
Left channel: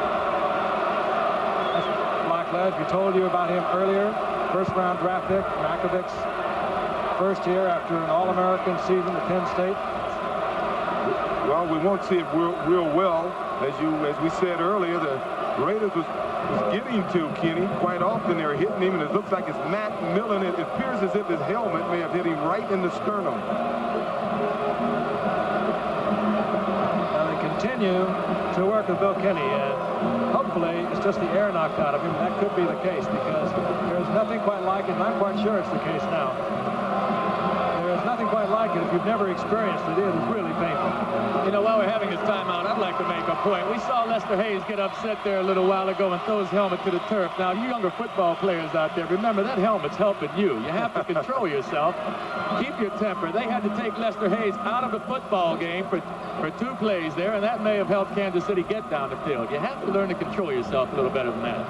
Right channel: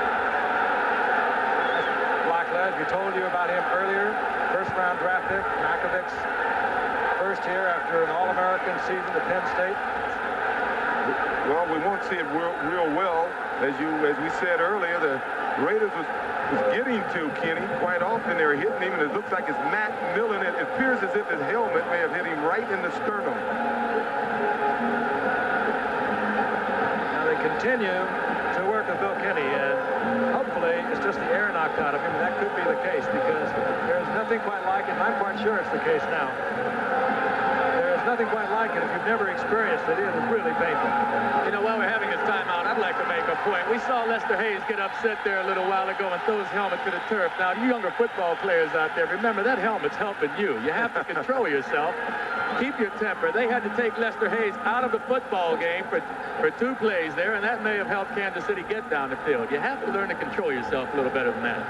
That's Blackledge. We told you about him earlier. 1st-round draft pick, Makovich's first year after an All-American season at Penn State. Well, we won't see it real well. As we said earlier, the Raiders was getting to Kenny quite often. They're hitting him, and it looks like it's Matt Millen. It appears as if his helmet may have hit him right in the sternum. Now they continue to work with Bill Kenny, and hopefully it's just the air knocked out of him, and that could be the case because there's nothing quite like it, and I'm quite sure it's the case now. There is nothing quite like it. If you've never experienced it, it is really painful. You know, while we're having this timeout, I'd like to make a point. We saw Lester Hayes get upset there a little while ago and throw his helmet to the turf. Now, you younger football players out there, remember that helmet's helping you. You have to control yourself. Keep your temper. They had to take Lester Hayes out of the football game for 2 plays there, and that may have helped Kansas City get down the field. You have to learn to control yourself a little better than that.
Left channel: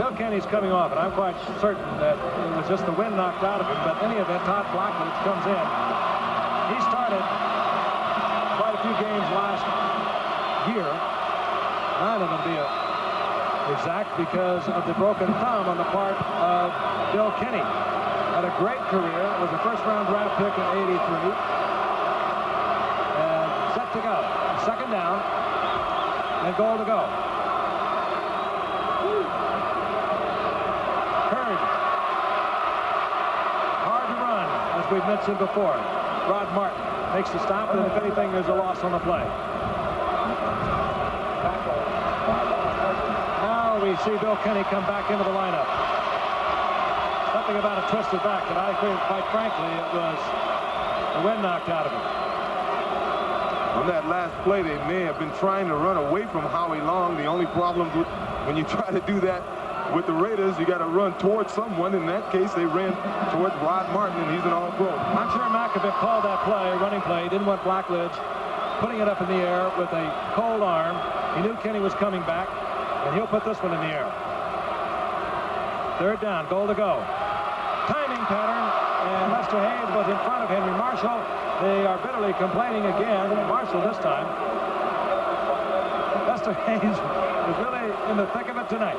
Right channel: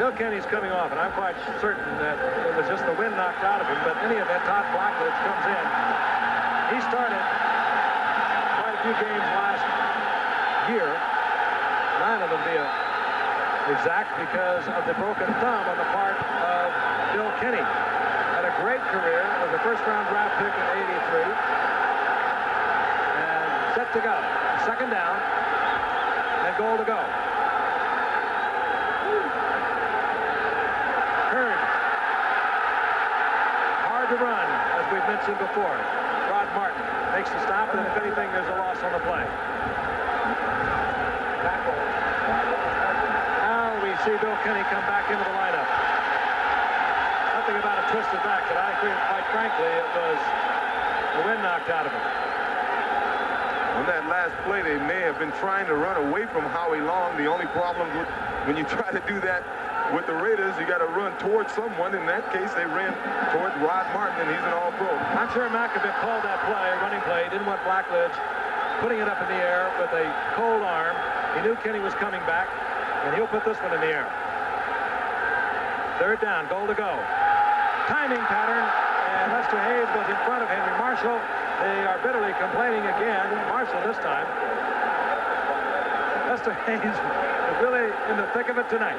Bill Kenny's coming off, and I'm quite certain that it was just the wind knocked out of him. But in any event, Todd Blackledge comes in. He started quite a few games last year, 9 of them be exact, because of the broken thumb on the part of Bill Kenny. Had a great career, was a first-round draft pick in '83, and set to go. Second down, and goal to go. Hard to run, as we've mentioned before. Rod Martin makes the stop, and if anything, there's a loss on the play. Now we see Bill Kenny come back into the lineup. Something about a twisted back that I think, quite frankly, it was the wind knocked out of him. On that last play, they may have been trying to run away from Howie Long. The only problem with when you try to do that with the Raiders, you got to run towards someone. In that case, they ran towards Rod Martin, and he's an all-pro. I'm sure Mackovic called that play, running play. Didn't want Blackledge putting it up in the air with a cold arm. He knew Kenny was coming back, and he'll put this one in the air. Third down, goal to go. Timing pattern, and Lester Hayes was in front of Henry Marshall. They are bitterly complaining again. Marshall this time. Lester Hayes is really in the thick of it tonight.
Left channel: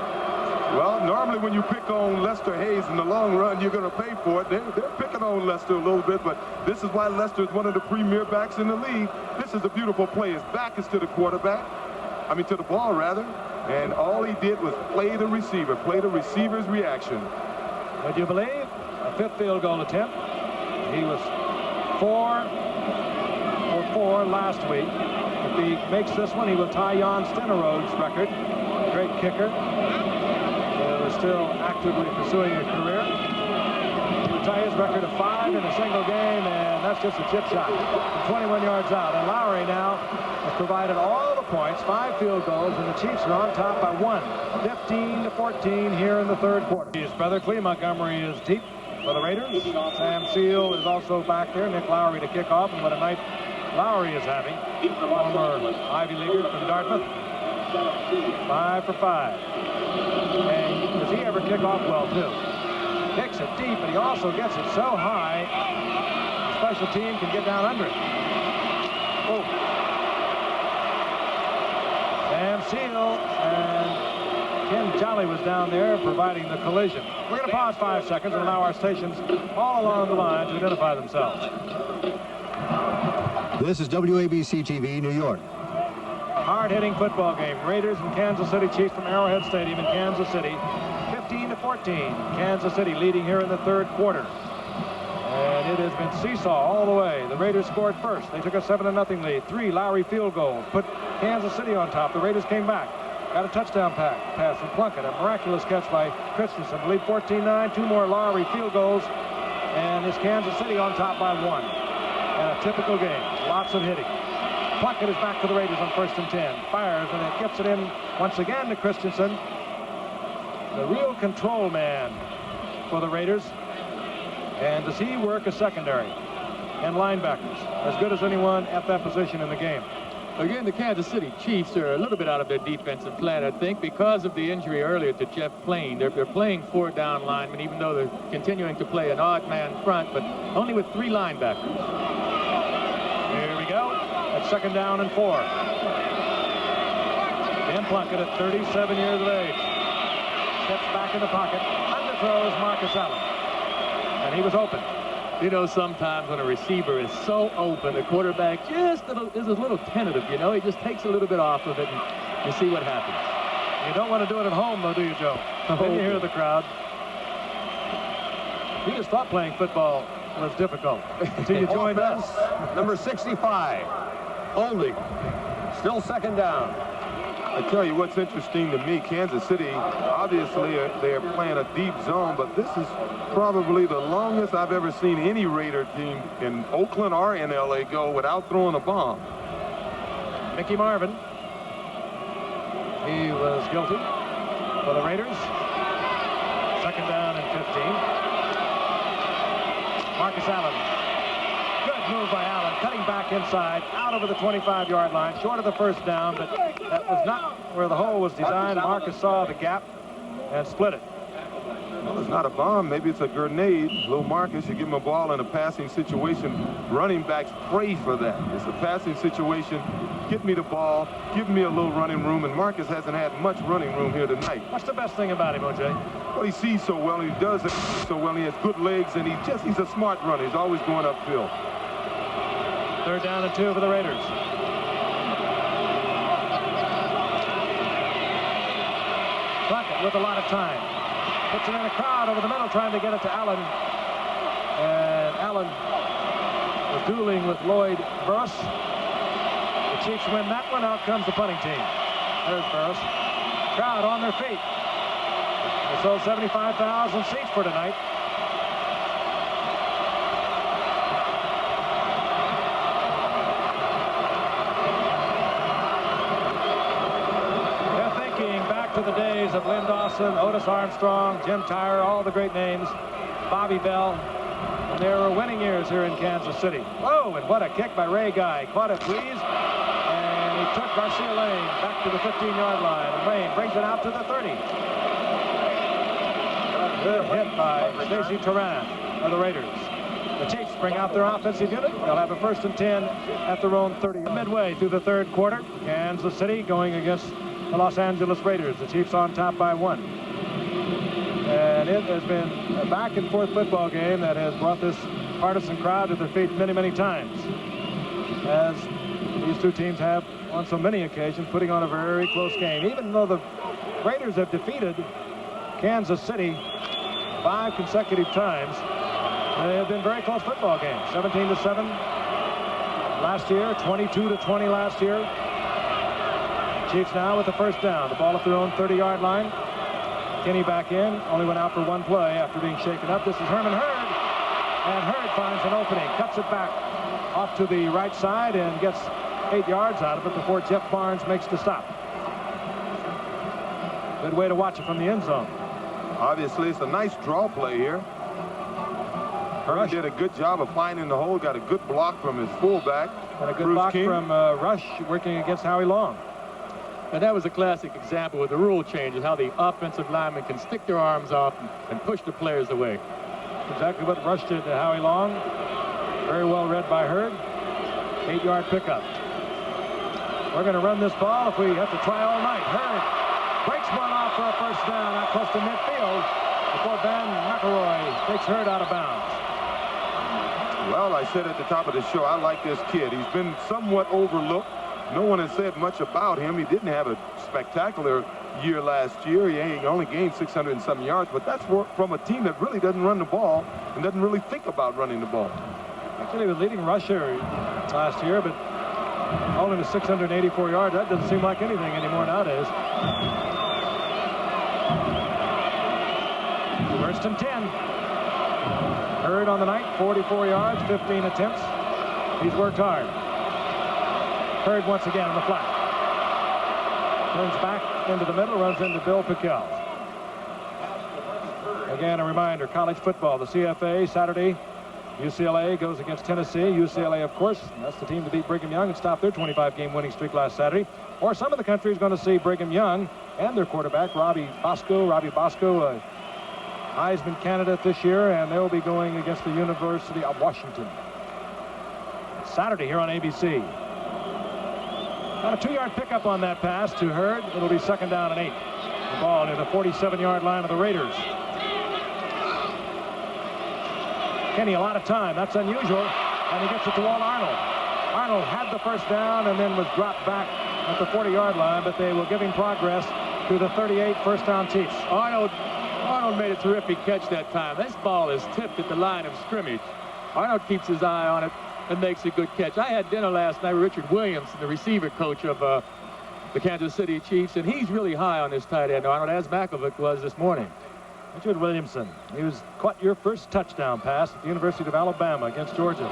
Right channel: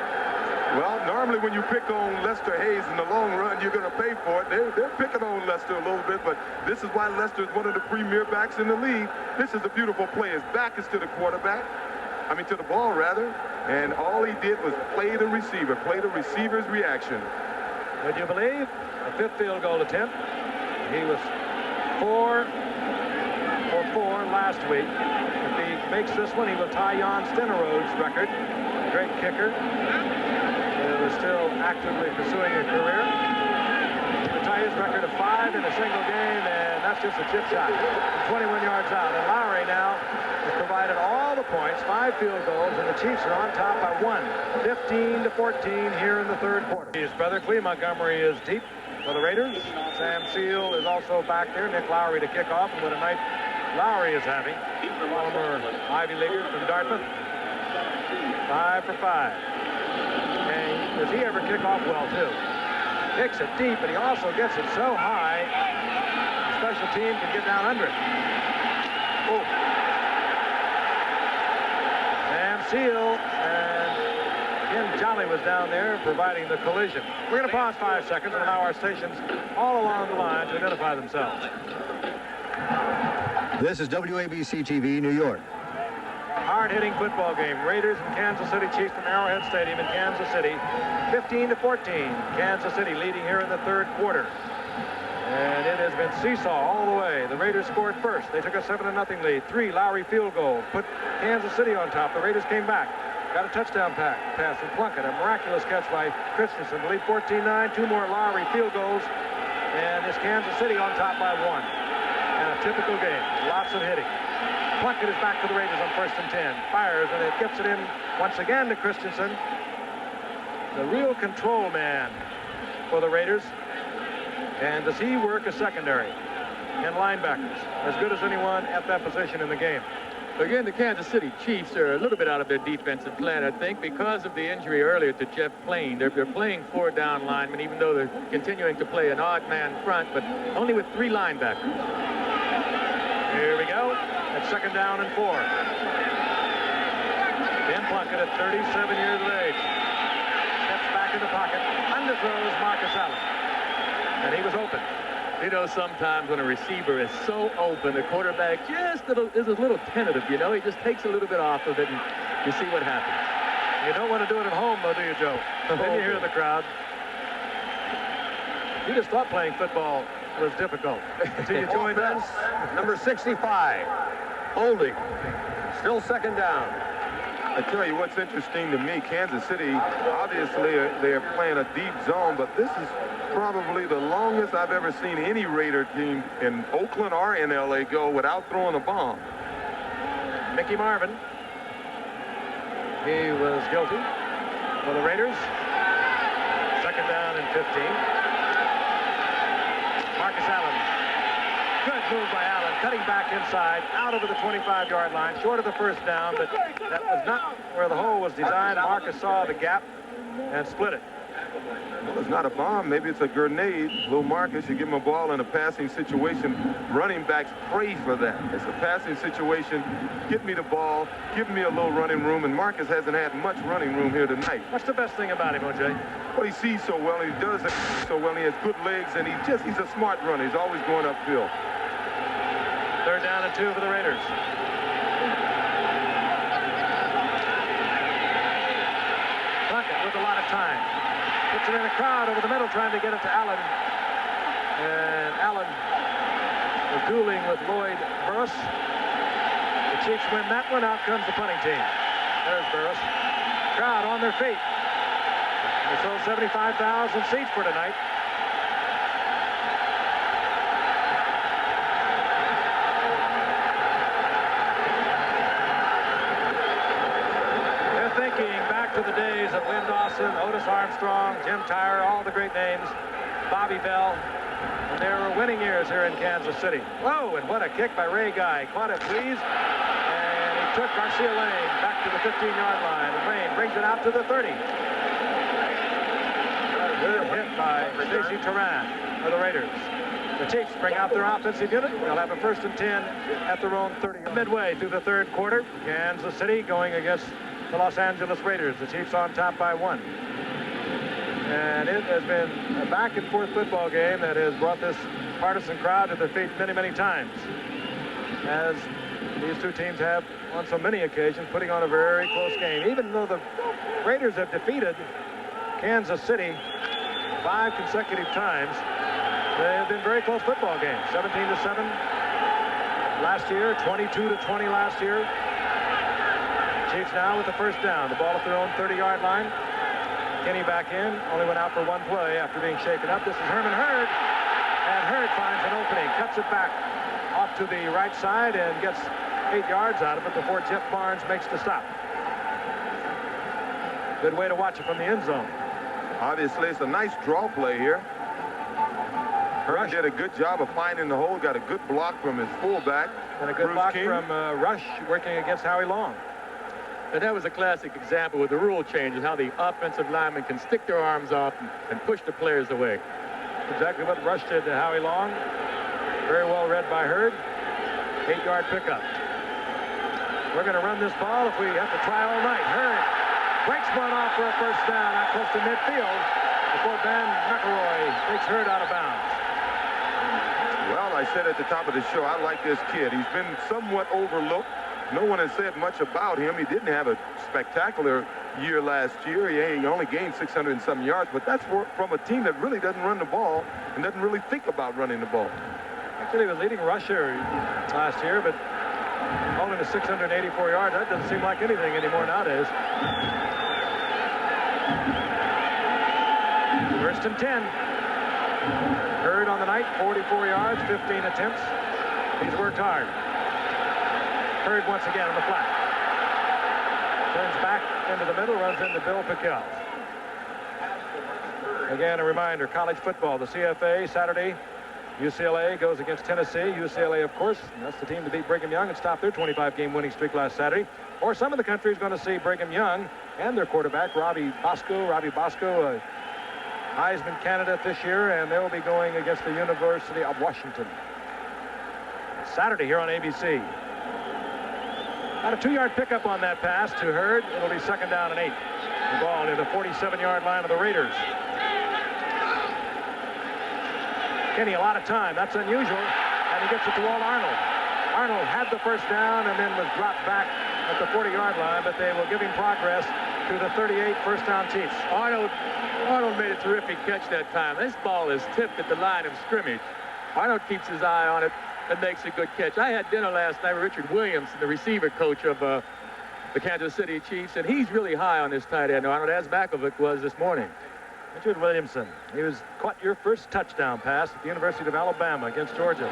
Well, normally when you pick on Lester Hayes in the long run, you're going to pay for it. They're picking on Lester a little bit, but this is why Lester is one of the premier backs in the league. This is a beautiful play. His back is to the quarterback. I mean, to the ball, rather. And all he did was play the receiver, play the receiver's reaction. Would you believe? A 5th field goal attempt. He was 4 for 4 last week. If he makes this one, he will tie Jan Stenerode's record. Great kicker. He was still actively pursuing a career. He would tie his record of 5 in a single game, and that's just a chip shot from 21 yards out. And Lowry now has provided all the points, 5 field goals, and the Chiefs are on top by 1, 15-14 here in the third quarter. His brother Clee Montgomery is deep for the Raiders. Sam Seal is also back there. Nick Lowry to kick off, and what a night Lowry is having. Former Ivy Leaguer from Dartmouth. 5 for 5. And does he ever kick off well, too? Kicks it deep, but he also gets it so high, the special team can get down under it. Oh. Sam Seal and Ken Jolly was down there providing the collision. We're going to pause 5 seconds and allow our stations all along the line to identify themselves. This is WABC TV, New York. Hard-hitting football game. Raiders and Kansas City Chiefs from Arrowhead Stadium in Kansas City. 15-14. Kansas City leading here in the third quarter. And it has been seesaw all the way. The Raiders scored first. They took a 7-0 lead. 3 Lowry field goals put Kansas City on top. The Raiders came back. Got a touchdown pass from Plunkett. A miraculous catch by Christensen to lead 14-9. 2 more Lowry field goals. And it's Kansas City on top by 1. And a typical game. Lots of hitting. Plunkett is back to the Raiders on 1st and 10. Fires, and it gets it in once again to Christensen. The real control man for the Raiders. And does he work a secondary and linebackers as good as anyone at that position in the game? Again, the Kansas City Chiefs are a little bit out of their defensive plan, I think, because of the injury earlier to Jeff Plain. They're playing 4 down linemen, even though they're continuing to play an odd man front, but only with 3 linebackers. Here we go. At 2nd down and 4. Dan Plunkett at 37 years of age. Steps back in the pocket. Underthrows Marcus Allen. And he was open. You know, sometimes when a receiver is so open, the quarterback just is a little tentative, you know. He just takes a little bit off of it, and you see what happens. You don't want to do it at home, though, do you, Joe? Then you hear the crowd. You just thought playing football was difficult until you joined us. Number 65. Holding. Still 2nd down. I tell you what's interesting to me, Kansas City, obviously they're playing a deep zone, but this is probably the longest I've ever seen any Raider team in Oakland or in LA go without throwing a bomb. Mickey Marvin. He was guilty for the Raiders. Second down and 15. Marcus Allen. Good move by Allen, cutting back inside, out over the 25-yard line, short of the first down, but that was not where the hole was designed. Marcus saw the gap and split it. Well, it's not a bomb. Maybe it's a grenade. Little Marcus, you give him a ball in a passing situation. Running backs pray for that. It's a passing situation. Get me the ball. Give me a little running room. And Marcus hasn't had much running room here tonight. What's the best thing about him, O.J.? Well, he sees so well, and he does it so well. And he has good legs, and he's a smart runner. He's always going upfield. Third down and 2 for the Raiders. Plunkett with a lot of time. Puts it in a crowd over the middle, trying to get it to Allen. And Allen was dueling with Lloyd Burris. The Chiefs win that one. Out comes the punting team. There's Burris. Crowd on their feet. They sold 75,000 seats for tonight. To the days of Lynn Dawson, Otis Armstrong, Jim Tyre, all the great names, Bobby Bell, and there were winning years here in Kansas City. Whoa, and what a kick by Ray Guy. Caught it Breeze, and he took Garcia Lane back to the 15-yard line, and Lane brings it out to the 30. Good hit by Stacey Turan of the Raiders. The Chiefs bring out their offensive unit. They'll have a 1st and 10 at their own 30. Midway through the third quarter, Kansas City going against the Los Angeles Raiders. The Chiefs on top by 1. And it has been a back-and-forth football game that has brought this partisan crowd to their feet many, many times, as these two teams have on so many occasions, putting on a very close game. Even though the Raiders have defeated Kansas City 5 consecutive times, they have been very close football games. 17-7 last year, 22-20 last year. Chiefs now with the first down. The ball at their own 30-yard line. Kenny back in. Only went out for 1 play after being shaken up. This is Herman Hurd. And Hurd finds an opening. Cuts it back off to the right side and gets 8 yards out of it before Jeff Barnes makes the stop. Good way to watch it from the end zone. Obviously, it's a nice draw play here. Hurd did a good job of finding the hole. Got a good block from his fullback. And a good Bruce block King. from Rush working against Howie Long. And that was a classic example with the rule changes, how the offensive linemen can stick their arms off and push the players away. Exactly what Rush did to Howie Long. Very well read by Hurd. 8-yard pickup. We're going to run this ball if we have to try all night. Hurd breaks one off for a first down out close to midfield before Ben McElroy takes Hurd out of bounds. Well, I said at the top of the show, I like this kid. He's been somewhat overlooked. No one has said much about him. He didn't have a spectacular year last year. He only gained 600 and some yards, but that's from a team that really doesn't run the ball and doesn't really think about running the ball. Actually, he was leading rusher last year, but only to 684 yards. That doesn't seem like anything anymore nowadays. 1st and 10. Hurd on the night, 44 yards, 15 attempts. He's worked hard. Hurd once again on the flat. Turns back into the middle, runs into Bill Pickell. Again, a reminder, college football, the CFA, Saturday, UCLA goes against Tennessee. UCLA, of course, that's the team to beat Brigham Young and stop their 25-game winning streak last Saturday. Or some of the country is going to see Brigham Young and their quarterback, Robbie Bosco, a Heisman candidate this year, and they'll be going against the University of Washington. Saturday here on ABC. Got a 2-yard pickup on that pass to Hurd. It'll be 2nd down and 8. The ball near the 47-yard line of the Raiders. Kenny, a lot of time. That's unusual. And he gets it to Walt Arnold. Arnold had the first down and then was dropped back at the 40-yard line, but they will give him progress to the 38, first down Chiefs. Arnold made a terrific catch that time. This ball is tipped at the line of scrimmage. Arnold keeps his eye on it and makes a good catch. I had dinner last night with Richard Williams, the receiver coach of the Kansas City Chiefs, and he's really high on this tight end, Arnold, as Makovic was this morning. Richard Williamson. He caught your first touchdown pass at the University of Alabama against Georgia.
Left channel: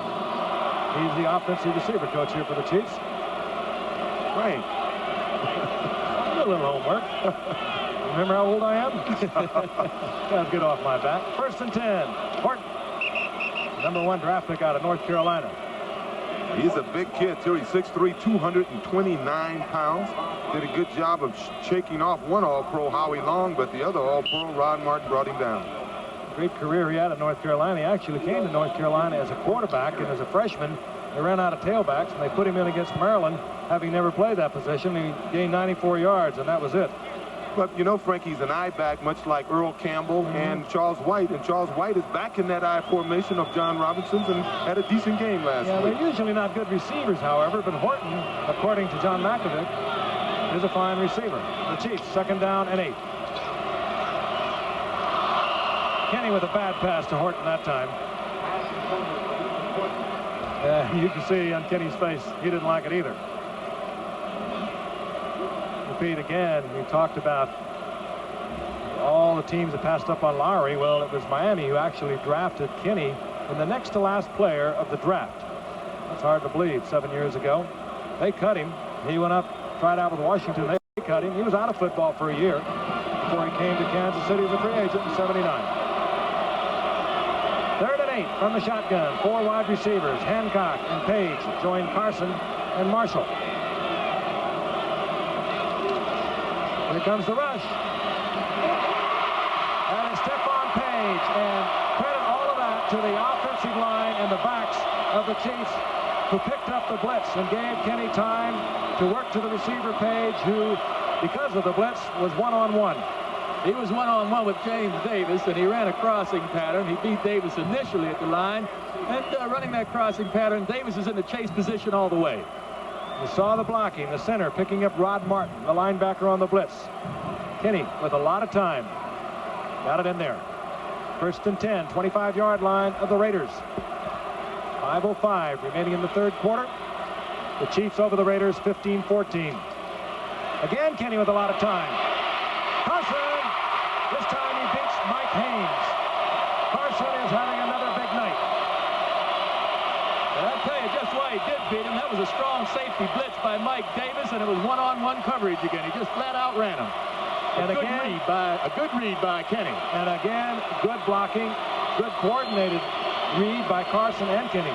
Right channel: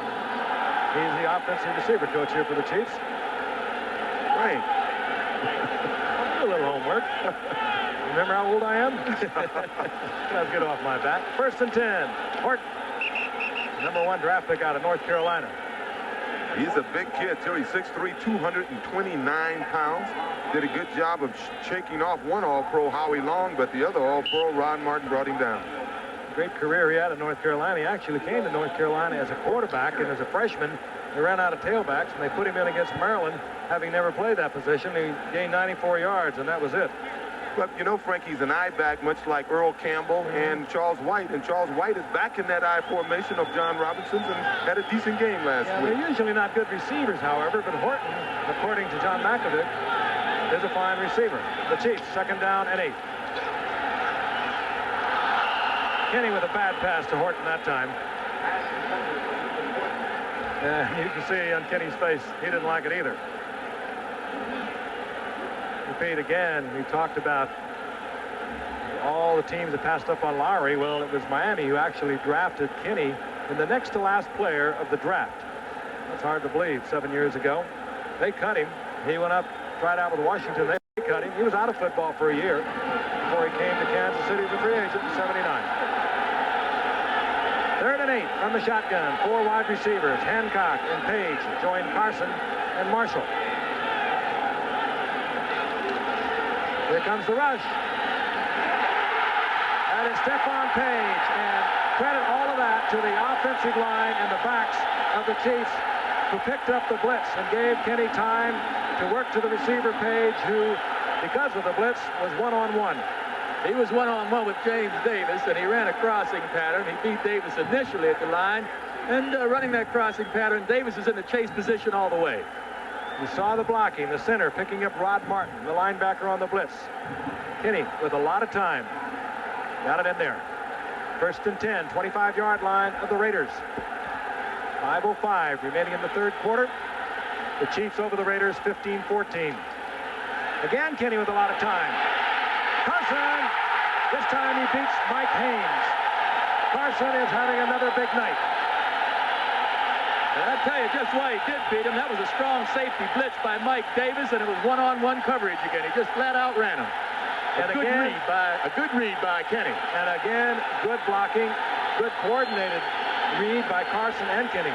He's the offensive receiver coach here for the Chiefs. Frank. Do a little homework. Remember how old I am? Gotta get off my back. 1st and 10. Horton. #1 draft pick out of North Carolina. He's a big kid, too. He's 6'3", 229 pounds. Did a good job of shaking off one All-Pro, Howie Long, but the other All-Pro, Rod Martin, brought him down. Great career he had at North Carolina. He actually came to North Carolina as a quarterback, and as a freshman, they ran out of tailbacks, and they put him in against Maryland, having never played that position. He gained 94 yards, and that was it. But, you know, Frank, he's an I-back, much like Earl Campbell and Charles White. And Charles White is back in that I formation of John Robinson's and had a decent game last week. They're usually not good receivers, however, but Horton, according to John Makovic, is a fine receiver. The Chiefs, 2nd down and 8. Kenny with a bad pass to Horton that time. You can see on Kenny's face, he didn't like it either. Repeat again, we talked about all the teams that passed up on Lowry. Well, it was Miami who actually drafted Kenny in the next to last player of the draft. That's hard to believe. 7 years ago, they cut him. He went up, tried out with Washington. They cut him. He was out of football for a year before he came to Kansas City as a free agent in '79. 3rd and 8 from the shotgun. 4 wide receivers. Hancock and Page join Carson and Marshall. Here comes the rush. That is Stephon Page, and credit all of that to the offensive line and the backs of the Chiefs, who picked up the blitz and gave Kenny time to work to the receiver Page, who, because of the blitz, was one-on-one. He was one-on-one with James Davis, and he ran a crossing pattern. He beat Davis initially at the line, and running that crossing pattern, Davis is in the chase position all the way. You saw the blocking, the center picking up Rod Martin, the linebacker on the blitz. Kenny with a lot of time. Got it in there. 1st and 10, 25-yard line of the Raiders. 5:05 remaining in the 3rd quarter. The Chiefs over the Raiders 15-14. Again, Kenny with a lot of time. Carson, this time he beats Mike Haynes. Carson is having another big night. And I'll tell you just why he did beat him. That was a strong safety blitz by Mike Davis, and it was one-on-one coverage again. He just flat out ran him. And a good read by Kenny. And again, good blocking, good coordinated read by Carson and Kenny.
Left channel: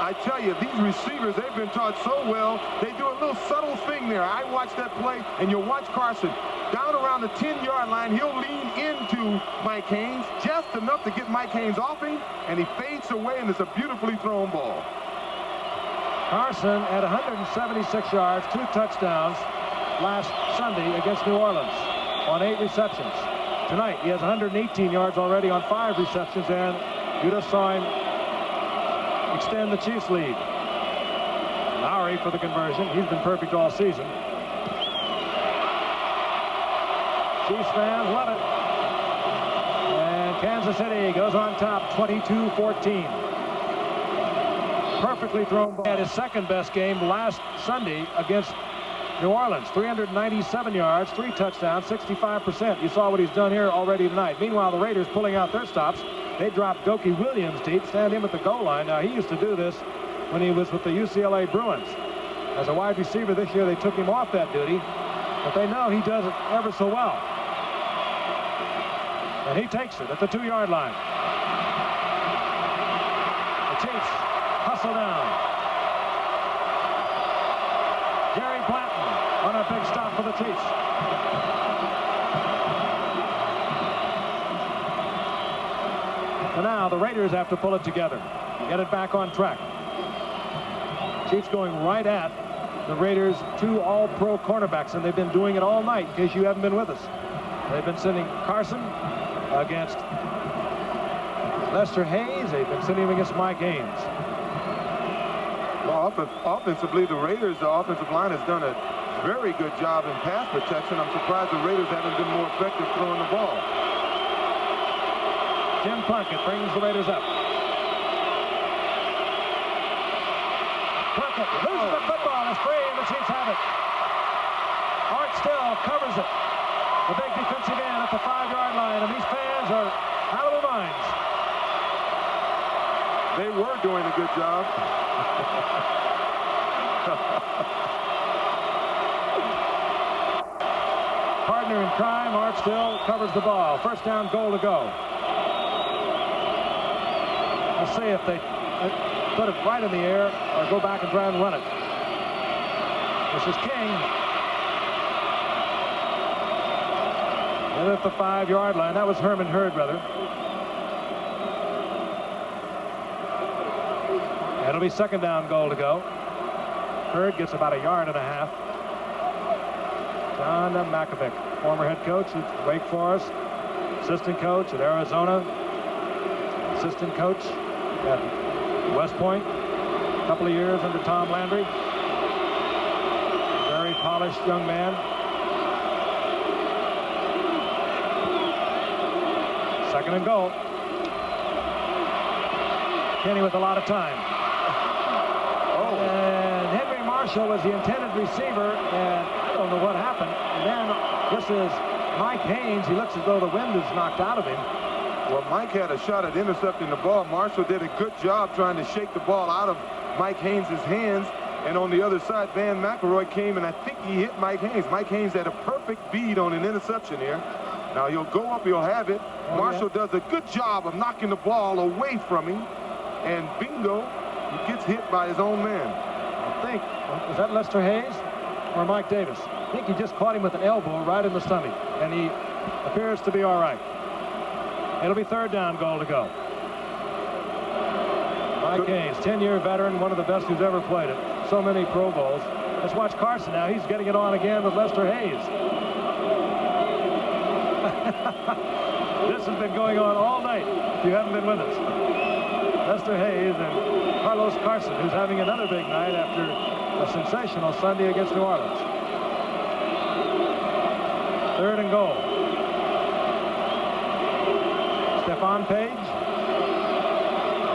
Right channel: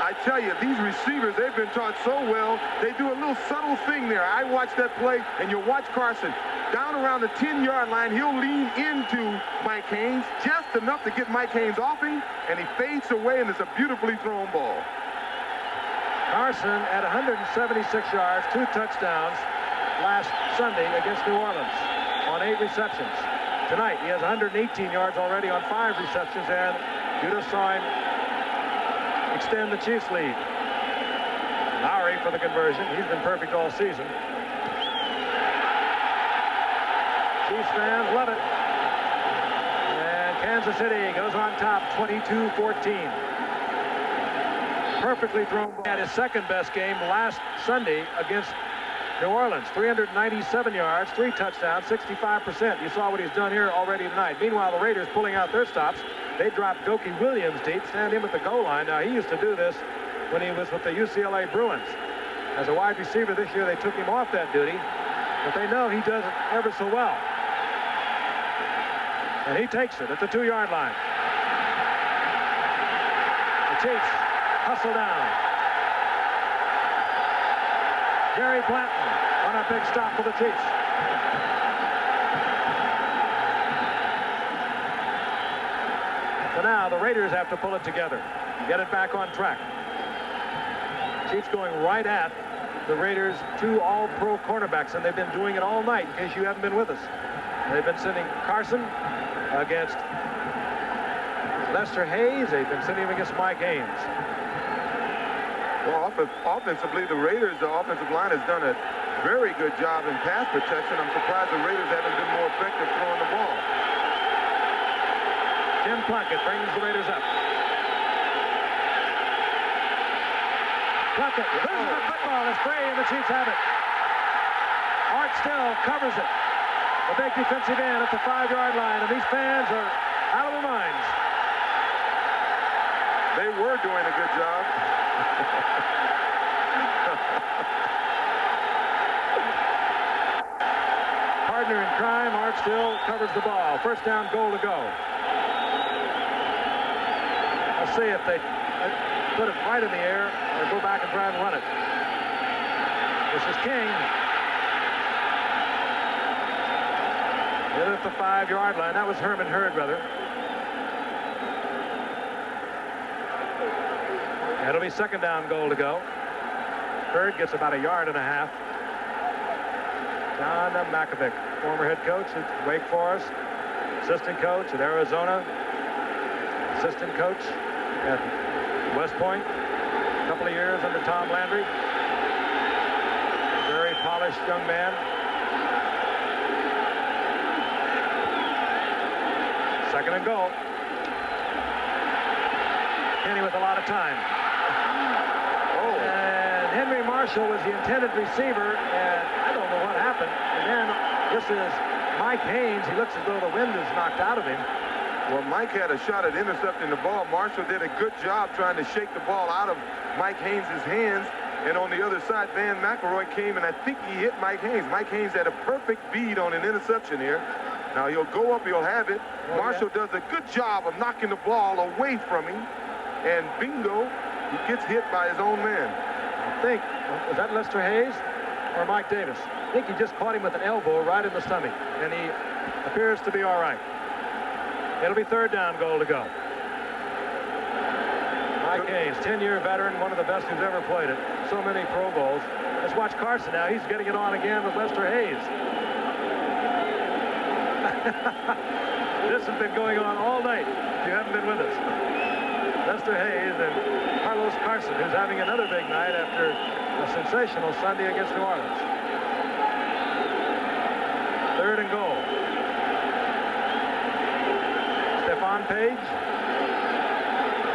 I tell you, these receivers, they've been taught so well. They do a little subtle thing there. I watched that play, and you watch Carson down around the 10-yard line. He'll lean into Mike Haynes just enough to get Mike Haynes off him, and he fades away, and it's a beautifully thrown ball. Carson at 176 yards, 2 touchdowns last Sunday against New Orleans on 8 receptions. Tonight, he has 118 yards already on 5 receptions, and you just saw him extend the Chiefs' lead. Lowry for the conversion. He's been perfect all season. Chiefs fans love it. And Kansas City goes on top 22-14. Perfectly thrown ball. Had his 2nd best game last Sunday against New Orleans. 397 yards, 3 touchdowns, 65%. You saw what he's done here already tonight. Meanwhile, the Raiders pulling out their stops. They dropped Dokie Williams deep, stand him at the goal line. Now, he used to do this when he was with the UCLA Bruins. As a wide receiver this year, they took him off that duty, but they know he does it ever so well. And he takes it at the 2-yard line. The Chiefs hustle down. Jerry Blanton on a big stop for the Chiefs. So now the Raiders have to pull it together, get it back on track. Chiefs going right at the Raiders' 2 all-pro cornerbacks, and they've been doing it all night, in case you haven't been with us. They've been sending Carson against Lester Hayes. They've been sending him against Mike Haynes. Well, offensively, the Raiders' offensive line has done a very good job in pass protection. I'm surprised the Raiders haven't been more effective throwing the ball. Jim Plunkett brings the Raiders up. Plunkett loses the football. It's free, and the Chiefs have it. Art Still covers it. The big defensive end at the 5-yard line, and these fans are out of their minds. They were doing a good job. Partner in crime, Art Still covers the ball. First down, goal to go. Let's see if they put it right in the air or go back and try and run it. This is King. Hit at the 5-yard line. That was Herman Hurd, brother. It'll be second down, goal to go. Hurd gets about 1.5 yards. John Makovic, former head coach at Wake Forest, assistant coach at Arizona, assistant coach at West Point, a couple of years under Tom Landry. Very polished young man. Second and goal. Kenny with a lot of time. Oh. And Henry Marshall was the intended receiver, and I don't know what happened. And then this is Mike Haynes. He looks as though the wind is knocked out of him. Well, Mike had a shot at intercepting the ball. Marshall did a good job trying to shake the ball out of Mike Haynes' hands. And on the other side, Van McElroy came, and I think he hit Mike Haynes. Mike Haynes had a perfect bead on an interception here. Now he'll go up, he'll have it. Marshall does a good job of knocking the ball away from him. And bingo, he gets hit by his own man. I think, was that Lester Hayes or Mike Davis? I think he just caught him with an elbow right in the stomach, and he appears to be all right. It'll be third down, goal to go. Mike Haynes, 10-year veteran, one of the best who's ever played it. So many Pro Bowls. Let's watch Carson now. He's getting it on again with Lester Hayes. This has been going on all night, if you haven't been with us. Lester Hayes and Carlos Carson, who's having another big night after a sensational Sunday against New Orleans. Third and goal. Stephon Page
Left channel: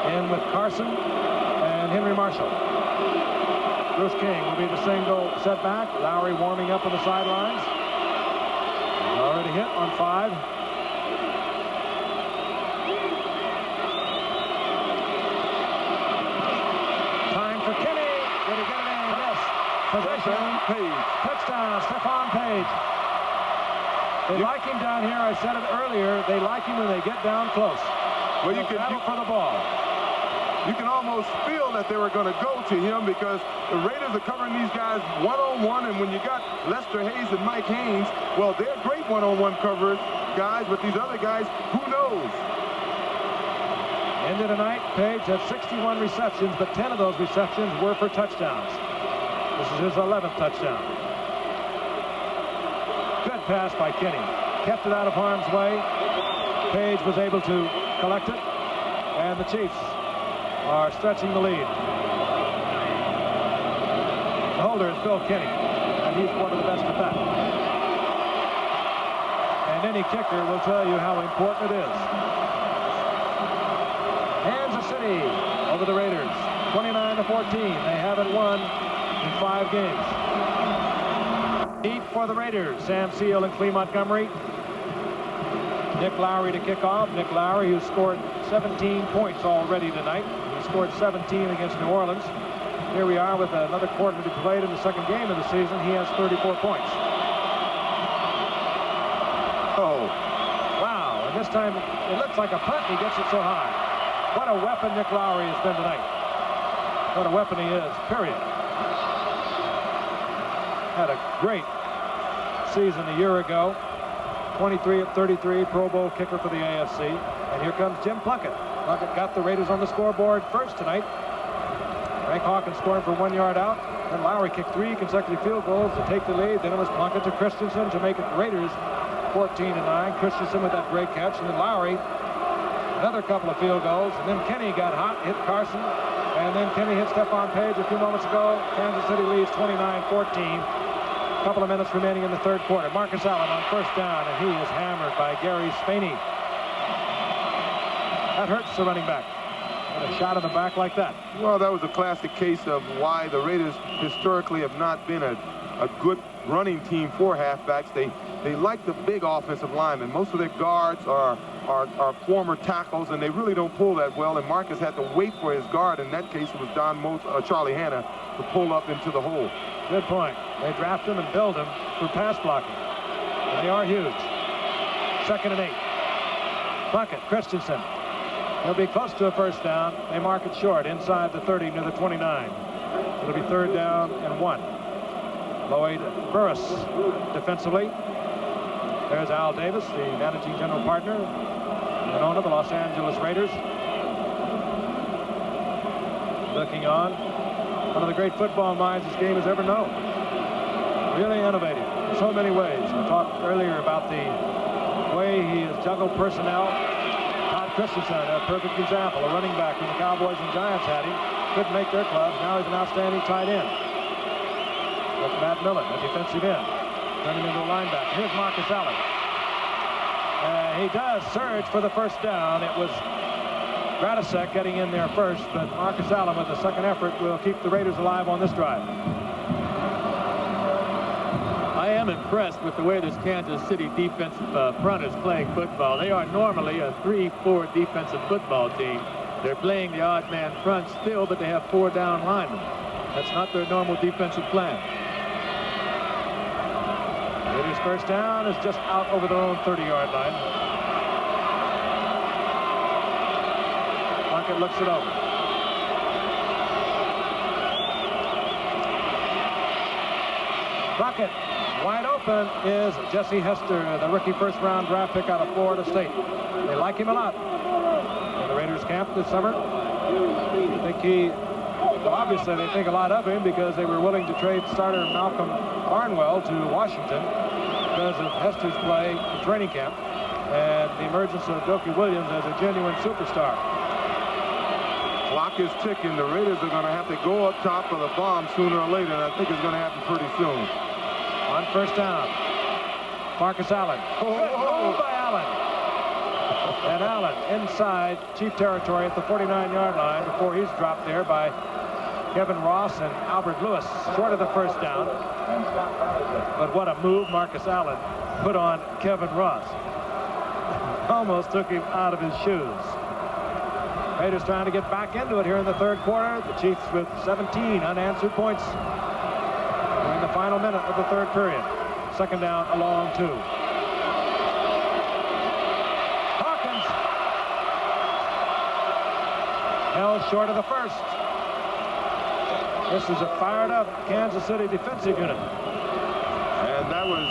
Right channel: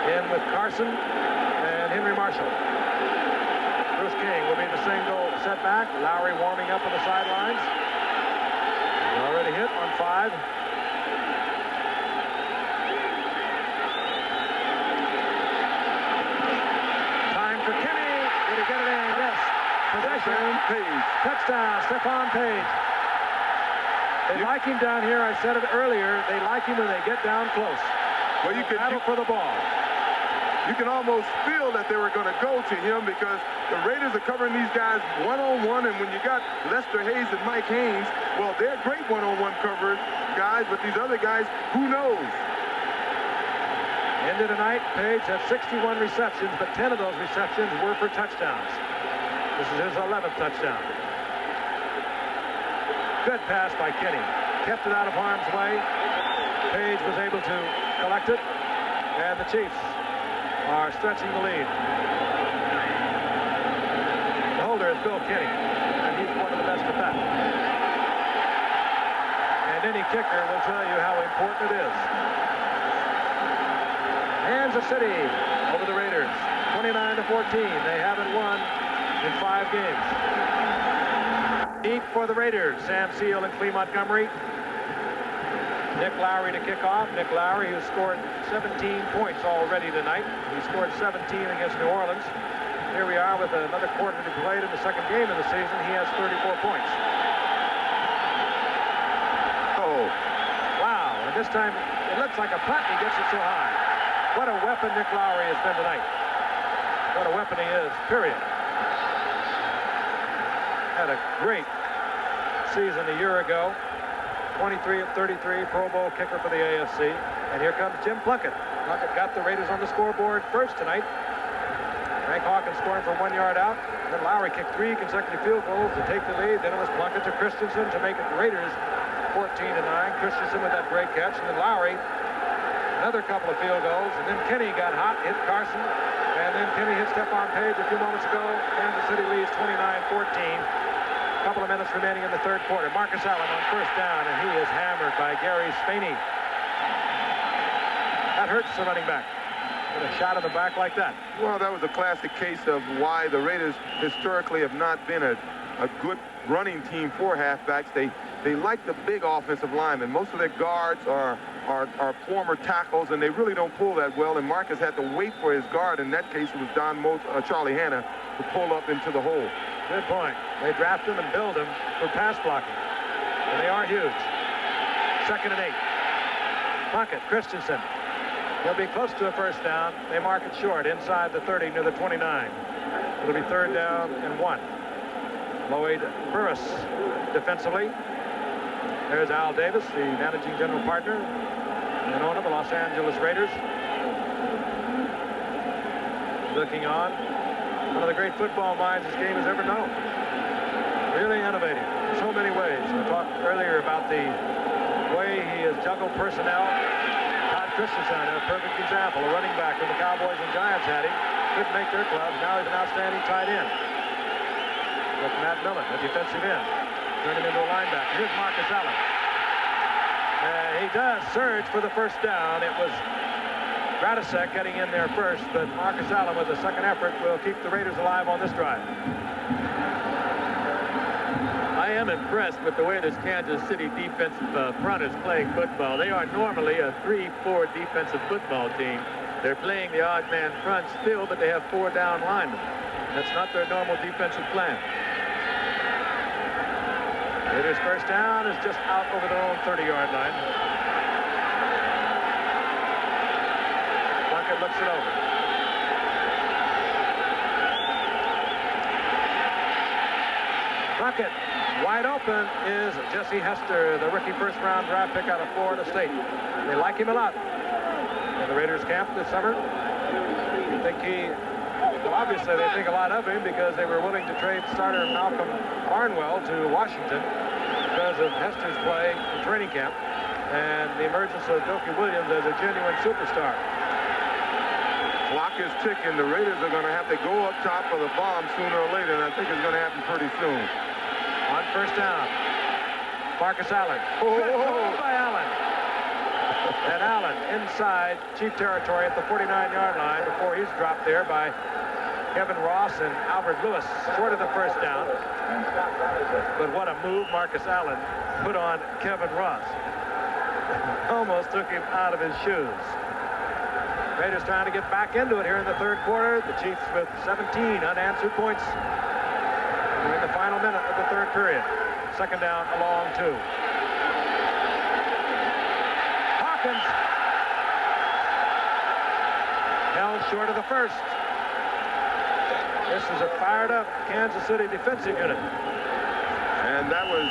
in with Carson and Henry Marshall. Bruce King will be the same goal setback. Lowry warming up on the sidelines. He's already hit on 5. Time for Kenny. Did he get it in? Yes. Possession. Page. Touchdown, Stephon Page. They like him down here. I said it earlier. They like him when they get down close. Well, you can battle for the ball. You can almost feel that they were going to go to him because the Raiders are covering these guys one-on-one, and when you got Lester Hayes and Mike Haynes, well, they're great one-on-one coverage guys, but these other guys, who knows? End of the night, Page had 61 receptions, but 10 of those receptions were for touchdowns. This is his 11th touchdown. Good pass by Kenny. Kept it out of harm's way. Page was able to collect it, and the Chiefs are stretching the lead. The holder is Bill Kenny, and he's one of the best at that. And any kicker will tell you how important it is. Kansas City over the Raiders, 29-14. They haven't won in 5 games. Deep for the Raiders, Sam Seal and Clee Montgomery. Nick Lowry to kick off. Nick Lowry, who scored 17 points already tonight. He scored 17 against New Orleans. Here we are with another quarter to be played in the second game of the season. He has 34 points. Oh. Wow, and this time it looks like a punt. He gets it so high. What a weapon Nick Lowry has been tonight. What a weapon he is, period. Had a great season a year ago. 23 of 33, Pro Bowl kicker for the AFC. And here comes Jim Plunkett. Plunkett got the Raiders on the scoreboard first tonight. Frank Hawkins scoring for 1 yard out. Then Lowry kicked 3 consecutive field goals to take the lead. Then it was Plunkett to Christensen to make it Raiders 14-9. Christensen with that great catch. And then Lowry, another couple of field goals. And then Kenny got hot, hit Carson. And then Kenny hit Stephon Page a few moments ago. Kansas City leads 29-14. A couple of minutes remaining in the third quarter. Marcus Allen on first down, and he is hammered by Gary Spaney. That hurts the running back. With a shot in the back like that. Well, that was a classic case of why the Raiders historically have not been a good running team for halfbacks. They like the big offensive linemen. Most of their guards are former tackles, and they really don't pull that well. And Marcus had to wait for his guard. In that case, it was Charlie Hanna to pull up into the hole. Good point. They draft him and build him for pass blocking. And they are huge. 2nd and 8. Plunkett, Christensen. He'll be close to a first down. They mark it short inside the 30 near the 29. It'll be 3rd down and 1. Lloyd Burris defensively. There's Al Davis, the managing general partner and owner of the Los Angeles Raiders. Looking on. One of the great football minds this game has ever known. Really innovative in so many ways. I talked earlier about the way he has juggled personnel. Todd Christensen, a perfect example. A running back when the Cowboys and Giants had him. Couldn't make their clubs. Now he's an outstanding tight end. With Matt Millen, a defensive end. Turned him into a linebacker. Here's Marcus Allen. He does surge for the first down. It was Radisek getting in there first, but Marcus Allen with a second effort will keep the Raiders alive on this drive. I am impressed with the way this Kansas City defensive front is playing football. They are normally a 3-4 defensive football team. They're playing the odd man front still, but they have 4 down linemen. That's not their normal defensive plan. Raiders' first down is just out over their own 30-yard line. Plunkett looks it over. Plunkett wide open is Jesse Hester, the rookie first-round draft pick out of Florida State. They like him a lot in the Raiders camp this summer. Well, obviously they think a lot of him because they were willing to trade starter Malcolm Barnwell to Washington because of Hester's play in training camp and the emergence of Dokie Williams as a genuine superstar. Clock is ticking. The Raiders are going to have to go up top of the bomb sooner or later, and I think it's going to happen pretty soon. On first down, Marcus Allen. Good move by Allen. And Allen inside Chief territory at the 49-yard line before he's dropped there by Kevin Ross and Albert Lewis, short of the first down. But what a move Marcus Allen put on Kevin Ross. Almost took him out of his shoes. Raiders trying to get back into it here in the 3rd quarter. The Chiefs with 17 unanswered points during the final minute of the 3rd period. 2nd down, a long 2. Hawkins held short of the first. This is a fired-up Kansas City defensive unit. And that was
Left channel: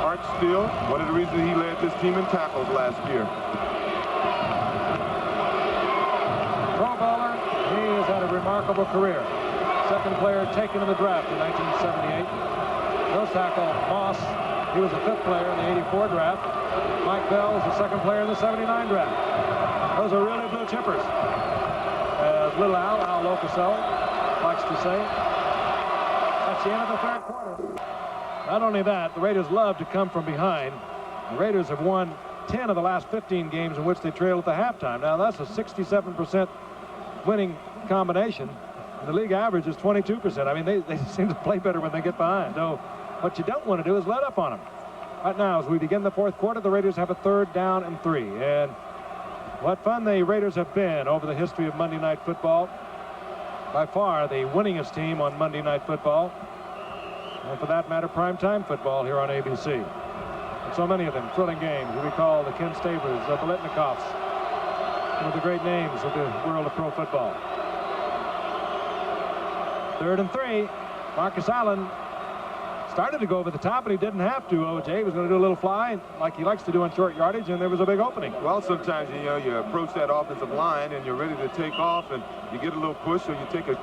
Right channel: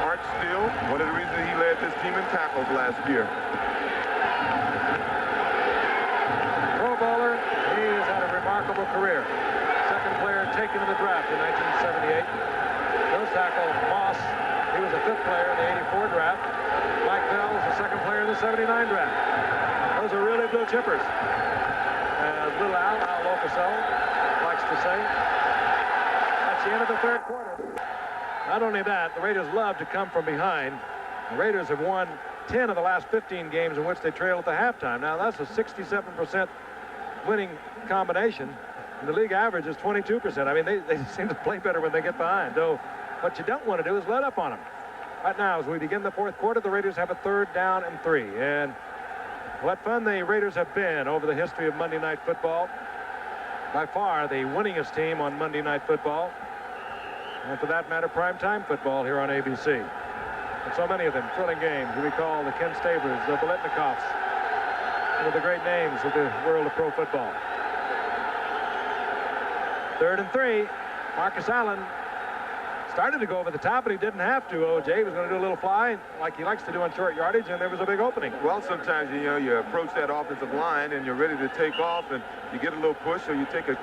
Art Steele, one of the reasons he led this team in tackles last year. Pro bowler, he has had a remarkable career. 2nd player taken in the draft in 1978. Nose tackle Moss, he was a 5th player in the 84 draft. Mike Bell was the 2nd player in the 79 draft. Those are really blue chippers. As little Al Locasell likes to say. That's the end of the 3rd quarter. Not only that, the Raiders love to come from behind. The Raiders have won 10 of the last 15 games in which they trailed at the halftime. Now that's a 67% winning combination. And the league average is 22%. I mean, they seem to play better when they get behind. Though what you don't want to do is let up on them. Right now, as we begin the 4th quarter, the Raiders have a 3rd down and 3. And what fun the Raiders have been over the history of Monday Night Football. By far the winningest team on Monday Night Football. And for that matter, primetime football here on ABC. And so many of them, thrilling games. You recall the Ken Stabers, the Biletnikoffs, one of the great names of the world of pro football. 3rd and 3. Marcus Allen started to go over the top, but he didn't have to. O.J. was going to do a little fly like he likes to do on short yardage, and there was a big opening. Well, sometimes, you know, you approach that offensive line and you're ready to take off, and you get a little push, or you take a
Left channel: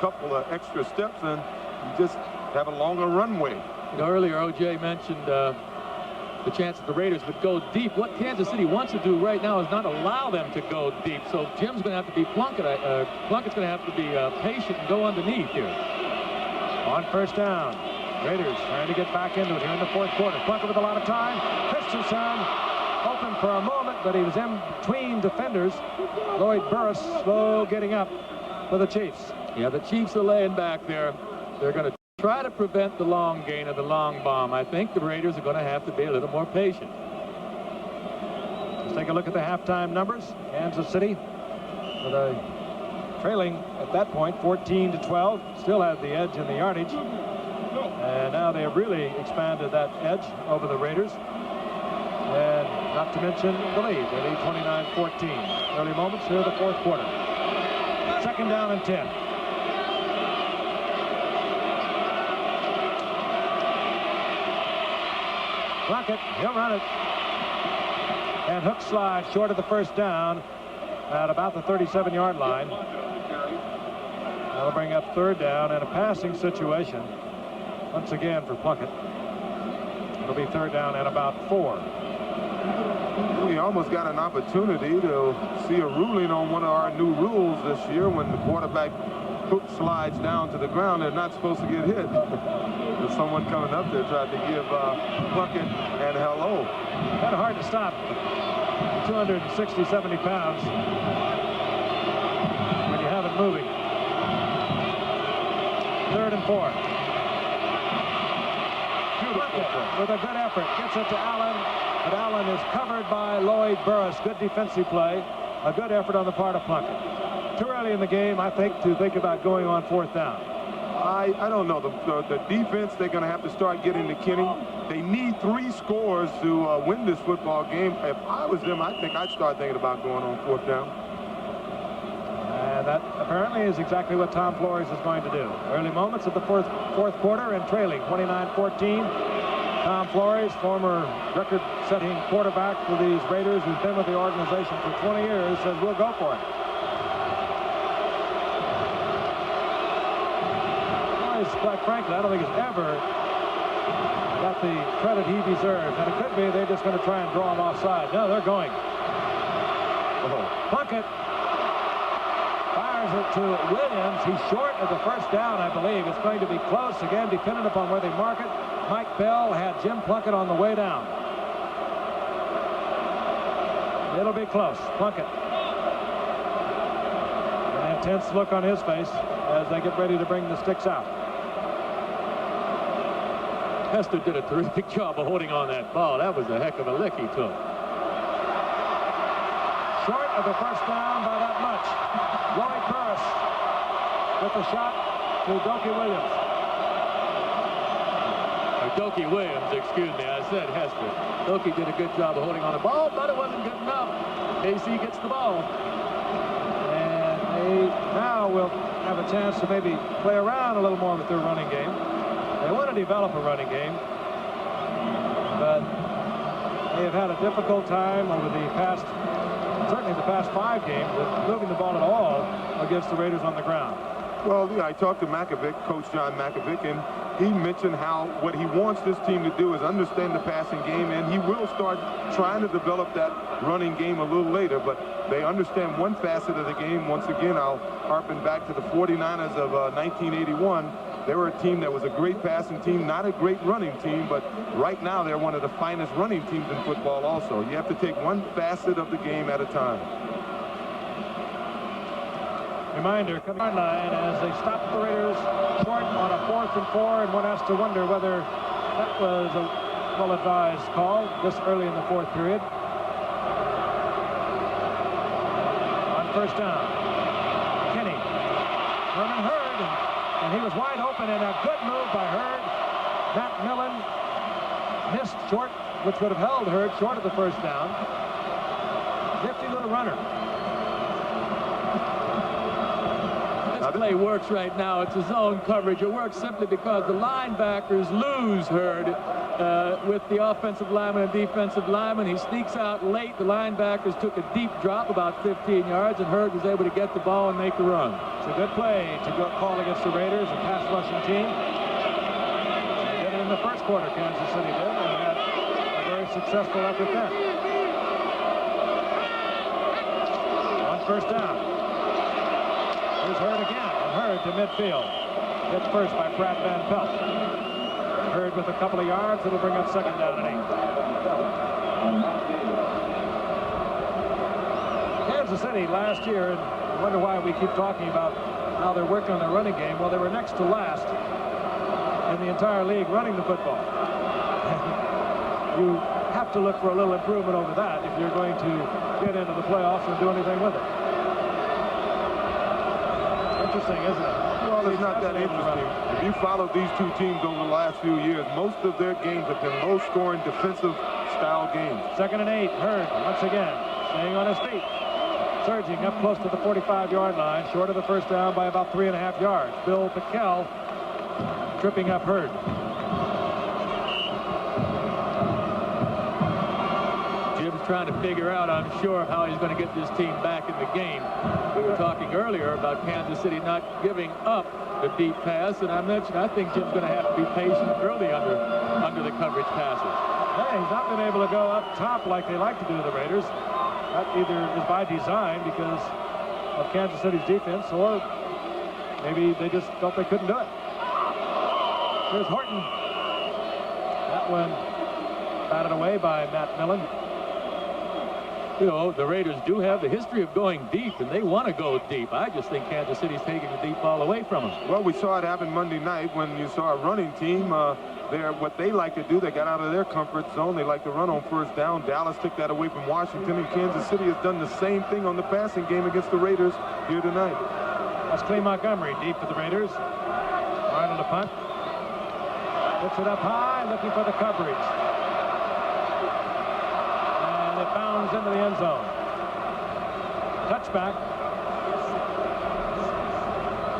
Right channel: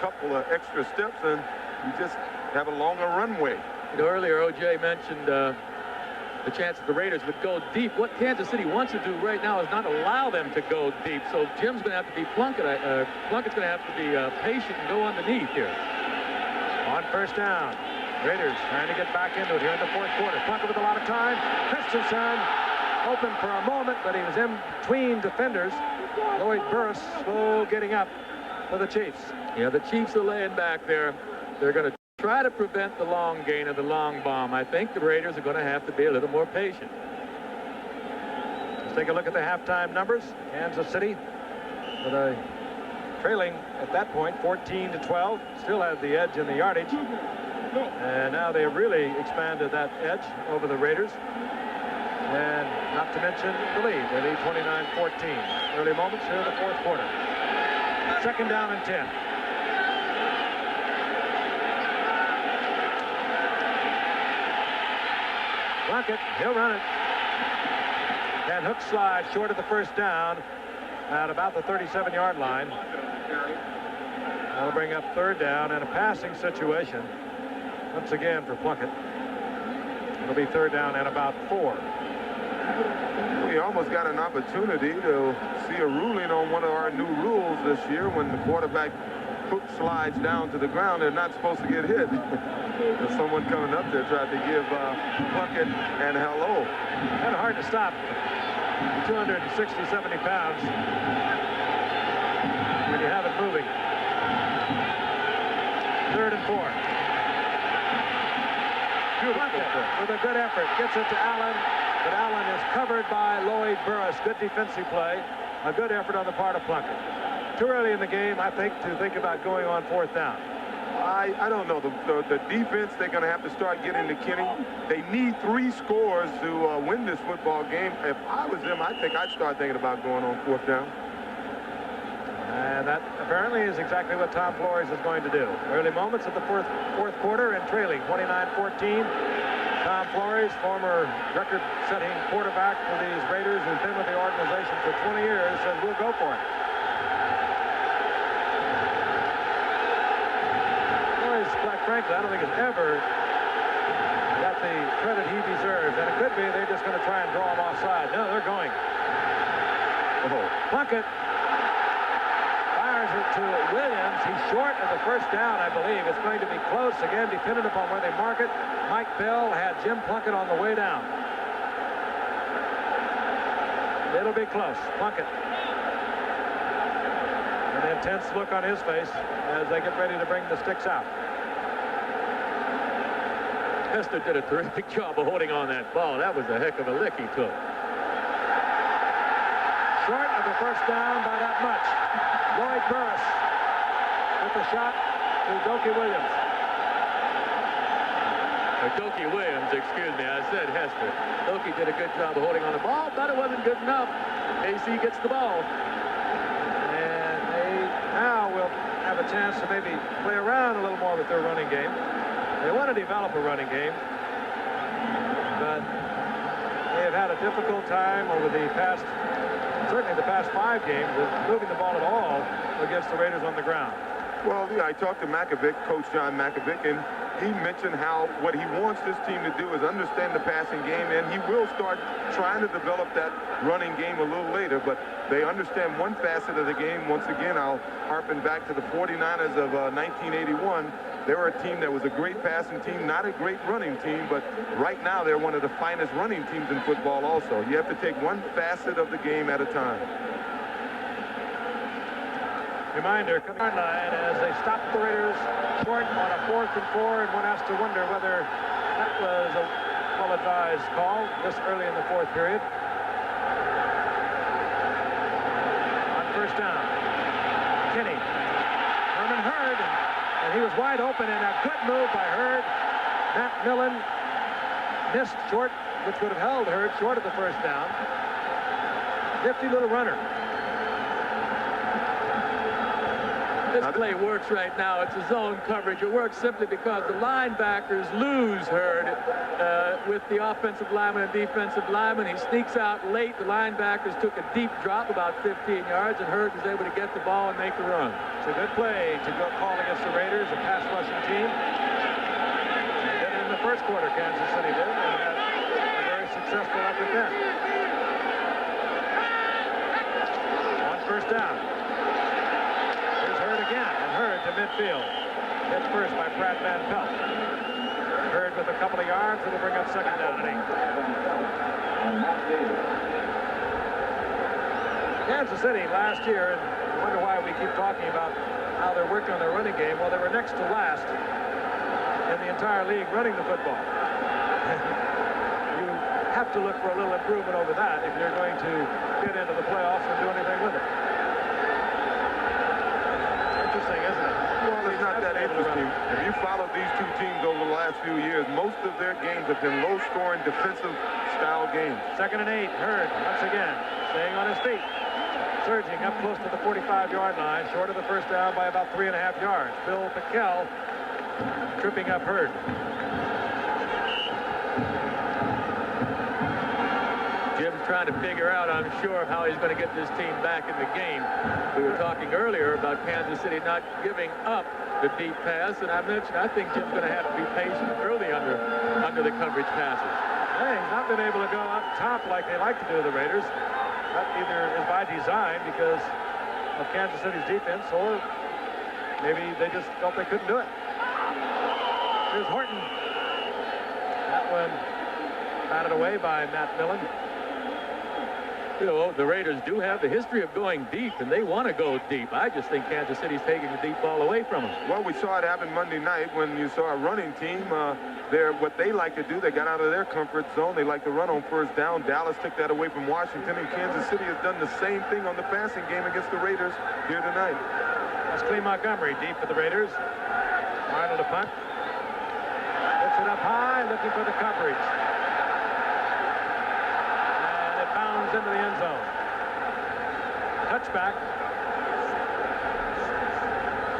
couple of extra steps, and you just have a longer runway. You know, earlier O.J. mentioned the chance that the Raiders would go deep. What Kansas City wants to do right now is not allow them to go deep. So Jim's going to have to be Plunkett's going to have to be patient and go underneath here. On first down, Raiders trying to get back into it here in the 4th quarter. Plunkett with a lot of time. Christensen open for a moment, but he was in between defenders. Lloyd Burris slow getting up for the Chiefs. Yeah, the Chiefs are laying back there. They're going to try to prevent the long gain or the long bomb. I think the Raiders are going to have to be a little more patient. Let's take a look at the halftime numbers. Kansas City with a trailing at that point 14-12, still had the edge in the yardage, and now they have really expanded that edge over the Raiders, and not to mention the lead. They lead 29-14. Early moments here in the fourth quarter. Second down and 10. Plunkett, he'll run it. And hook slide short of the first down at about the 37-yard line. That'll bring up third down and a passing situation once again for Plunkett. It'll be third down and about 4. We almost got an opportunity to see a ruling on one of our new rules this year. When the quarterback hook slides down to the ground, they're not supposed to get hit. There's someone coming up there tried to give Plunkett and hello. Kind of hard to stop. 260, 70 pounds when you have it moving. Third and 4. Plunkett with a good effort gets it to Allen, but Allen is covered by Lloyd Burris. Good defensive play. A good effort on the part of Plunkett. Too early in the game, I think, to think about going on fourth down. I don't know. The defense, they're going to have to start getting to Kenny. They need 3 scores to win this football game. If I was them, I think I'd start thinking about going on fourth down. And that apparently is exactly what Tom Flores is going to do. Early moments of the fourth quarter and trailing 29-14. Tom Flores, former record-setting quarterback for these Raiders, who's been with the organization for 20 years, says we'll go for it. Quite frankly, I don't think he's ever got the credit he deserves, and it could be they're just going to try and draw him offside. No, they're going. Plunkett fires it to Williams. He's short of the first down, I believe. It's going to be close again, dependent upon where they mark it. Mike Bell had Jim Plunkett on the way down. It'll be close. Plunkett. An intense look on his face as they get ready to bring the sticks out. Hester did a terrific job of holding on that ball. That was a heck of a lick he took. Short of the first down by that much. Lloyd Burris with the shot to Dokie Williams. Dokie Williams, excuse me, I said Hester. Dokie did a good job of holding on the ball, but it wasn't good enough. AC gets the ball. And they now will have a chance to maybe play around a little more with their running game. They want to develop a running game, but they have had a difficult time over the past, certainly the past 5 games, with moving the ball at all against the Raiders on the ground. Well, yeah, I talked to Mackovic, Coach John Mackovic, and he mentioned how what he wants this team to do is understand the passing game, and he will start trying to develop that running game a little later, but they understand one facet of the game. Once again, I'll harpen back to the 49ers of 1981. They were a team that was a great passing team, not a great running team, but right now they're one of the finest running teams in football also. You have to take one facet of the game at a time. Reminder, coming on line as they stop the Raiders short on a 4th and 4, and one has to wonder whether that was a well-advised call this early in the 4th period. On first down, Kenny. Herman Hurd, and he was wide open, and a good move by Hurd. Matt Millen missed short, which would have held Hurd short of the first down. Nifty little runner. This play works right now. It's a zone coverage. It works simply because the linebackers lose Hurd with the offensive lineman and defensive lineman. He sneaks out late. The linebackers took a deep drop about 15 yards, and Hurd was able to get the ball and make the run. It's a good play to go call against the Raiders, a pass rushing team. They did it in the first quarter, Kansas City did, and had a very successful effort then. On first down. Here's Hurd again, and Hurd to midfield. Hit first by Pratt Van Pelt. Hurd with a couple of yards. It'll bring up second down and 8. Kansas City last year, and I wonder why we keep talking about how they're working on their running game. Well, they were next to last in the entire league running the football. You have to look for a little improvement over that if you're going to get into the playoffs and do anything with it. Interesting, isn't it? Well, it's not that interesting. If you follow these two teams over the last few years, most of their games have been low-scoring, defensive-style games. 2nd and 8. Hurd once again staying on his feet, surging up close to the 45-yard line, short of the first down by about 3.5 yards. Bill Pickell tripping up Hurd. Jim's trying to figure out, I'm sure, how he's going to get this team back in the game. We were talking earlier about Kansas City not giving up the deep pass, and I mentioned I think Jim's going to have to be patient early under the coverage passes. Hey, he's not been able to go up top like they like to do, the Raiders. That either is by design because of Kansas City's defense, or maybe they just felt they couldn't do it. Here's Horton. That one batted away by Matt Millen. You know, the Raiders do have the history of going deep, and they want to go deep. I just think Kansas City's taking the deep ball away from them. Well, we saw it happen Monday night when you saw a running team. What they like to do, they got out of their comfort zone. They like to run on first down. Dallas took that away from Washington, and Kansas City has done the same thing on the passing game against the Raiders here tonight. That's Clay Montgomery deep for the Raiders. Arnold to punt. Puts it up high, looking for the coverage. And it bounds into the end zone. Touchback.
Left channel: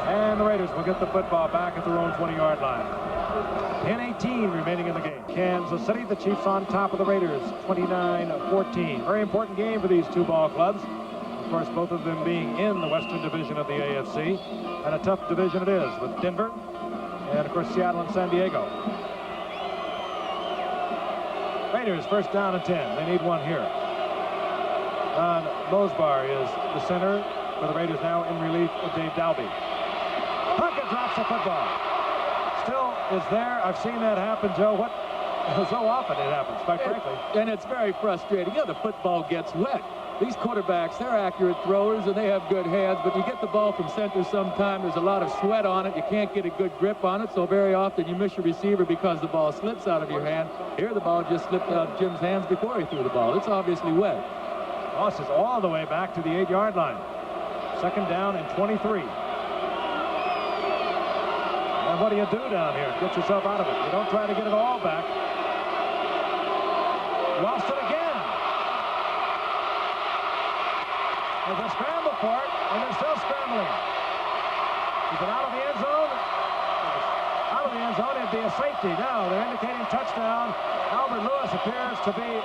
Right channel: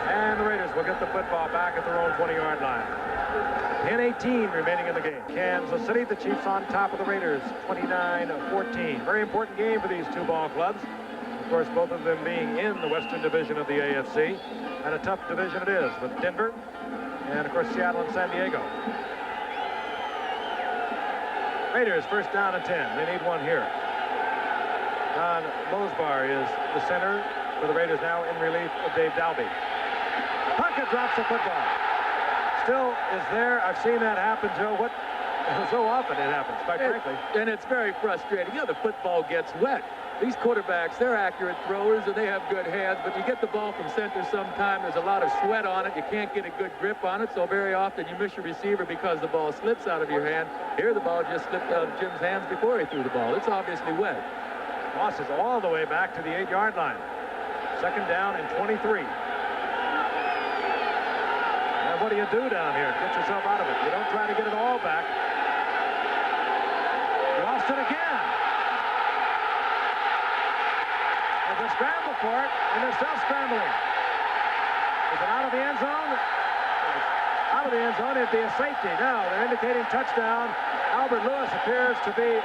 And the Raiders will get the football back at their own 20-yard line. 10:18 remaining in the game. Kansas City, the Chiefs on top of the Raiders, 29-14. Very important game for these two ball clubs. Of course, both of them being in the Western Division of the AFC. And a tough division it is with Denver and, of course, Seattle and San Diego. Raiders first down and 10. They need one here. Don Mosbar is the center for the Raiders now in relief of Dave Dalby. Puckett drops the football. Still is there. I've seen that happen, Joe. So often it happens, quite frankly. And it's very frustrating. You know, the football gets wet. These quarterbacks, they're accurate throwers and they have good hands, but you get the ball from center sometime, there's a lot of sweat on it. You can't get a good grip on it, so very often you miss your receiver because the ball slips out of your hand. Here the ball just slipped out of Jim's hands before he threw the ball. It's obviously wet. Losses all the way back to the 8-yard line. 2nd down and 23. And what do you do down here? Get yourself out of it. You don't try to get it all back. Lost it again. There's a scramble for it, and they're still scrambling. Is it out of the end zone? Out of the end zone, it'd be a safety. Now they're indicating touchdown. Albert Lewis appears to be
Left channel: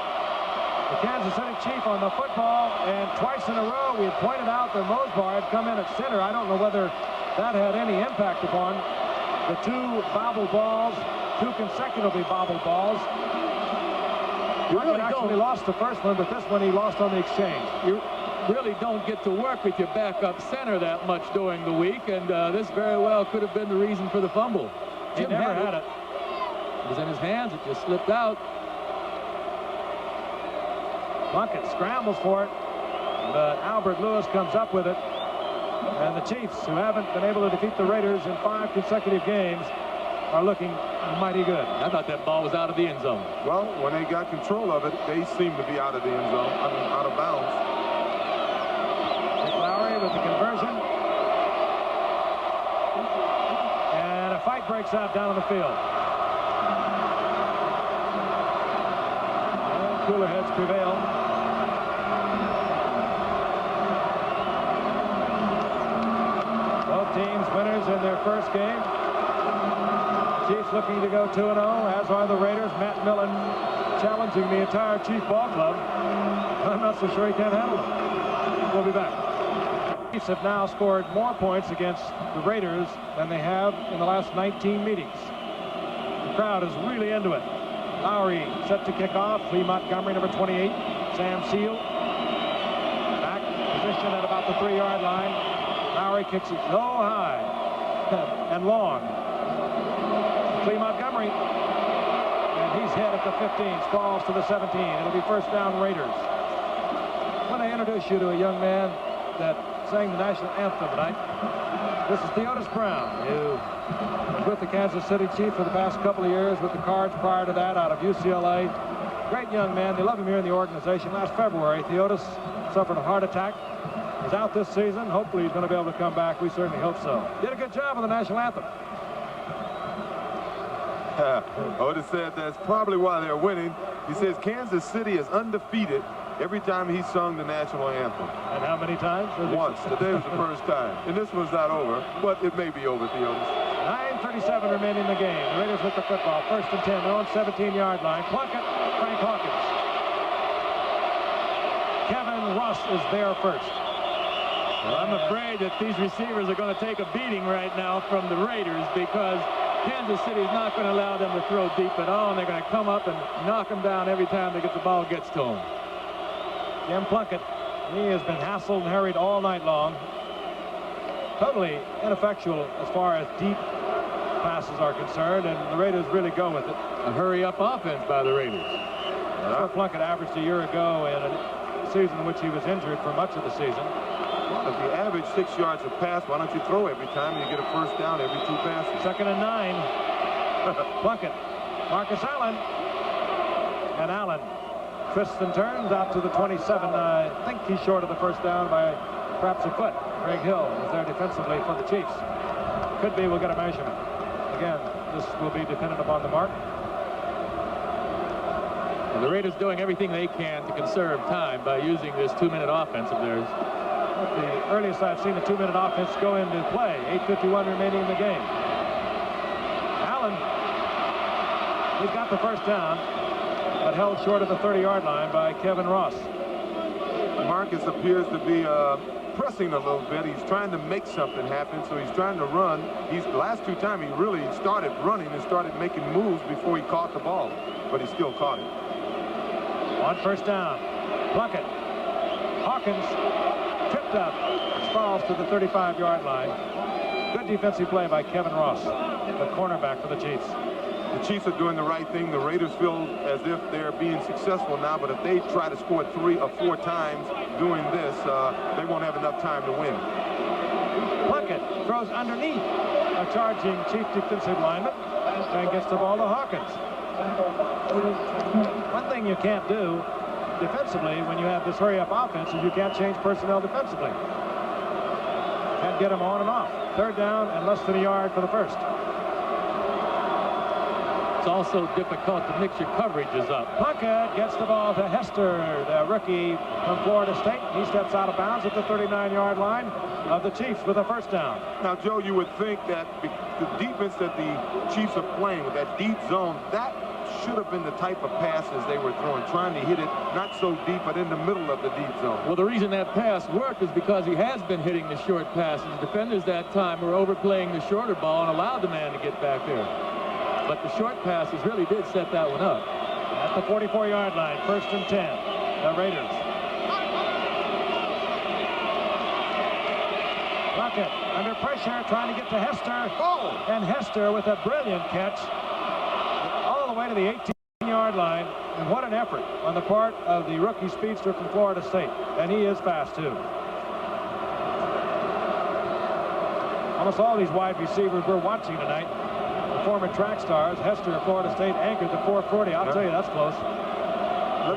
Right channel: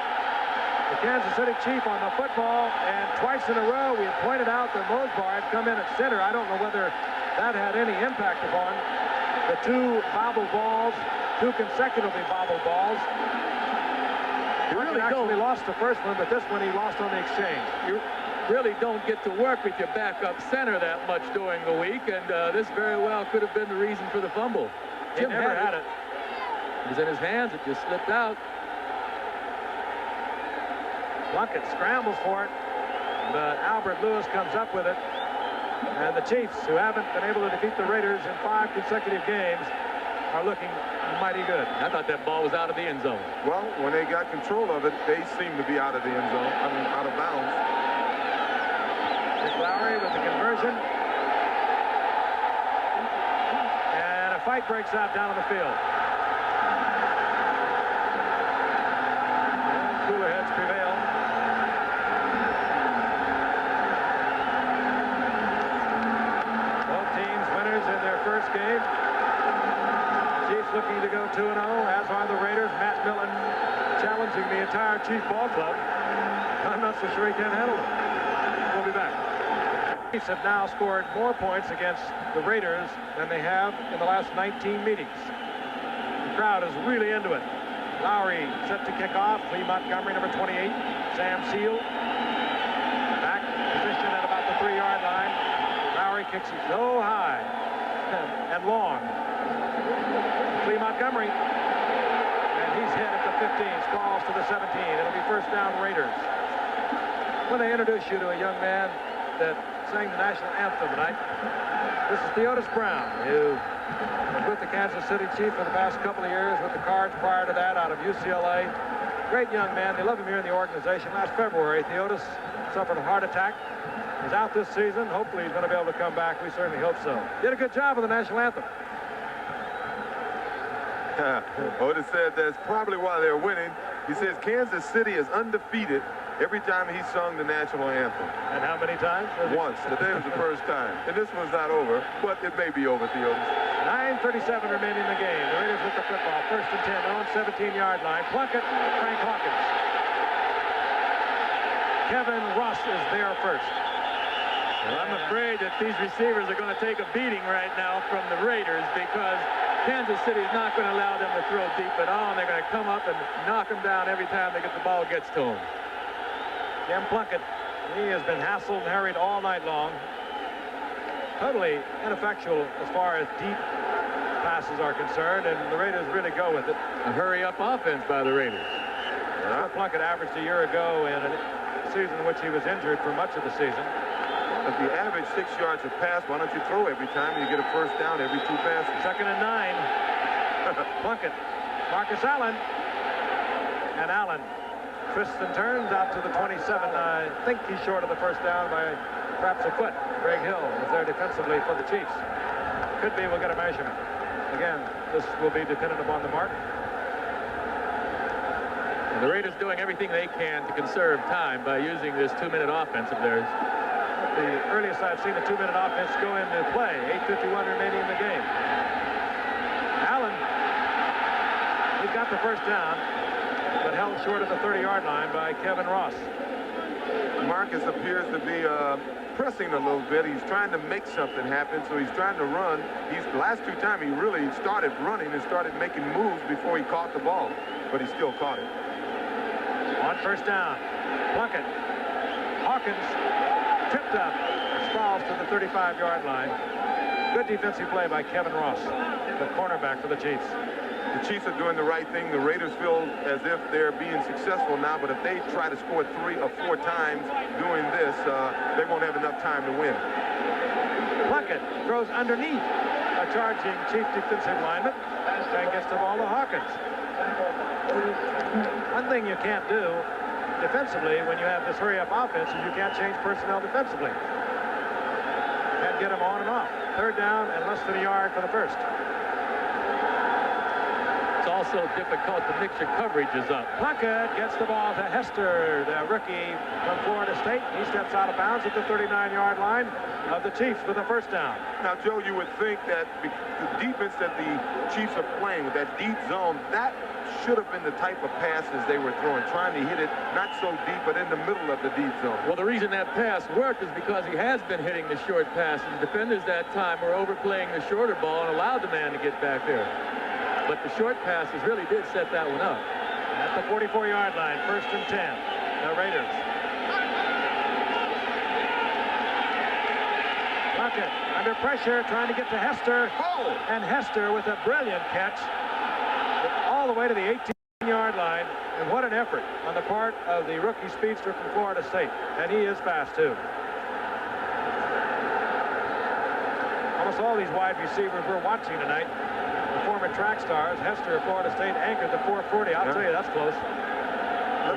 the Kansas City Chief on the football, and twice in a row we had pointed out that Mosbar had come in at center. I don't know whether that had any impact upon the two bobble balls, two consecutively bobble balls. You really actually lost the first one, but this one he lost on the exchange. You really don't get to work with your backup center that much during the week, and this very well could have been the reason for the fumble. Jim never had it. It was in his hands. It just slipped out. Plunkett scrambles for it, but Albert Lewis comes up with it. And the Chiefs, who haven't been able to defeat the Raiders in 5 consecutive games, are looking mighty good. I thought that ball was out of the end zone. Well, when they got control of it, they seem to be out of the end zone. I mean, out of bounds. Nick Lowry with the conversion. And a fight breaks out down on the field. And cooler heads prevail. Both teams winners in their first game. Chiefs looking to go 2-0, as are the Raiders. Matt Millen challenging the entire Chief ball club. I'm not so sure he can handle it. We'll be back. The Chiefs have now scored more points against the Raiders than they have in the last 19 meetings. The crowd is really into it. Lowry set to kick off. Lee Montgomery, number 28. Sam Seal back position at about the 3-yard line. Lowry kicks it so high and long. Lee Montgomery, and he's hit at the 15, sprawls to the 17. It'll be first down Raiders. When they introduce you to a young man that sang the national anthem tonight, This is Theodis Brown, who was with the Kansas City Chiefs for the past couple of years, with the Cards prior to that out of UCLA. Great young man. They love him here in the organization. Last February, Theodis suffered a heart attack. He's out this season. Hopefully he's going to be able to come back. We certainly hope so. Did a good job with the national anthem. Otis said that's probably why they're winning. He says Kansas City is undefeated every time he sung the national anthem. And how many times? Once. Today was the first time. And this one's not over, but it may be over, Theodis. 9:37 remaining in the game. The Raiders with the football. 1st and 10. Their own 17-yard line. Plunkett, Frank Hawkins. Kevin Ross is there first. Well, I'm afraid that these receivers are going to take a beating right now from the Raiders, because Kansas City is not going to allow them to throw deep at all, and they're going to come up and knock them down every time the ball gets to them. Jim Plunkett, he has been hassled and harried all night long. Totally ineffectual as far as deep passes are concerned, and the Raiders really go with it. A hurry-up offense by the Raiders. That's what Plunkett averaged a year ago in a season in which he was injured for much of the season. Well, if you average 6 yards a pass, why don't you throw every time and you get a first down every 2 passes? 2nd and 9. Plunkett, Marcus Allen, and Allen twists and turns out to the 27. I think he's short of the first down by perhaps a foot. Greg Hill is there defensively for the Chiefs. Could be we'll get a measurement. Again, this will be dependent upon the mark. And the Raiders doing everything they can to conserve time by using this 2-minute offense of theirs. The earliest I've seen a 2-minute offense go into play. 8:51 remaining in the game. Allen, he's got the first down, but held short of the 30-yard line by Kevin Ross. Marcus appears to be pressing a little bit. He's trying to make something happen, so he's trying to run. The last 2 times he really started running and started making moves before he caught the ball, but he still caught it. On first down, Plunkett. Hawkins tripped up, falls to the 35-yard line. Good defensive play by Kevin Ross, the cornerback for the Chiefs. The Chiefs are doing the right thing. The Raiders feel as if they're being successful now, but if they try to score 3 or 4 times doing this, they won't have enough time to win. Plunkett throws underneath a charging Chief defensive lineman and gets the ball to Hawkins. One thing you can't do defensively when you have this hurry-up offense is you can't change personnel defensively. Can't get them on and off. 3rd down and less than a yard for the first. It's also difficult to mix your coverages up. Plunkett gets the ball to Hester, the rookie from Florida State. He steps out of bounds at the 39-yard line of the Chiefs with a first down. Now, Joe, you would think that the defense that the Chiefs are playing with, that deep zone, that should have been the type of passes they were throwing, trying to hit it not so deep, but in the middle of the deep zone. Well, the reason that pass worked is because he has been hitting the short passes. The defenders that time were overplaying the shorter ball and allowed the man to get back there. But the short passes really did set that one up. At the 44-yard line, 1st and 10, the Raiders. Plunkett under pressure, trying to get to Hester. Oh! And Hester with a brilliant catch all the way to the 18-yard line. And what an effort on the part of the rookie speedster from Florida State. And he is fast, too. Almost all these wide receivers we're watching tonight, the former track stars. Hester of Florida State anchored the 440. I'll tell you, that's close.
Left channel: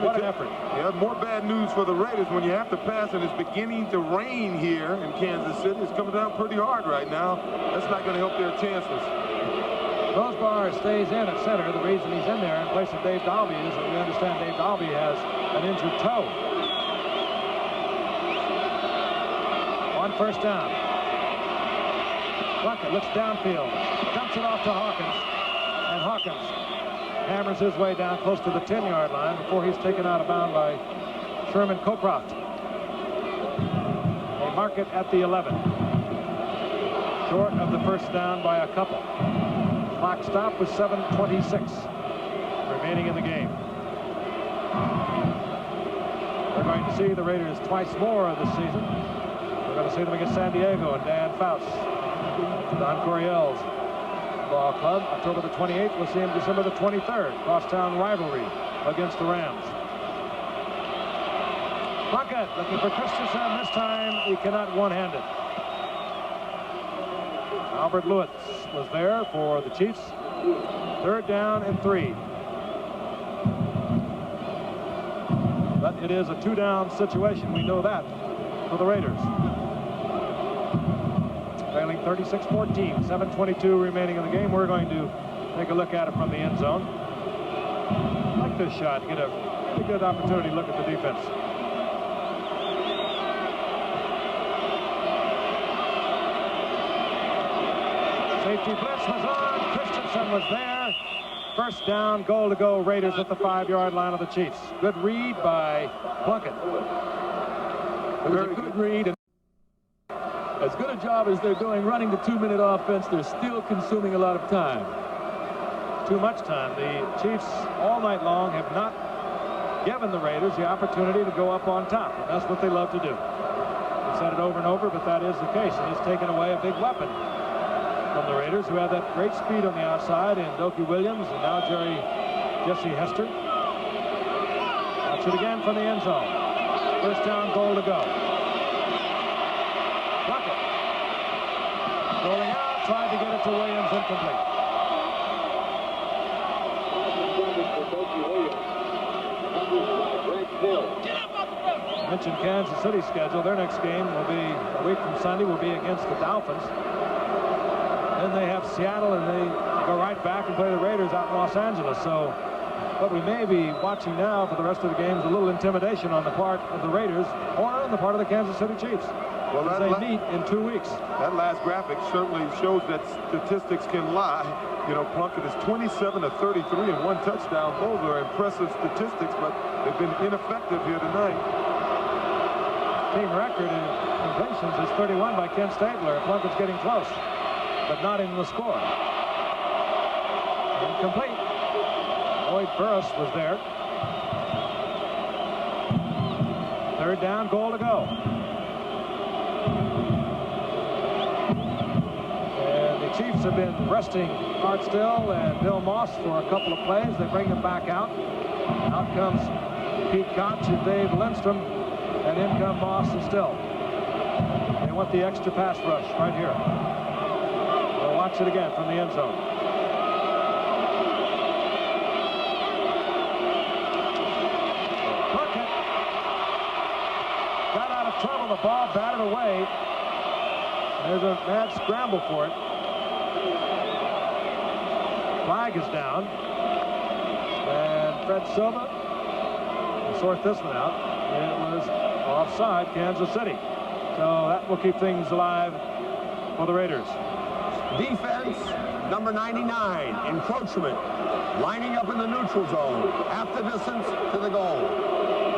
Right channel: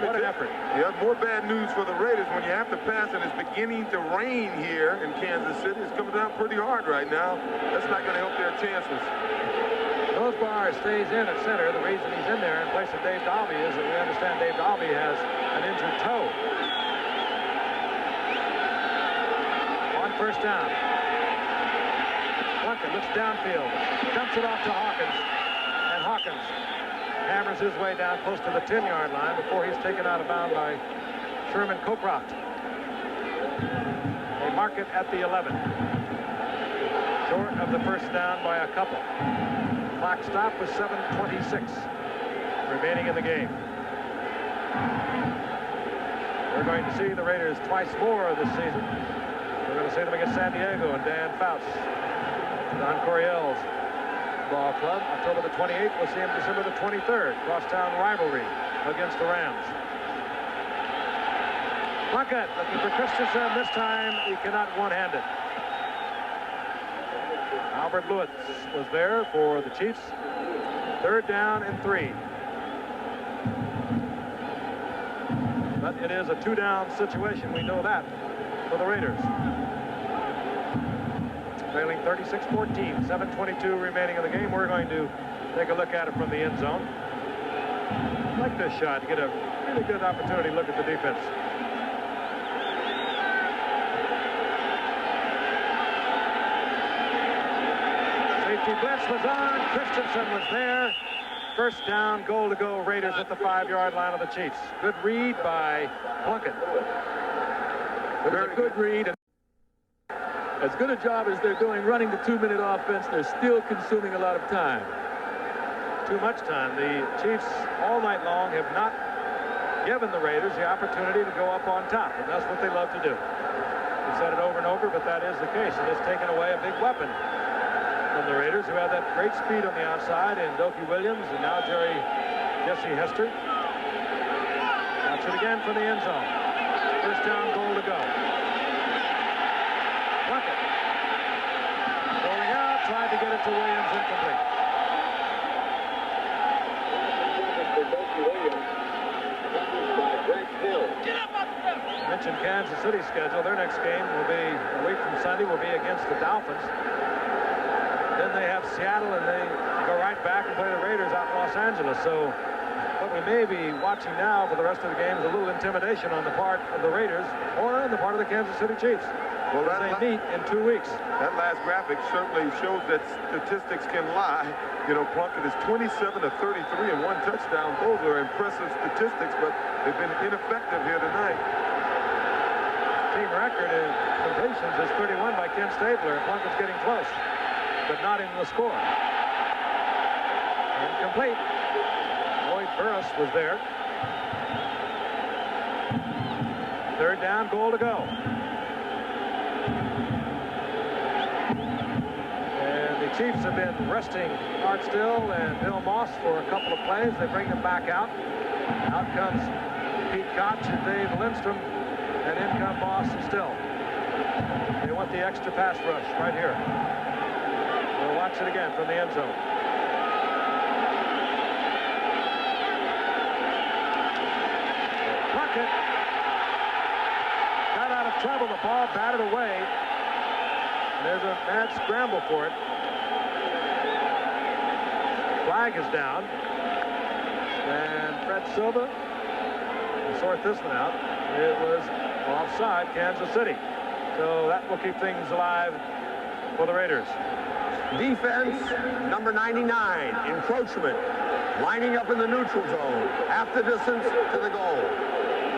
What an effort. Yeah, more bad news for the Raiders when you have to pass and it's beginning to rain here in Kansas City. It's coming down pretty hard right now. That's not going to help their chances. Rosebar stays in at center. The reason he's in there in place of Dave Dalby is that we understand Dave Dalby has an injured toe. On first down. Plunkett looks downfield, dumps it off to Hawkins, and Hawkins hammers his way down close to the 10-yard line before he's taken out of bounds by Sherman Cocroft. They mark it at the 11. Short of the first down by a couple. Clock stop with 7:26 remaining in the game. We're going to see the Raiders twice more this season. We're going to see them against San Diego and Dan Fouts. Don Coryell's ball club. October the 28th. We'll see him December the 23rd. Crosstown rivalry against the Rams. Plunkett looking for Christensen. This time he cannot one-hand it. Albert Lewis was there for the Chiefs. 3rd down and 3. But it is a 2-down situation. We know that for the Raiders. Trailing 36-14, 7:22 remaining in the game. We're going to take a look at it from the end zone. I like this shot. Get a really good opportunity to look at the defense. Safety blitz was on. Christensen was there. 1st down, goal to go. Raiders at the 5-yard line of the Chiefs. Good read by Plunkett. It was a good read. And as good a job as they're doing running the 2-minute offense, they're still consuming a lot of time. Too much time. The Chiefs all night long have not given the Raiders the opportunity to go up on top, and that's what they love to do. We've said it over and over, but that is the case, and it's taken away a big weapon from the Raiders, who have that great speed on the outside, and Doki Williams, and now Jesse Hester. Watch it again from the end zone. 1st down, goal to go. Plunkett rolling out, tried to get it to Williams, incomplete. I mentioned Kansas City's schedule. Their next game will be a week from Sunday, will be against the Dolphins. Then they have Seattle, and they go right back and play the Raiders out in Los Angeles. So what we may be watching now for the rest of the game is a little intimidation on the part of the Raiders or on the part of the Kansas City Chiefs. Well, as they meet in 2 weeks. That last graphic certainly shows that statistics can lie. You know, Plunkett is 27 of 33 and 1 touchdown. Those are impressive statistics, but they've been ineffective here tonight. Team record in completions is 31 by Ken Stabler. Plunkett's getting close, but not in the score. Incomplete. Lloyd Burris was there. 3rd down, goal to go. And the Chiefs have been resting Art Still and Bill Moss for a couple of plays. They bring them back out. Out comes Pete Koch and Dave Lindstrom, and in come Moss and Still. They want the extra pass rush right here. We'll watch it again from the end zone. Plunkett got out of trouble. The ball batted away. There's a mad scramble for it. Flag is down. And Fred Silva will sort this one out. It was offside, Kansas City. So that will keep things alive for the Raiders. Defense, number 99, encroachment. Lining up in the neutral zone. Half the distance to the goal.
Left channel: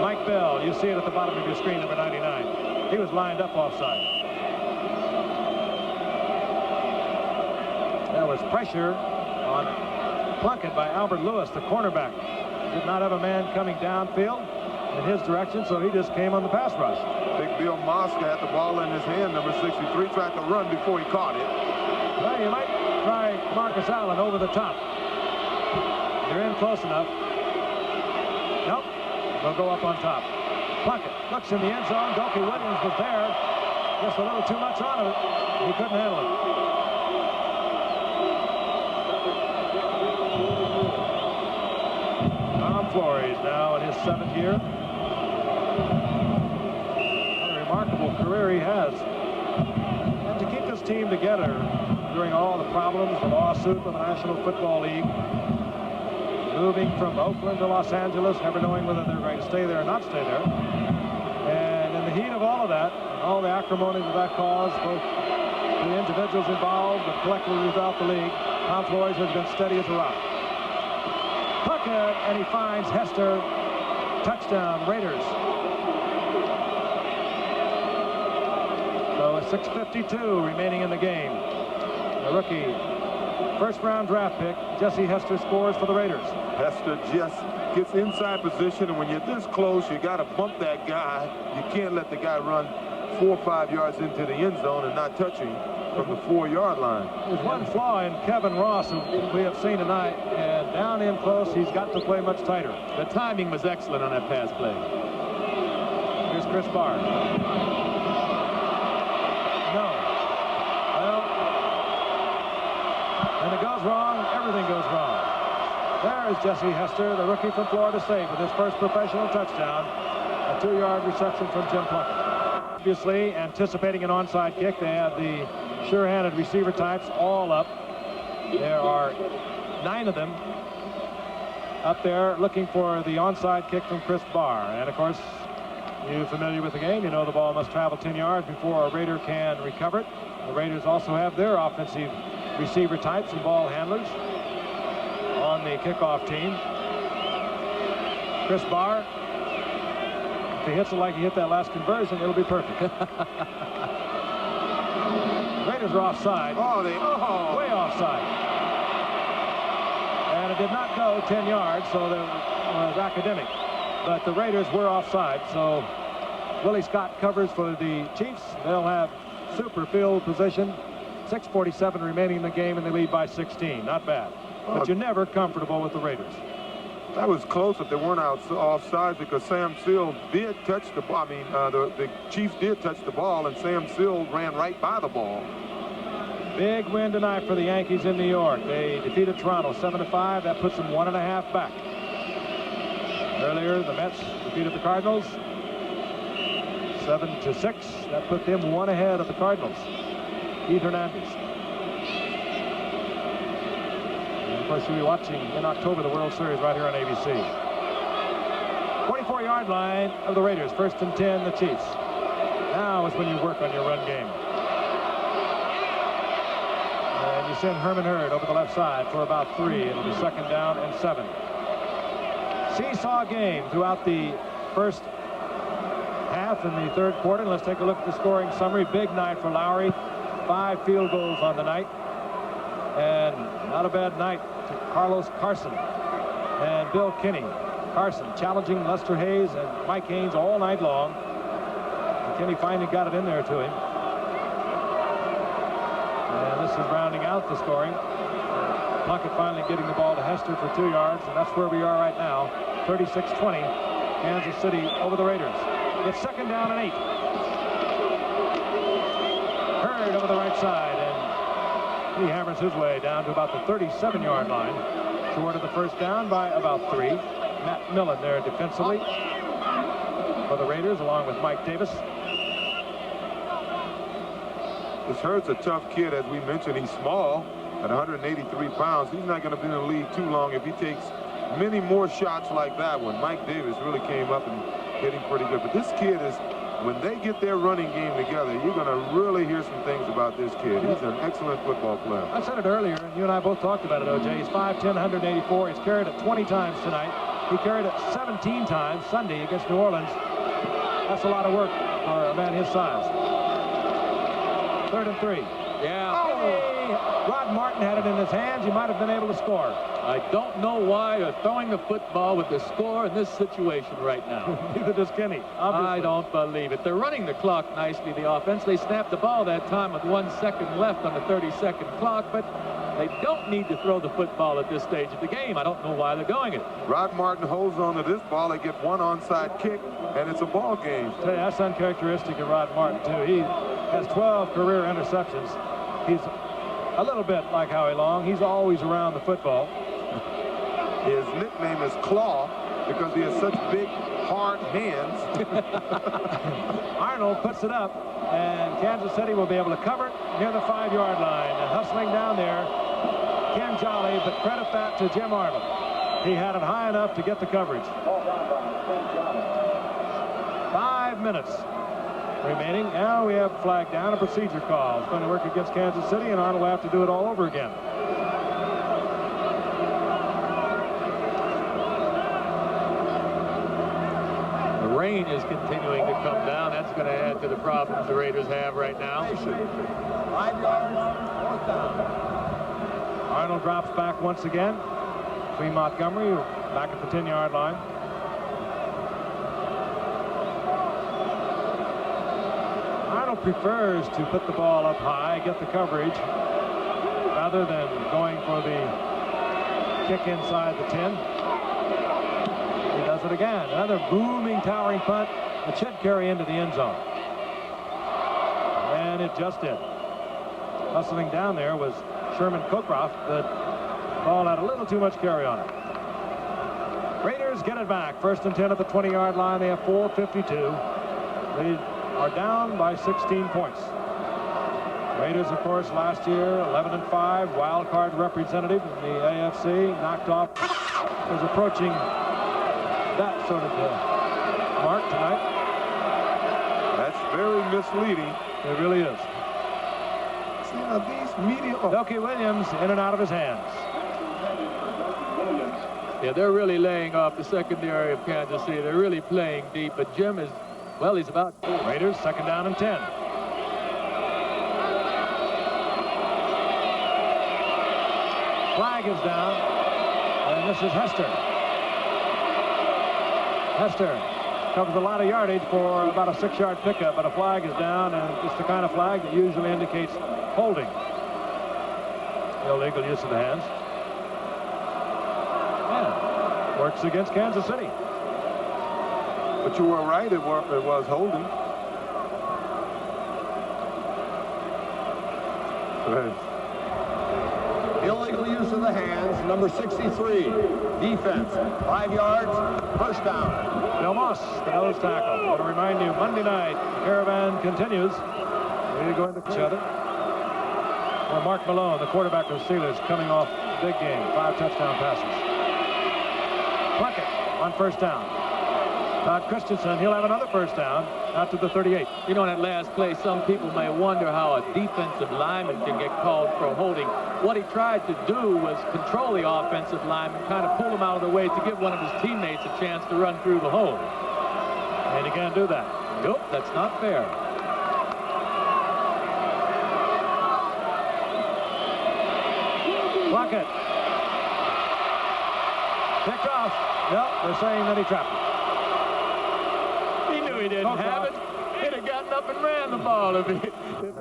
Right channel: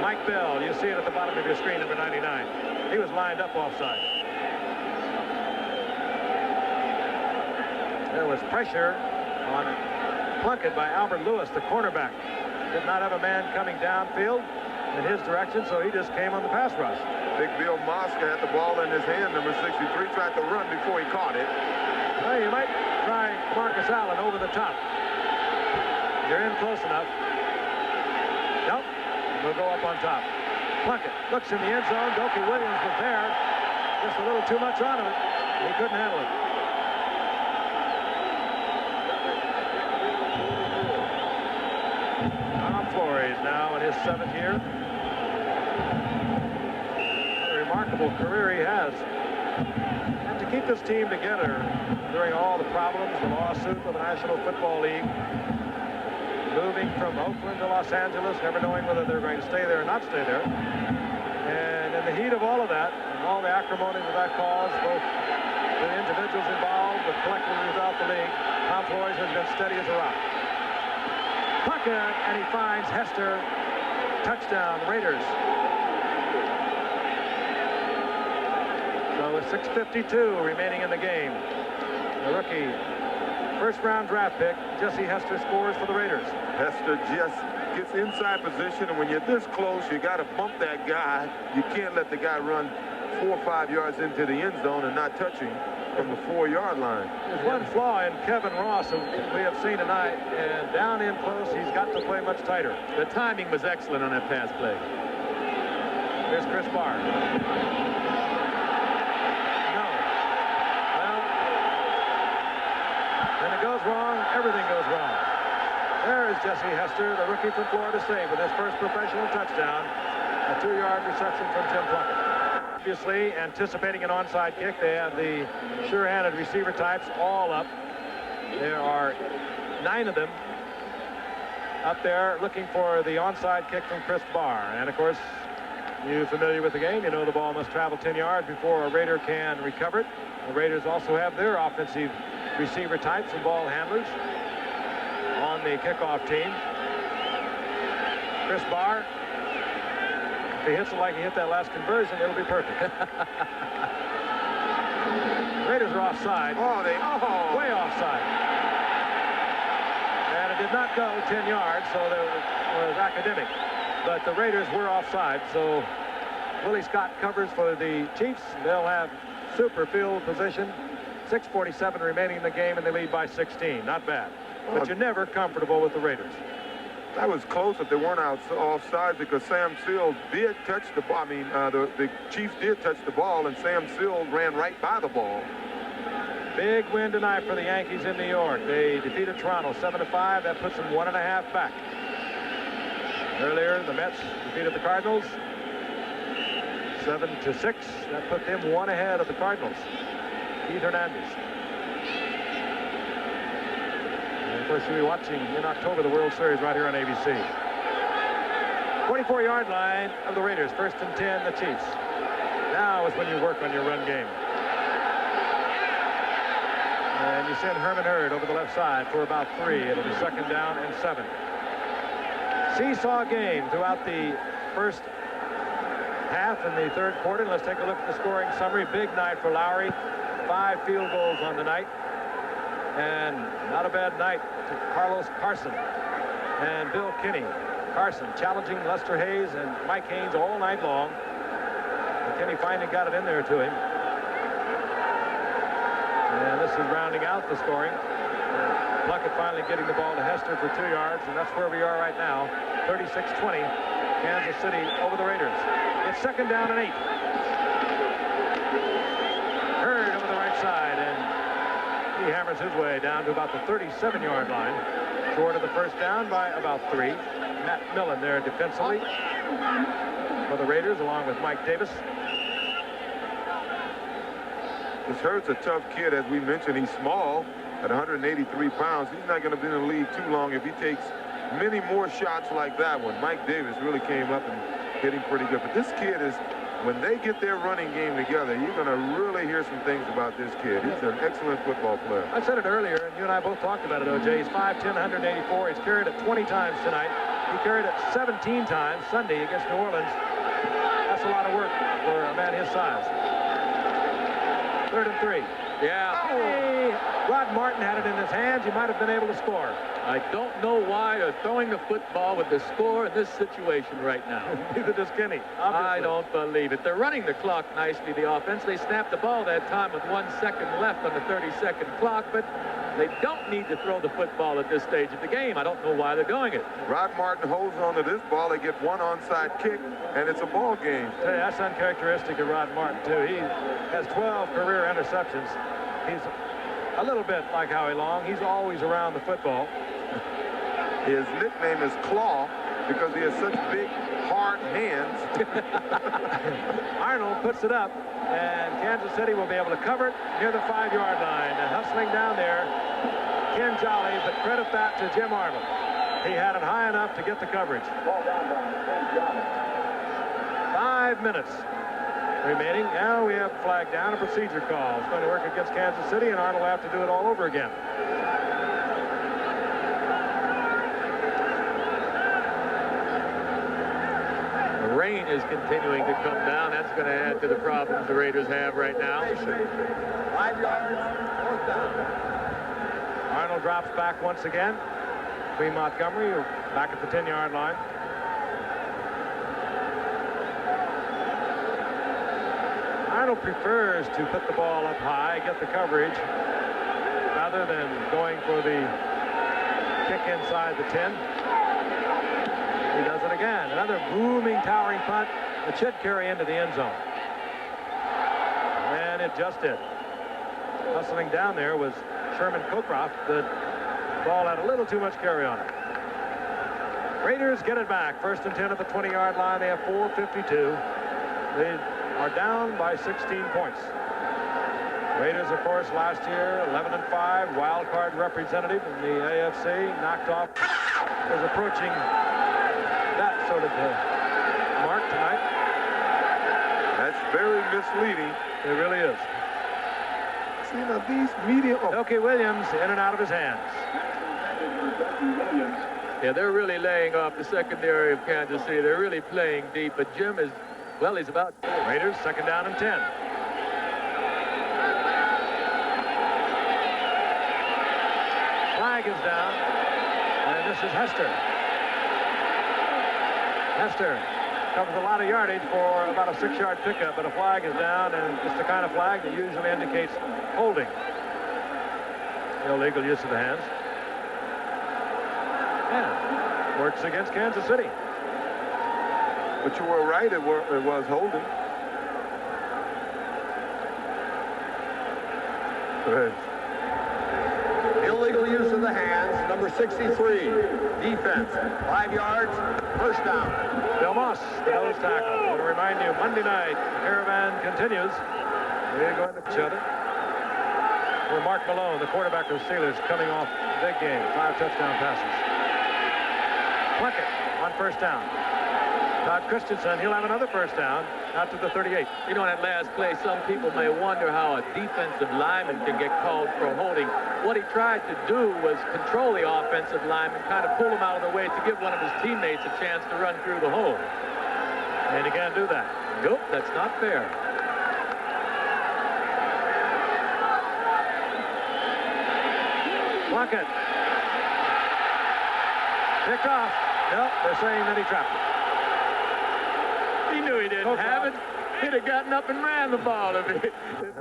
Mike Bell, you see it at the bottom of your screen, number 99. He was lined up offside. There was pressure on Plunkett by Albert Lewis, the cornerback. Did not have a man coming downfield in his direction, so he just came on the pass rush. Big Bill Mosca had the ball in his hand. Number 63 tried to run before he caught it. Well, you might try Marcus Allen over the top. You're in close enough. Nope. They'll go up on top. Plunkett looks in the end zone. Doki Williams was there. Just a little too much on it. He couldn't handle it. Tom Flores now in his 7th year. What a remarkable career he has. And to keep this team together during all the problems, the lawsuit with the National Football League, moving from Oakland to Los Angeles, never knowing whether they're going to stay there or not stay there. And in the heat of all of that, and all the acrimony that caused, both the individuals involved, but collectively throughout the league, Tom Flores has been steady as a rock. Plunkett, and he finds Hester. Touchdown, Raiders. So a 6:52 remaining in the game. The rookie first-round draft pick, Jesse Hester, scores for the Raiders. Hester just gets inside position, and when you're this close, you got to bump that guy. You can't let the guy run 4 or 5 yards into the end zone and not touch him from the 4-yard line. There's one flaw in Kevin Ross who we have seen tonight, and down in close, he's got to play much tighter. The timing was excellent on that pass play. Here's Chris Barr. No. Well, And it goes wrong. Everything goes wrong. There is Jesse Hester, the rookie from Florida State, with his first professional touchdown. A 2-yard reception from Jim Plunkett. Obviously, anticipating an onside kick, they have the sure-handed receiver types all up. There are 9 of them up there looking for the onside kick from Chris Barr. And, of course, you familiar with the game, you know the ball must travel 10 yards before a Raider can recover it. The Raiders also have their offensive receiver types and ball handlers on the kickoff team. Chris Barr, if he hits it like he hit that last conversion, it'll be perfect. Raiders are offside. Way offside. And it did not go 10 yards, so it was academic. But the Raiders were offside, so Willie Scott covers for the Chiefs. They'll have super field position. 6:47 remaining in the game, and they lead by 16. Not bad. But you're never comfortable with the Raiders. That was close if they weren't offside, because Sam Seals did touch the ball. I mean, the Chiefs did touch the ball, and Sam Seals ran right by the ball. Big win tonight for the Yankees in New York. They defeated Toronto 7-5. That puts them 1.5 back. Earlier, the Mets defeated the Cardinals 7-6. That put them 1 ahead of the Cardinals. Keith Hernandez. And of course, you'll be watching in October the World Series right here on ABC. 44-yard line of the Raiders. 1st and 10, the Chiefs. Now is when you work on your run game. And you send Herman Hurd over the left side for about 3. It'll be 2nd down and 7. Seesaw game throughout the first half and the 3rd quarter. And let's take a look at the scoring summary. Big night for Lowry. 5 field goals on the night. And not a bad night to Carlos Carson and Bill Kinney. Carson challenging Lester Hayes and Mike Haynes all night long. And Kinney finally got it in there to him. And this is rounding out the scoring. Plunkett finally getting the ball to Hester for 2 yards, and that's where we are right now. 36-20, Kansas City over the Raiders. It's 2nd down and 8. Hurd over the right side, and he hammers his way down to about the 37-yard line. Short of the 1st down by about 3. Matt Millen there defensively for the Raiders, along with Mike Davis. This Hurd's a tough kid, as we mentioned. He's small at 183 pounds. He's not going to be in the league too long if he takes many more shots like that one. Mike Davis really came up and hit him pretty good. But this kid is, when they get their running game together, you're going to really hear some things about this kid. He's an excellent football player. I said it earlier, and you and I both talked about it, O.J. He's 5'10", 184. He's carried it 20 times tonight. He carried it 17 times Sunday against New Orleans. That's a lot of work for a man his size. 3rd and 3. Yeah. Hey, Rod Martin had it in his hands. He might have been able to score. I don't know why they're throwing the football with the score in this situation right now. Neither does Kinney, obviously. I don't believe it. They're running the clock nicely, the offense. They snapped the ball that time with 1 second left on the 30-second clock, but they don't need to throw the football at this stage of the game. I don't know why they're doing it. Rod Martin holds on to this ball. They get 1 onside kick, and it's a ball game. Tell you, that's uncharacteristic of Rod Martin, too. He has 12 career interceptions. He's a little bit like Howie Long. He's always around the football. His nickname is Claw because he has such big, hard hands. Arnold puts it up, and Kansas City will be able to cover it near the 5-yard line. And hustling down there, Ken Jolly, but credit that to Jim Arnold. He had it high enough to get the coverage. 5 minutes remaining. Now we have flag down, a procedure call. It's going to work against Kansas City, and Arnold will have to do it all over again. The rain is continuing to come down. That's going to add to the problems the Raiders have right now. 5 yards, 4th down. Arnold drops back once again. Between Montgomery, back at the 10-yard line. Arnold prefers to put the ball up high, get the coverage, rather than going for the kick inside the 10. He does it again. Another booming, towering punt that should carry into the end zone. And it just did. Hustling down there was Sherman Cockcroft, the ball had a little too much carry on it. Raiders get it back. 1st and 10 at the 20-yard line. They have 4:52. They are down by 16 points. Raiders, of course, last year 11-5, wild card representative in the AFC, knocked off, was approaching that sort of mark tonight. That's very misleading. It really is. See, now these media... Doki Williams in and out of his hands. Yeah, they're really laying off the secondary of Kansas City. They're really playing deep, but Jim is, well, he's about... Raiders 2nd down and 10. Flag is down, and this is Hester. Hester covers a lot of yardage for about a 6-yard pickup, but a flag is down, and it's the kind of flag that usually indicates holding. Illegal use of the hands. Yeah, works against Kansas City. But you were right, it was holding. Illegal use of the hands, number 63. Defense, 5 yards, 1st down. Bill Moss, the nose tackle. I want to remind you, Monday night, the caravan continues. We're going to each other. Where Mark Malone, the quarterback of the Steelers, coming off a big game. 5 touchdown passes. Plunkett on 1st down. Todd Christensen, he'll have another 1st down out to the 38. You know, in that last play, some people may wonder how a defensive lineman can get called for holding. What he tried to do was control the offensive lineman, kind of pull him out of the way to give one of his teammates a chance to run through the hole. And he can't do that. Nope, that's not fair. Plunkett. Picked off. No, they're saying that he trapped it. He knew he didn't have it. He'd have gotten up and ran the ball if he...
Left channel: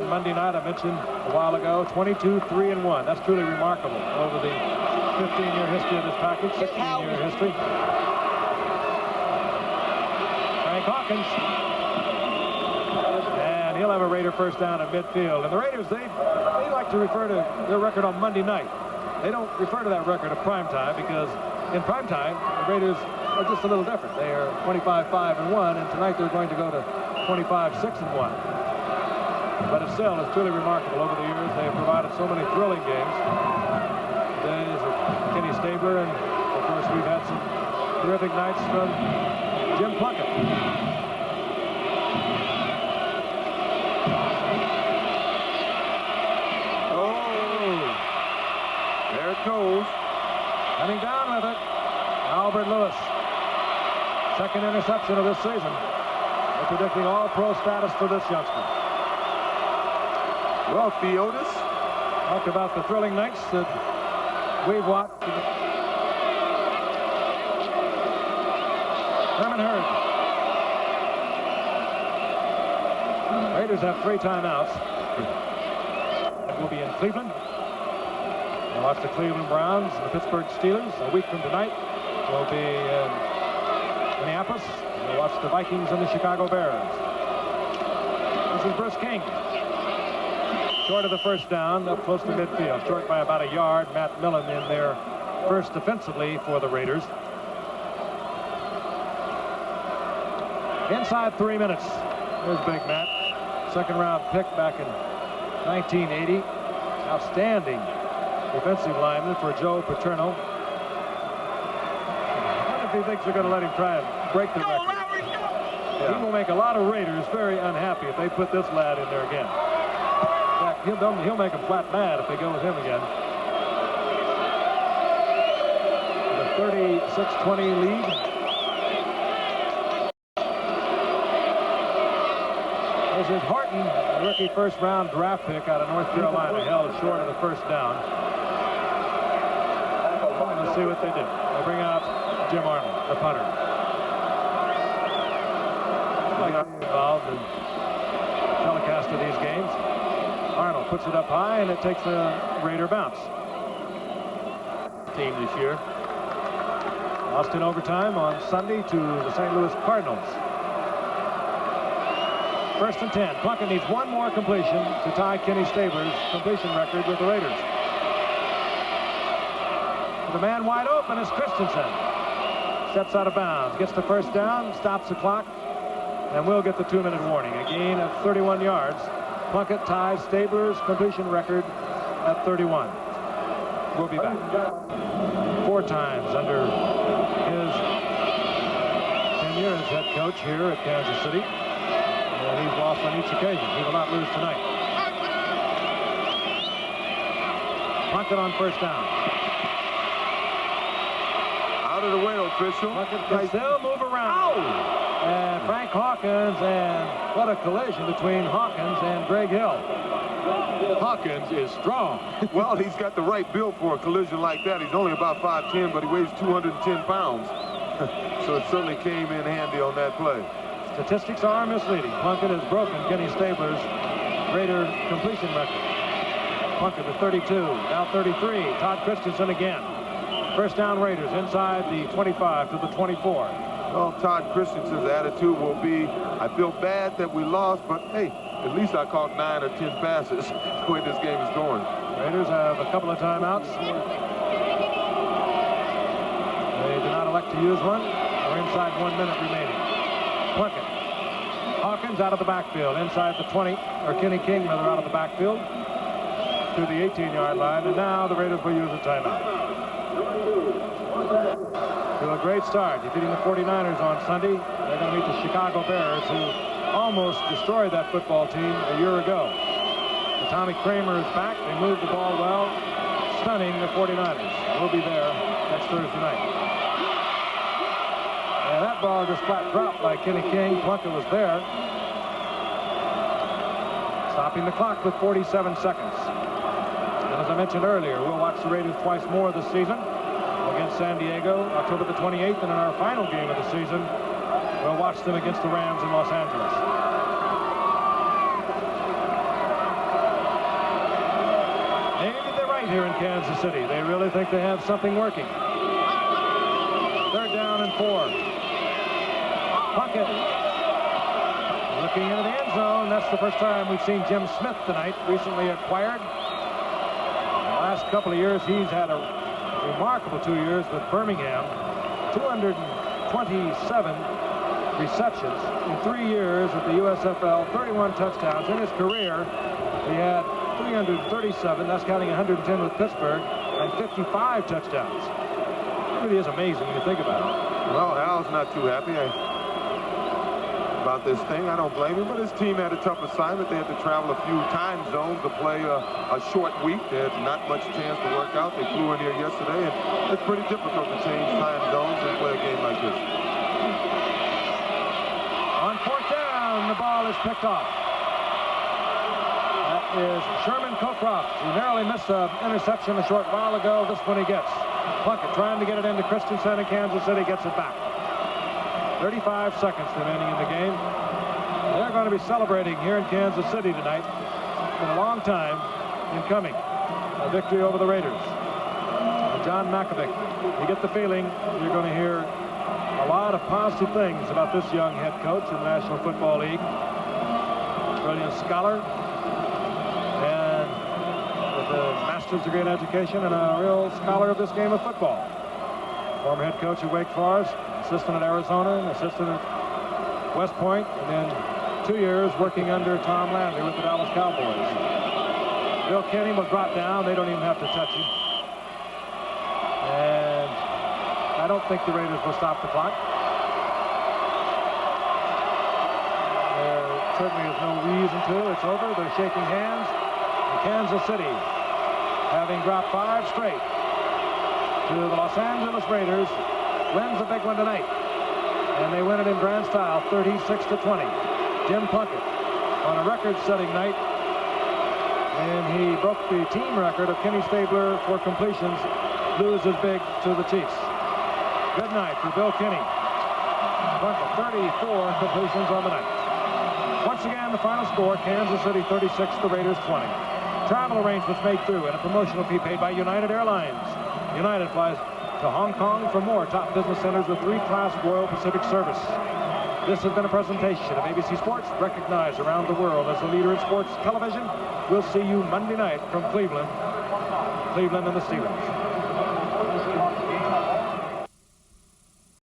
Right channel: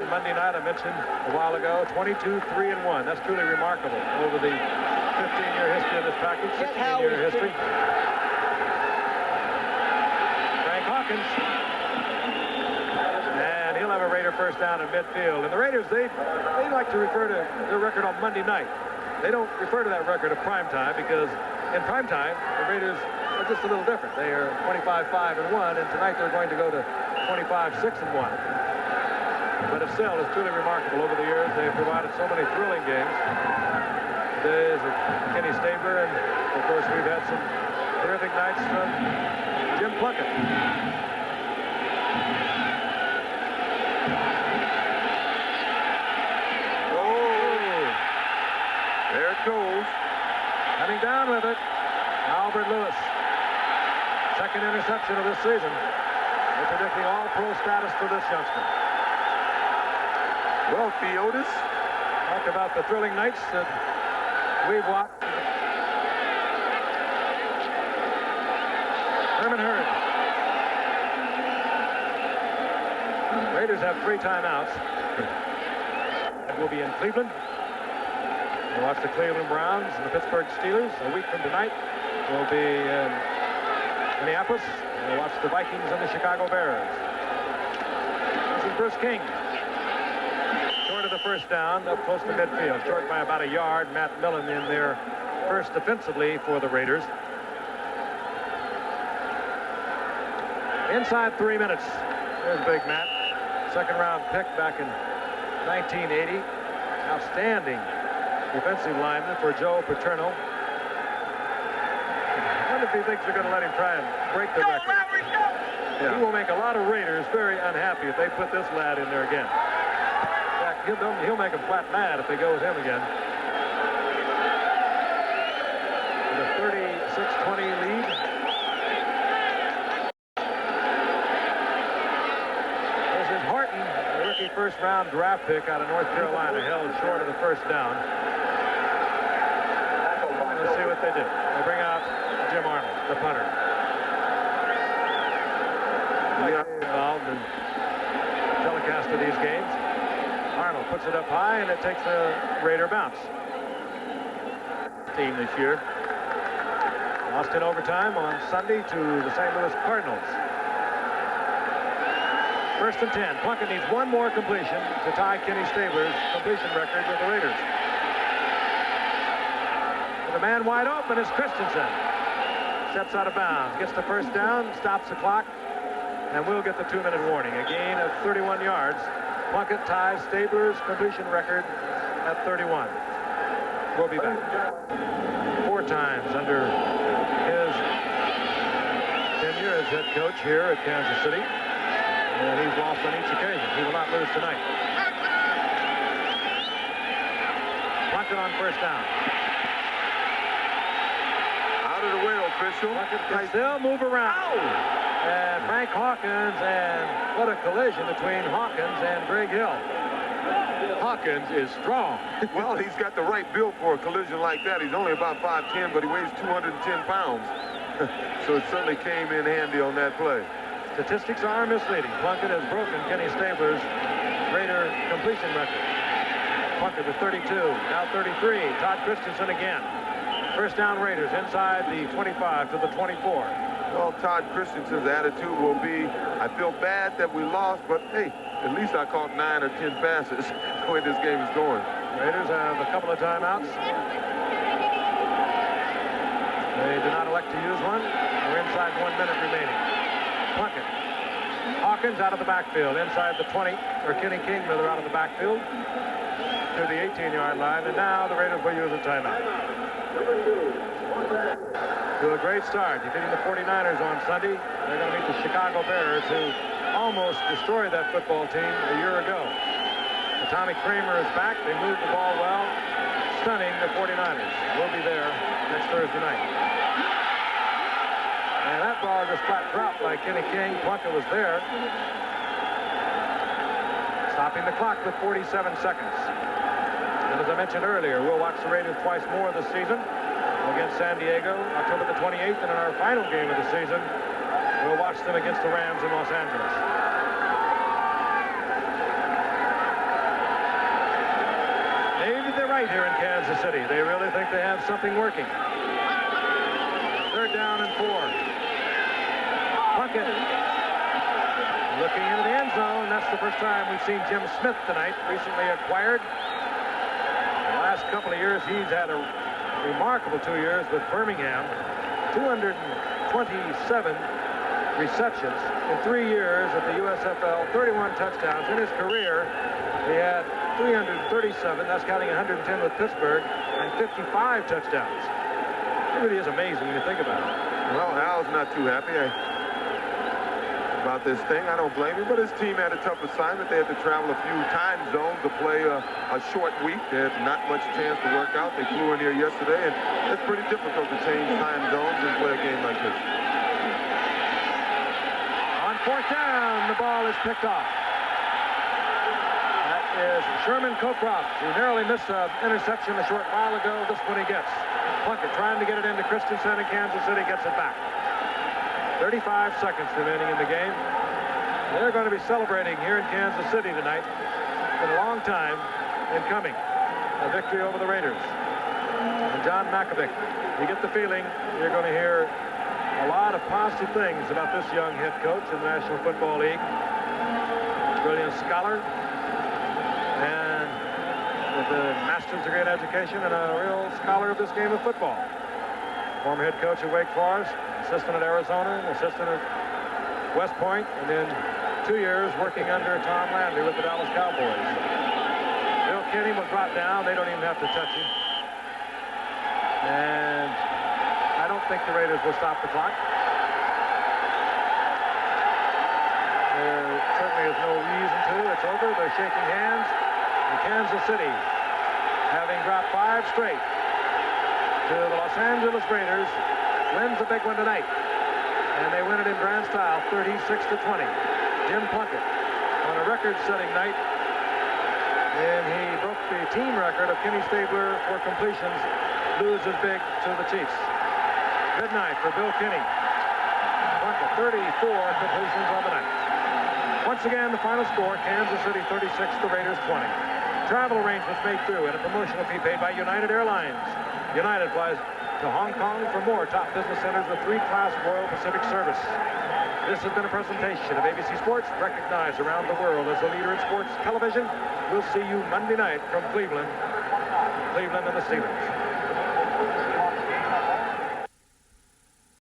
Monday night, I mentioned a while ago, 22-3-1. That's truly remarkable over the 15-year history of this package, 16-year history. Frank Hawkins. And he'll have a Raider 1st down at midfield. And the Raiders, they like to refer to their record on Monday night. They don't refer to that record at prime time because in prime time, the Raiders are just a little different. They are 25-5-1, and tonight they're going to go to 25-6-1. But it still is truly remarkable. Over the years, they have provided so many thrilling games. Days of Kenny Stabler, and of course, we've had some terrific nights from Jim Plunkett. Oh, there it goes. Coming down with it, Albert Lewis. 2nd interception of this season. They're predicting all-pro status for this youngster. Well, Theotis. Talked about the thrilling nights that we've watched. Herman Hurd. Raiders have 3 timeouts. It will be in Cleveland. We'll watch the Cleveland Browns and the Pittsburgh Steelers. A week from tonight, we'll be in Minneapolis. We'll watch the Vikings and the Chicago Bears. This is Bruce King. Short of the 1st down, up close to midfield. Short by about a yard. Matt Millen in there first defensively for the Raiders. Inside 3 minutes. There's Big Matt. 2nd round pick back in 1980. Outstanding defensive lineman for Joe Paterno. I wonder if he thinks they're going to let him try and break the record. Yeah. He will make a lot of Raiders very unhappy if they put this lad in there again. In fact, he'll make them flat mad if they go with him again. With a 36-20 lead. This is Horton, a rookie 1st round draft pick out of North Carolina, held short of the 1st down. Let's see what they do. They bring out Jim Arnold, the punter. Involved in telecast of these games. Arnold puts it up high, and it takes the Raider bounce. Team this year. Lost in overtime on Sunday to the St. Louis Cardinals. 1st and 10. Plunkett needs one more completion to tie Kenny Stabler's completion record with the Raiders. The man wide open is Christensen. Steps out of bounds, gets the first down, stops the clock, and will get the 2-minute warning. A gain of 31 yards. Plunkett ties Stabler's completion record at 31. We'll be back. 4 times under his tenure as head coach here at Kansas City. And he's lost on each occasion. He will not lose tonight. Plunkett on first down. Out of the way, official. Plunkett can still move around. And Frank Hawkins, and what a collision between Hawkins and Greg Hill. Hawkins is strong. Well, he's got the right build for a collision like that. He's only about 5'10", but he weighs 210 pounds. So it certainly came in handy on that play. Statistics are misleading. Plunkett has broken Kenny Stabler's Raider completion record. Plunkett with 32, now 33. Todd Christensen again. First down Raiders inside the 25 to the 24. Well, Todd Christensen's attitude will be, I feel bad that we lost, but hey, at least I caught 9 or 10 passes the way this game is going. Raiders have a couple of timeouts. They do not elect to use one. We're inside 1 minute remaining. Plunkett. Hawkins out of the backfield inside the 20, or Kenny King rather, out of the backfield to the 18-yard line, and now the Raiders will use a timeout. To a great start, defeating the 49ers on Sunday. They're going to meet the Chicago Bears, who almost destroyed that football team a year ago. The Tommy Kramer is back. They moved the ball well, stunning the 49ers. We'll be there next Thursday night. And that ball just flat dropped by Kenny King. Plunkett was there. Stopping the clock with 47 seconds. And as I mentioned earlier, we'll watch the Raiders twice more this season against San Diego, October the 28th, and in our final game of the season, we'll watch them against the Rams in Los Angeles. Maybe they're right here in Kansas City. They really think they have something working. 3rd down and 4. Plunkett looking into the end zone. That's the first time we've seen Jim Smith tonight, recently acquired. The last couple of years, he's had a remarkable 2 years with Birmingham. 227 receptions in 3 years at the USFL, 31 touchdowns. In his career, he had 337, that's counting 110 with Pittsburgh, and 55 touchdowns. It really is amazing when you think about it. Well, Al's not too happy about this thing. I don't blame him, but his team had a tough assignment. They had to travel a few time zones to play a short week. They had not much chance to work out. They flew in here yesterday, and it's pretty difficult to change time zones and play a game like this. On 4th down, the ball is picked off. That is Sherman Cockcroft, who narrowly missed an interception a short while ago. This one he gets. Plunkett trying to get it into Christensen, and Kansas City gets it back. 35 seconds remaining in the game. They're going to be celebrating here in Kansas City tonight. It's been a long time in coming. A victory over the Raiders. And John Mackovic, you get the feeling you're going to hear a lot of positive things about this young head coach in the National Football League. Brilliant scholar, and with a master's degree in education and a real scholar of this game of football. Former head coach at Wake Forest, assistant at Arizona, assistant at West Point, and then 2 years working under Tom Landry with the Dallas Cowboys. Bill Kenny was brought down. They don't even have to touch him. And I don't think the Raiders will stop the clock. There certainly is no reason to. It's over. They're shaking hands. And Kansas City, having dropped 5 straight to the Los Angeles Raiders, wins a big one tonight. And they win it in grand style, 36-20. Jim Plunkett on a record-setting night. And he broke the team record of Kenny Stabler for completions, loses big to the Chiefs. Good night for Bill Kenny. Plunkett, 34 completions on the night. Once again, the final score, Kansas City 36, the Raiders 20. Travel arrangements made through and a promotional fee paid by United Airlines. United flies to Hong Kong for more top business centers with 3-class Royal Pacific service. This has been a presentation of ABC Sports, recognized around the world as the leader in sports television. We'll see you Monday night from Cleveland and the Steelers.